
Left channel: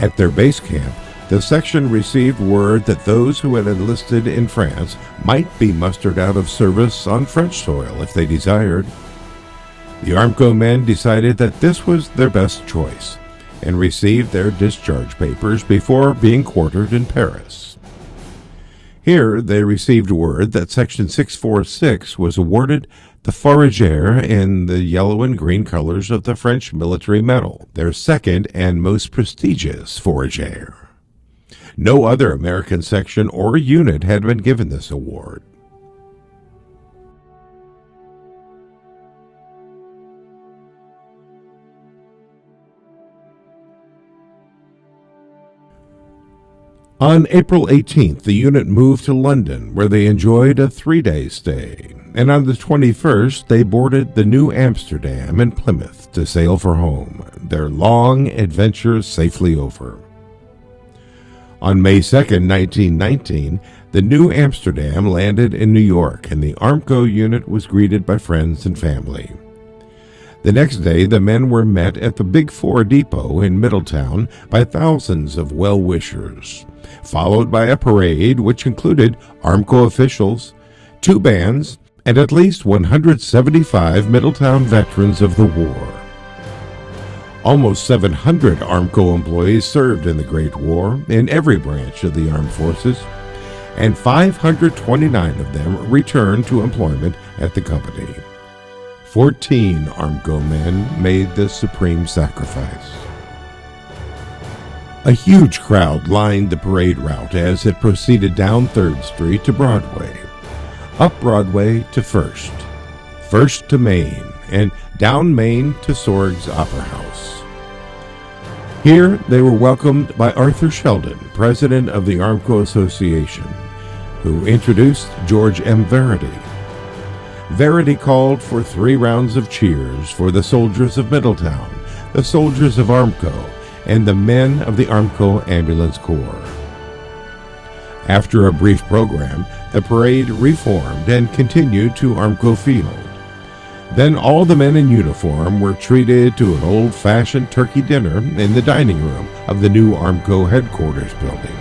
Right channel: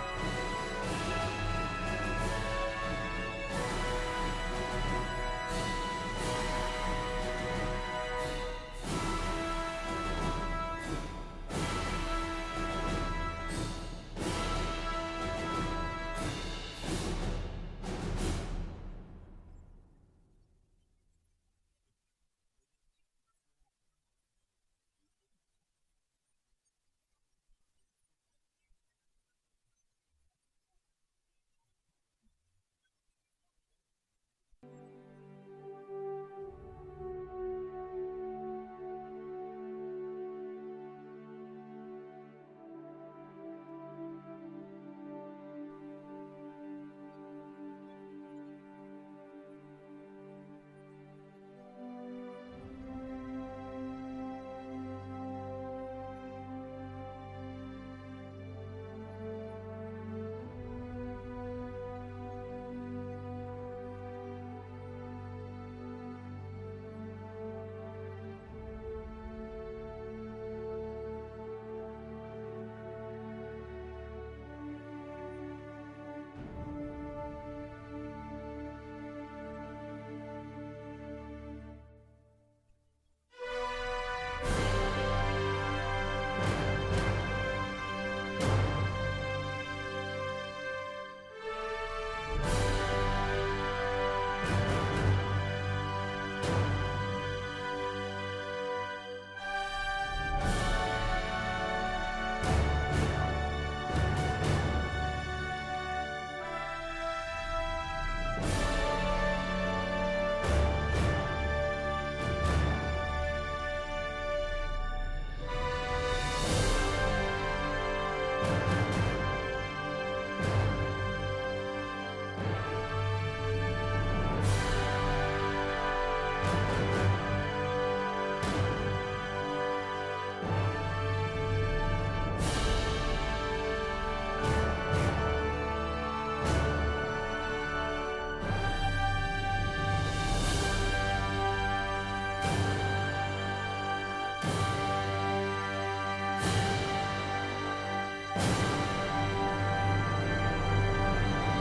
At their base camp, the section received word that those who had enlisted in France might be mustered out of service on French soil if they desired. The Armco men decided that this was their best choice and received their discharge papers before being quartered in Paris. Here they received word that Section 646 was awarded the Fourragère in the yellow and green colors of the French military medal, their second and most prestigious Fourragère. No other American section or unit had been given this award. On April 18th, the unit moved to London, where they enjoyed a 3-day stay, and on the 21st, they boarded the New Amsterdam in Plymouth to sail for home, their long adventure safely over. On May 2nd, 1919, the New Amsterdam landed in New York, and the Armco unit was greeted by friends and family. The next day, the men were met at the Big Four Depot in Middletown by thousands of well-wishers, followed by a parade which included Armco officials, 2 bands, and at least 175 Middletown veterans of the war. Almost 700 Armco employees served in the Great War in every branch of the armed forces, and 529 of them returned to employment at the company. 14 Armco men made the supreme sacrifice. A huge crowd lined the parade route as it proceeded down 3rd Street to Broadway, up Broadway to First, First to Main, and down Main to Sorg's Opera House. Here they were welcomed by Arthur Sheldon, president of the Armco Association, who introduced George M. Verity. Verity called for 3 rounds of cheers for the soldiers of Middletown, the soldiers of Armco, and the men of the Armco Ambulance Corps. After a brief program, the parade reformed and continued to Armco Field. Then all the men in uniform were treated to an old-fashioned turkey dinner in the dining room of the new Armco headquarters building.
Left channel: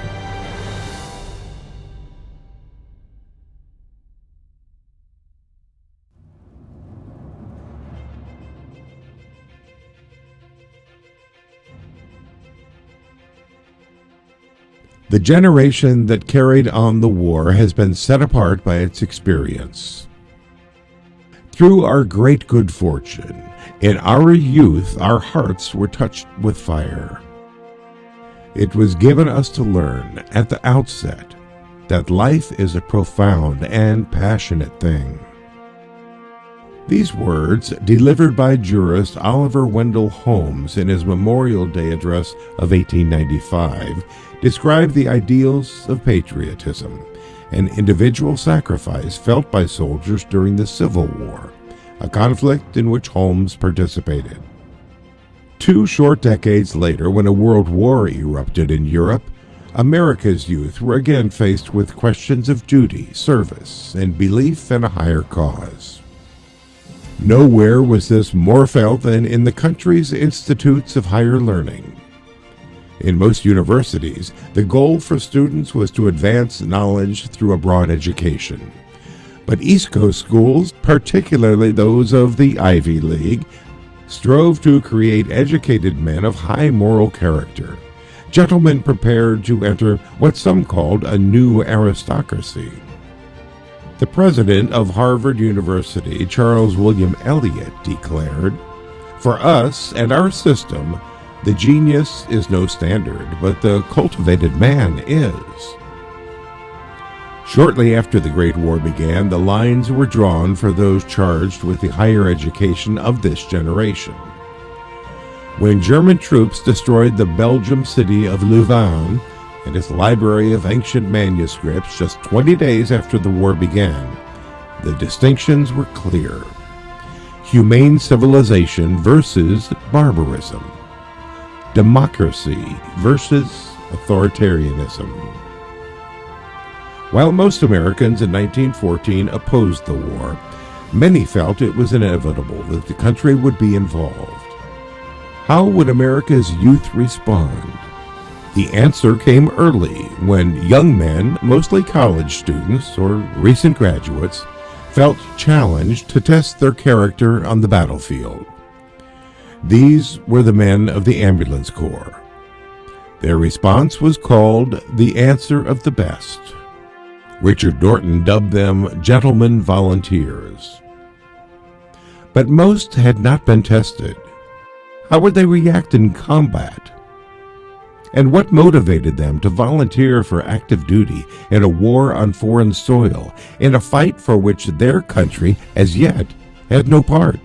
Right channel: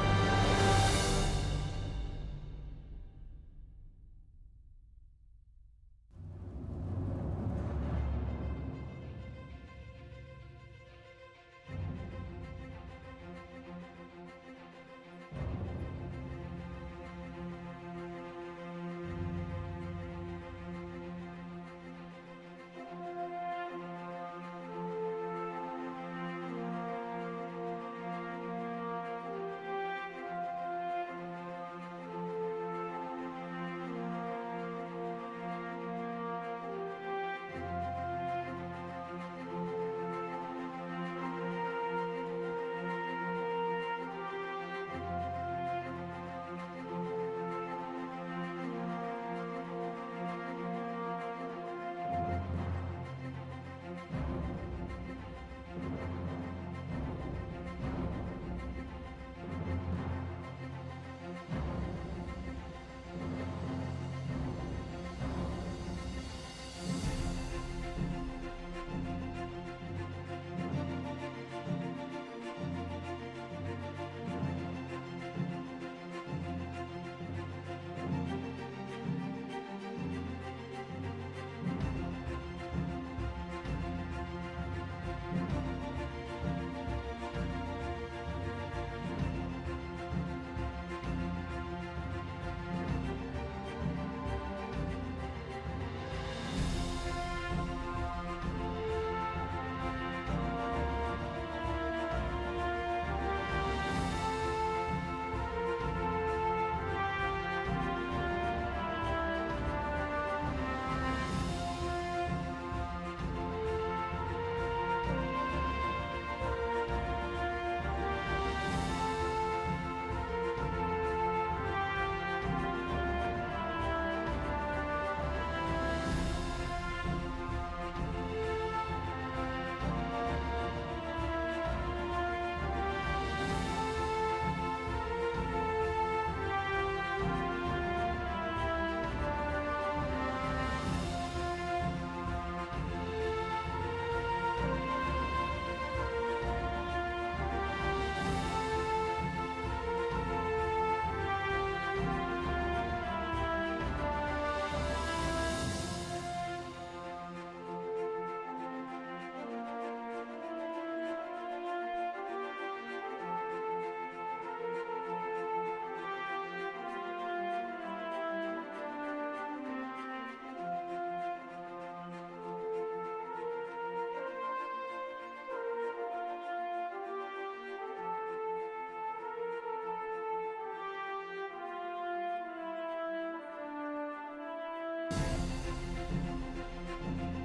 The generation that carried on the war has been set apart by its experience. Through our great good fortune, in our youth our hearts were touched with fire. It was given us to learn at the outset that life is a profound and passionate thing. These words, delivered by jurist Oliver Wendell Holmes in his Memorial Day address of 1895, describe the ideals of patriotism and individual sacrifice felt by soldiers during the Civil War, a conflict in which Holmes participated. 2 short decades later, when a world war erupted in Europe, America's youth were again faced with questions of duty, service, and belief in a higher cause. Nowhere was this more felt than in the country's institutes of higher learning. In most universities, the goal for students was to advance knowledge through a broad education. But East Coast schools, particularly those of the Ivy League, strove to create educated men of high moral character, gentlemen prepared to enter what some called a new aristocracy. The president of Harvard University, Charles William Eliot, declared, "For us and our system, the genius is no standard, but the cultivated man is." Shortly after the Great War began, the lines were drawn for those charged with the higher education of this generation. When German troops destroyed the Belgian city of Louvain and its library of ancient manuscripts just 20 days after the war began, the distinctions were clear: humane civilization versus barbarism, democracy versus authoritarianism. While most Americans in 1914 opposed the war, many felt it was inevitable that the country would be involved. How would America's youth respond? The answer came early when young men, mostly college students or recent graduates, felt challenged to test their character on the battlefield. These were the men of the Ambulance Corps. Their response was called the Answer of the Best. Richard Norton dubbed them Gentlemen Volunteers. But most had not been tested. How would they react in combat? And what motivated them to volunteer for active duty in a war on foreign soil, in a fight for which their country, as yet, had no part?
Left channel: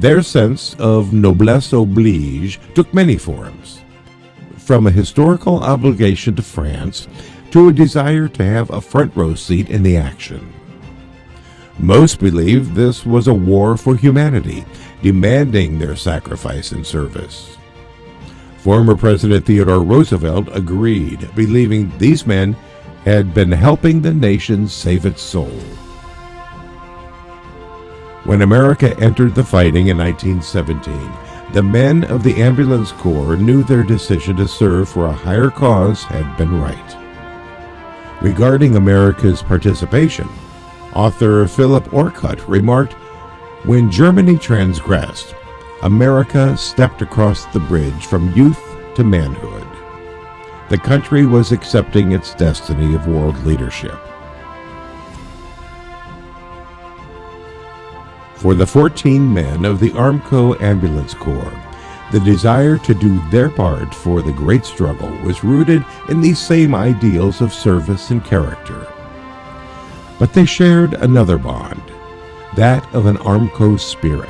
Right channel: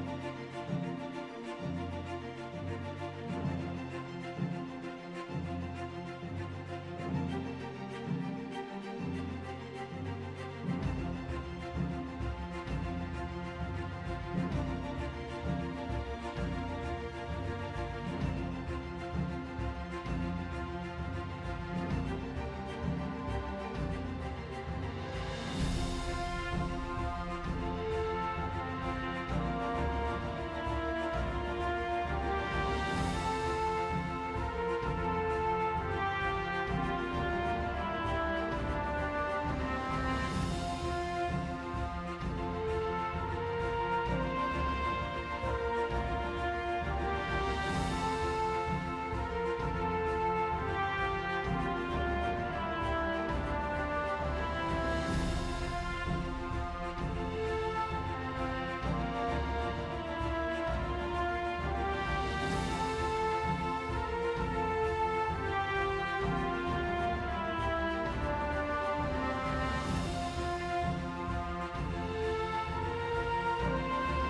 Their sense of noblesse oblige took many forms, from a historical obligation to France to a desire to have a front row seat in the action. Most believed this was a war for humanity, demanding their sacrifice and service. Former President Theodore Roosevelt agreed, believing these men had been helping the nation save its soul. When America entered the fighting in 1917, the men of the Ambulance Corps knew their decision to serve for a higher cause had been right. Regarding America's participation, author Philip Orcutt remarked, "When Germany transgressed, America stepped across the bridge from youth to manhood. the country was accepting its destiny of world leadership. For the 14 men of the Armco Ambulance Corps, the desire to do their part for the great struggle was rooted in these same ideals of service and character. But they shared another bond, that of an Armco spirit,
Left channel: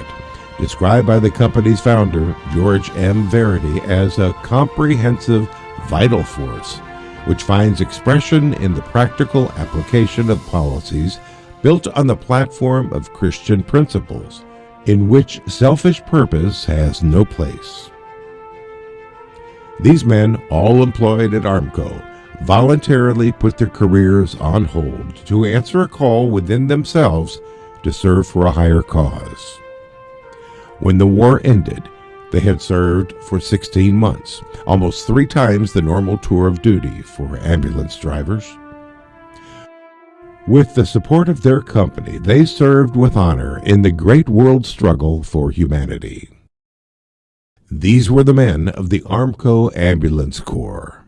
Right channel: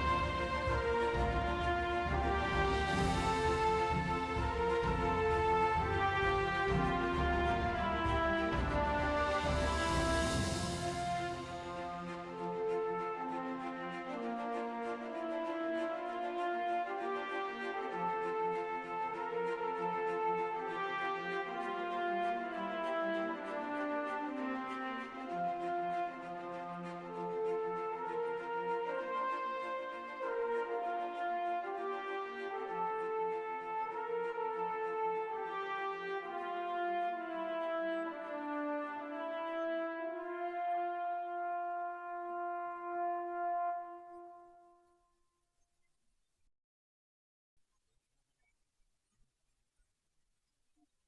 described by the company's founder, George M. Verity, as a comprehensive, vital force, which finds expression in the practical application of policies built on the platform of Christian principles, in which selfish purpose has no place. These men, all employed at Armco, voluntarily put their careers on hold to answer a call within themselves to serve for a higher cause. When the war ended, they had served for 16 months, almost 3 times the normal tour of duty for ambulance drivers. With the support of their company, they served with honor in the great world struggle for humanity. These were the men of the Armco Ambulance Corps.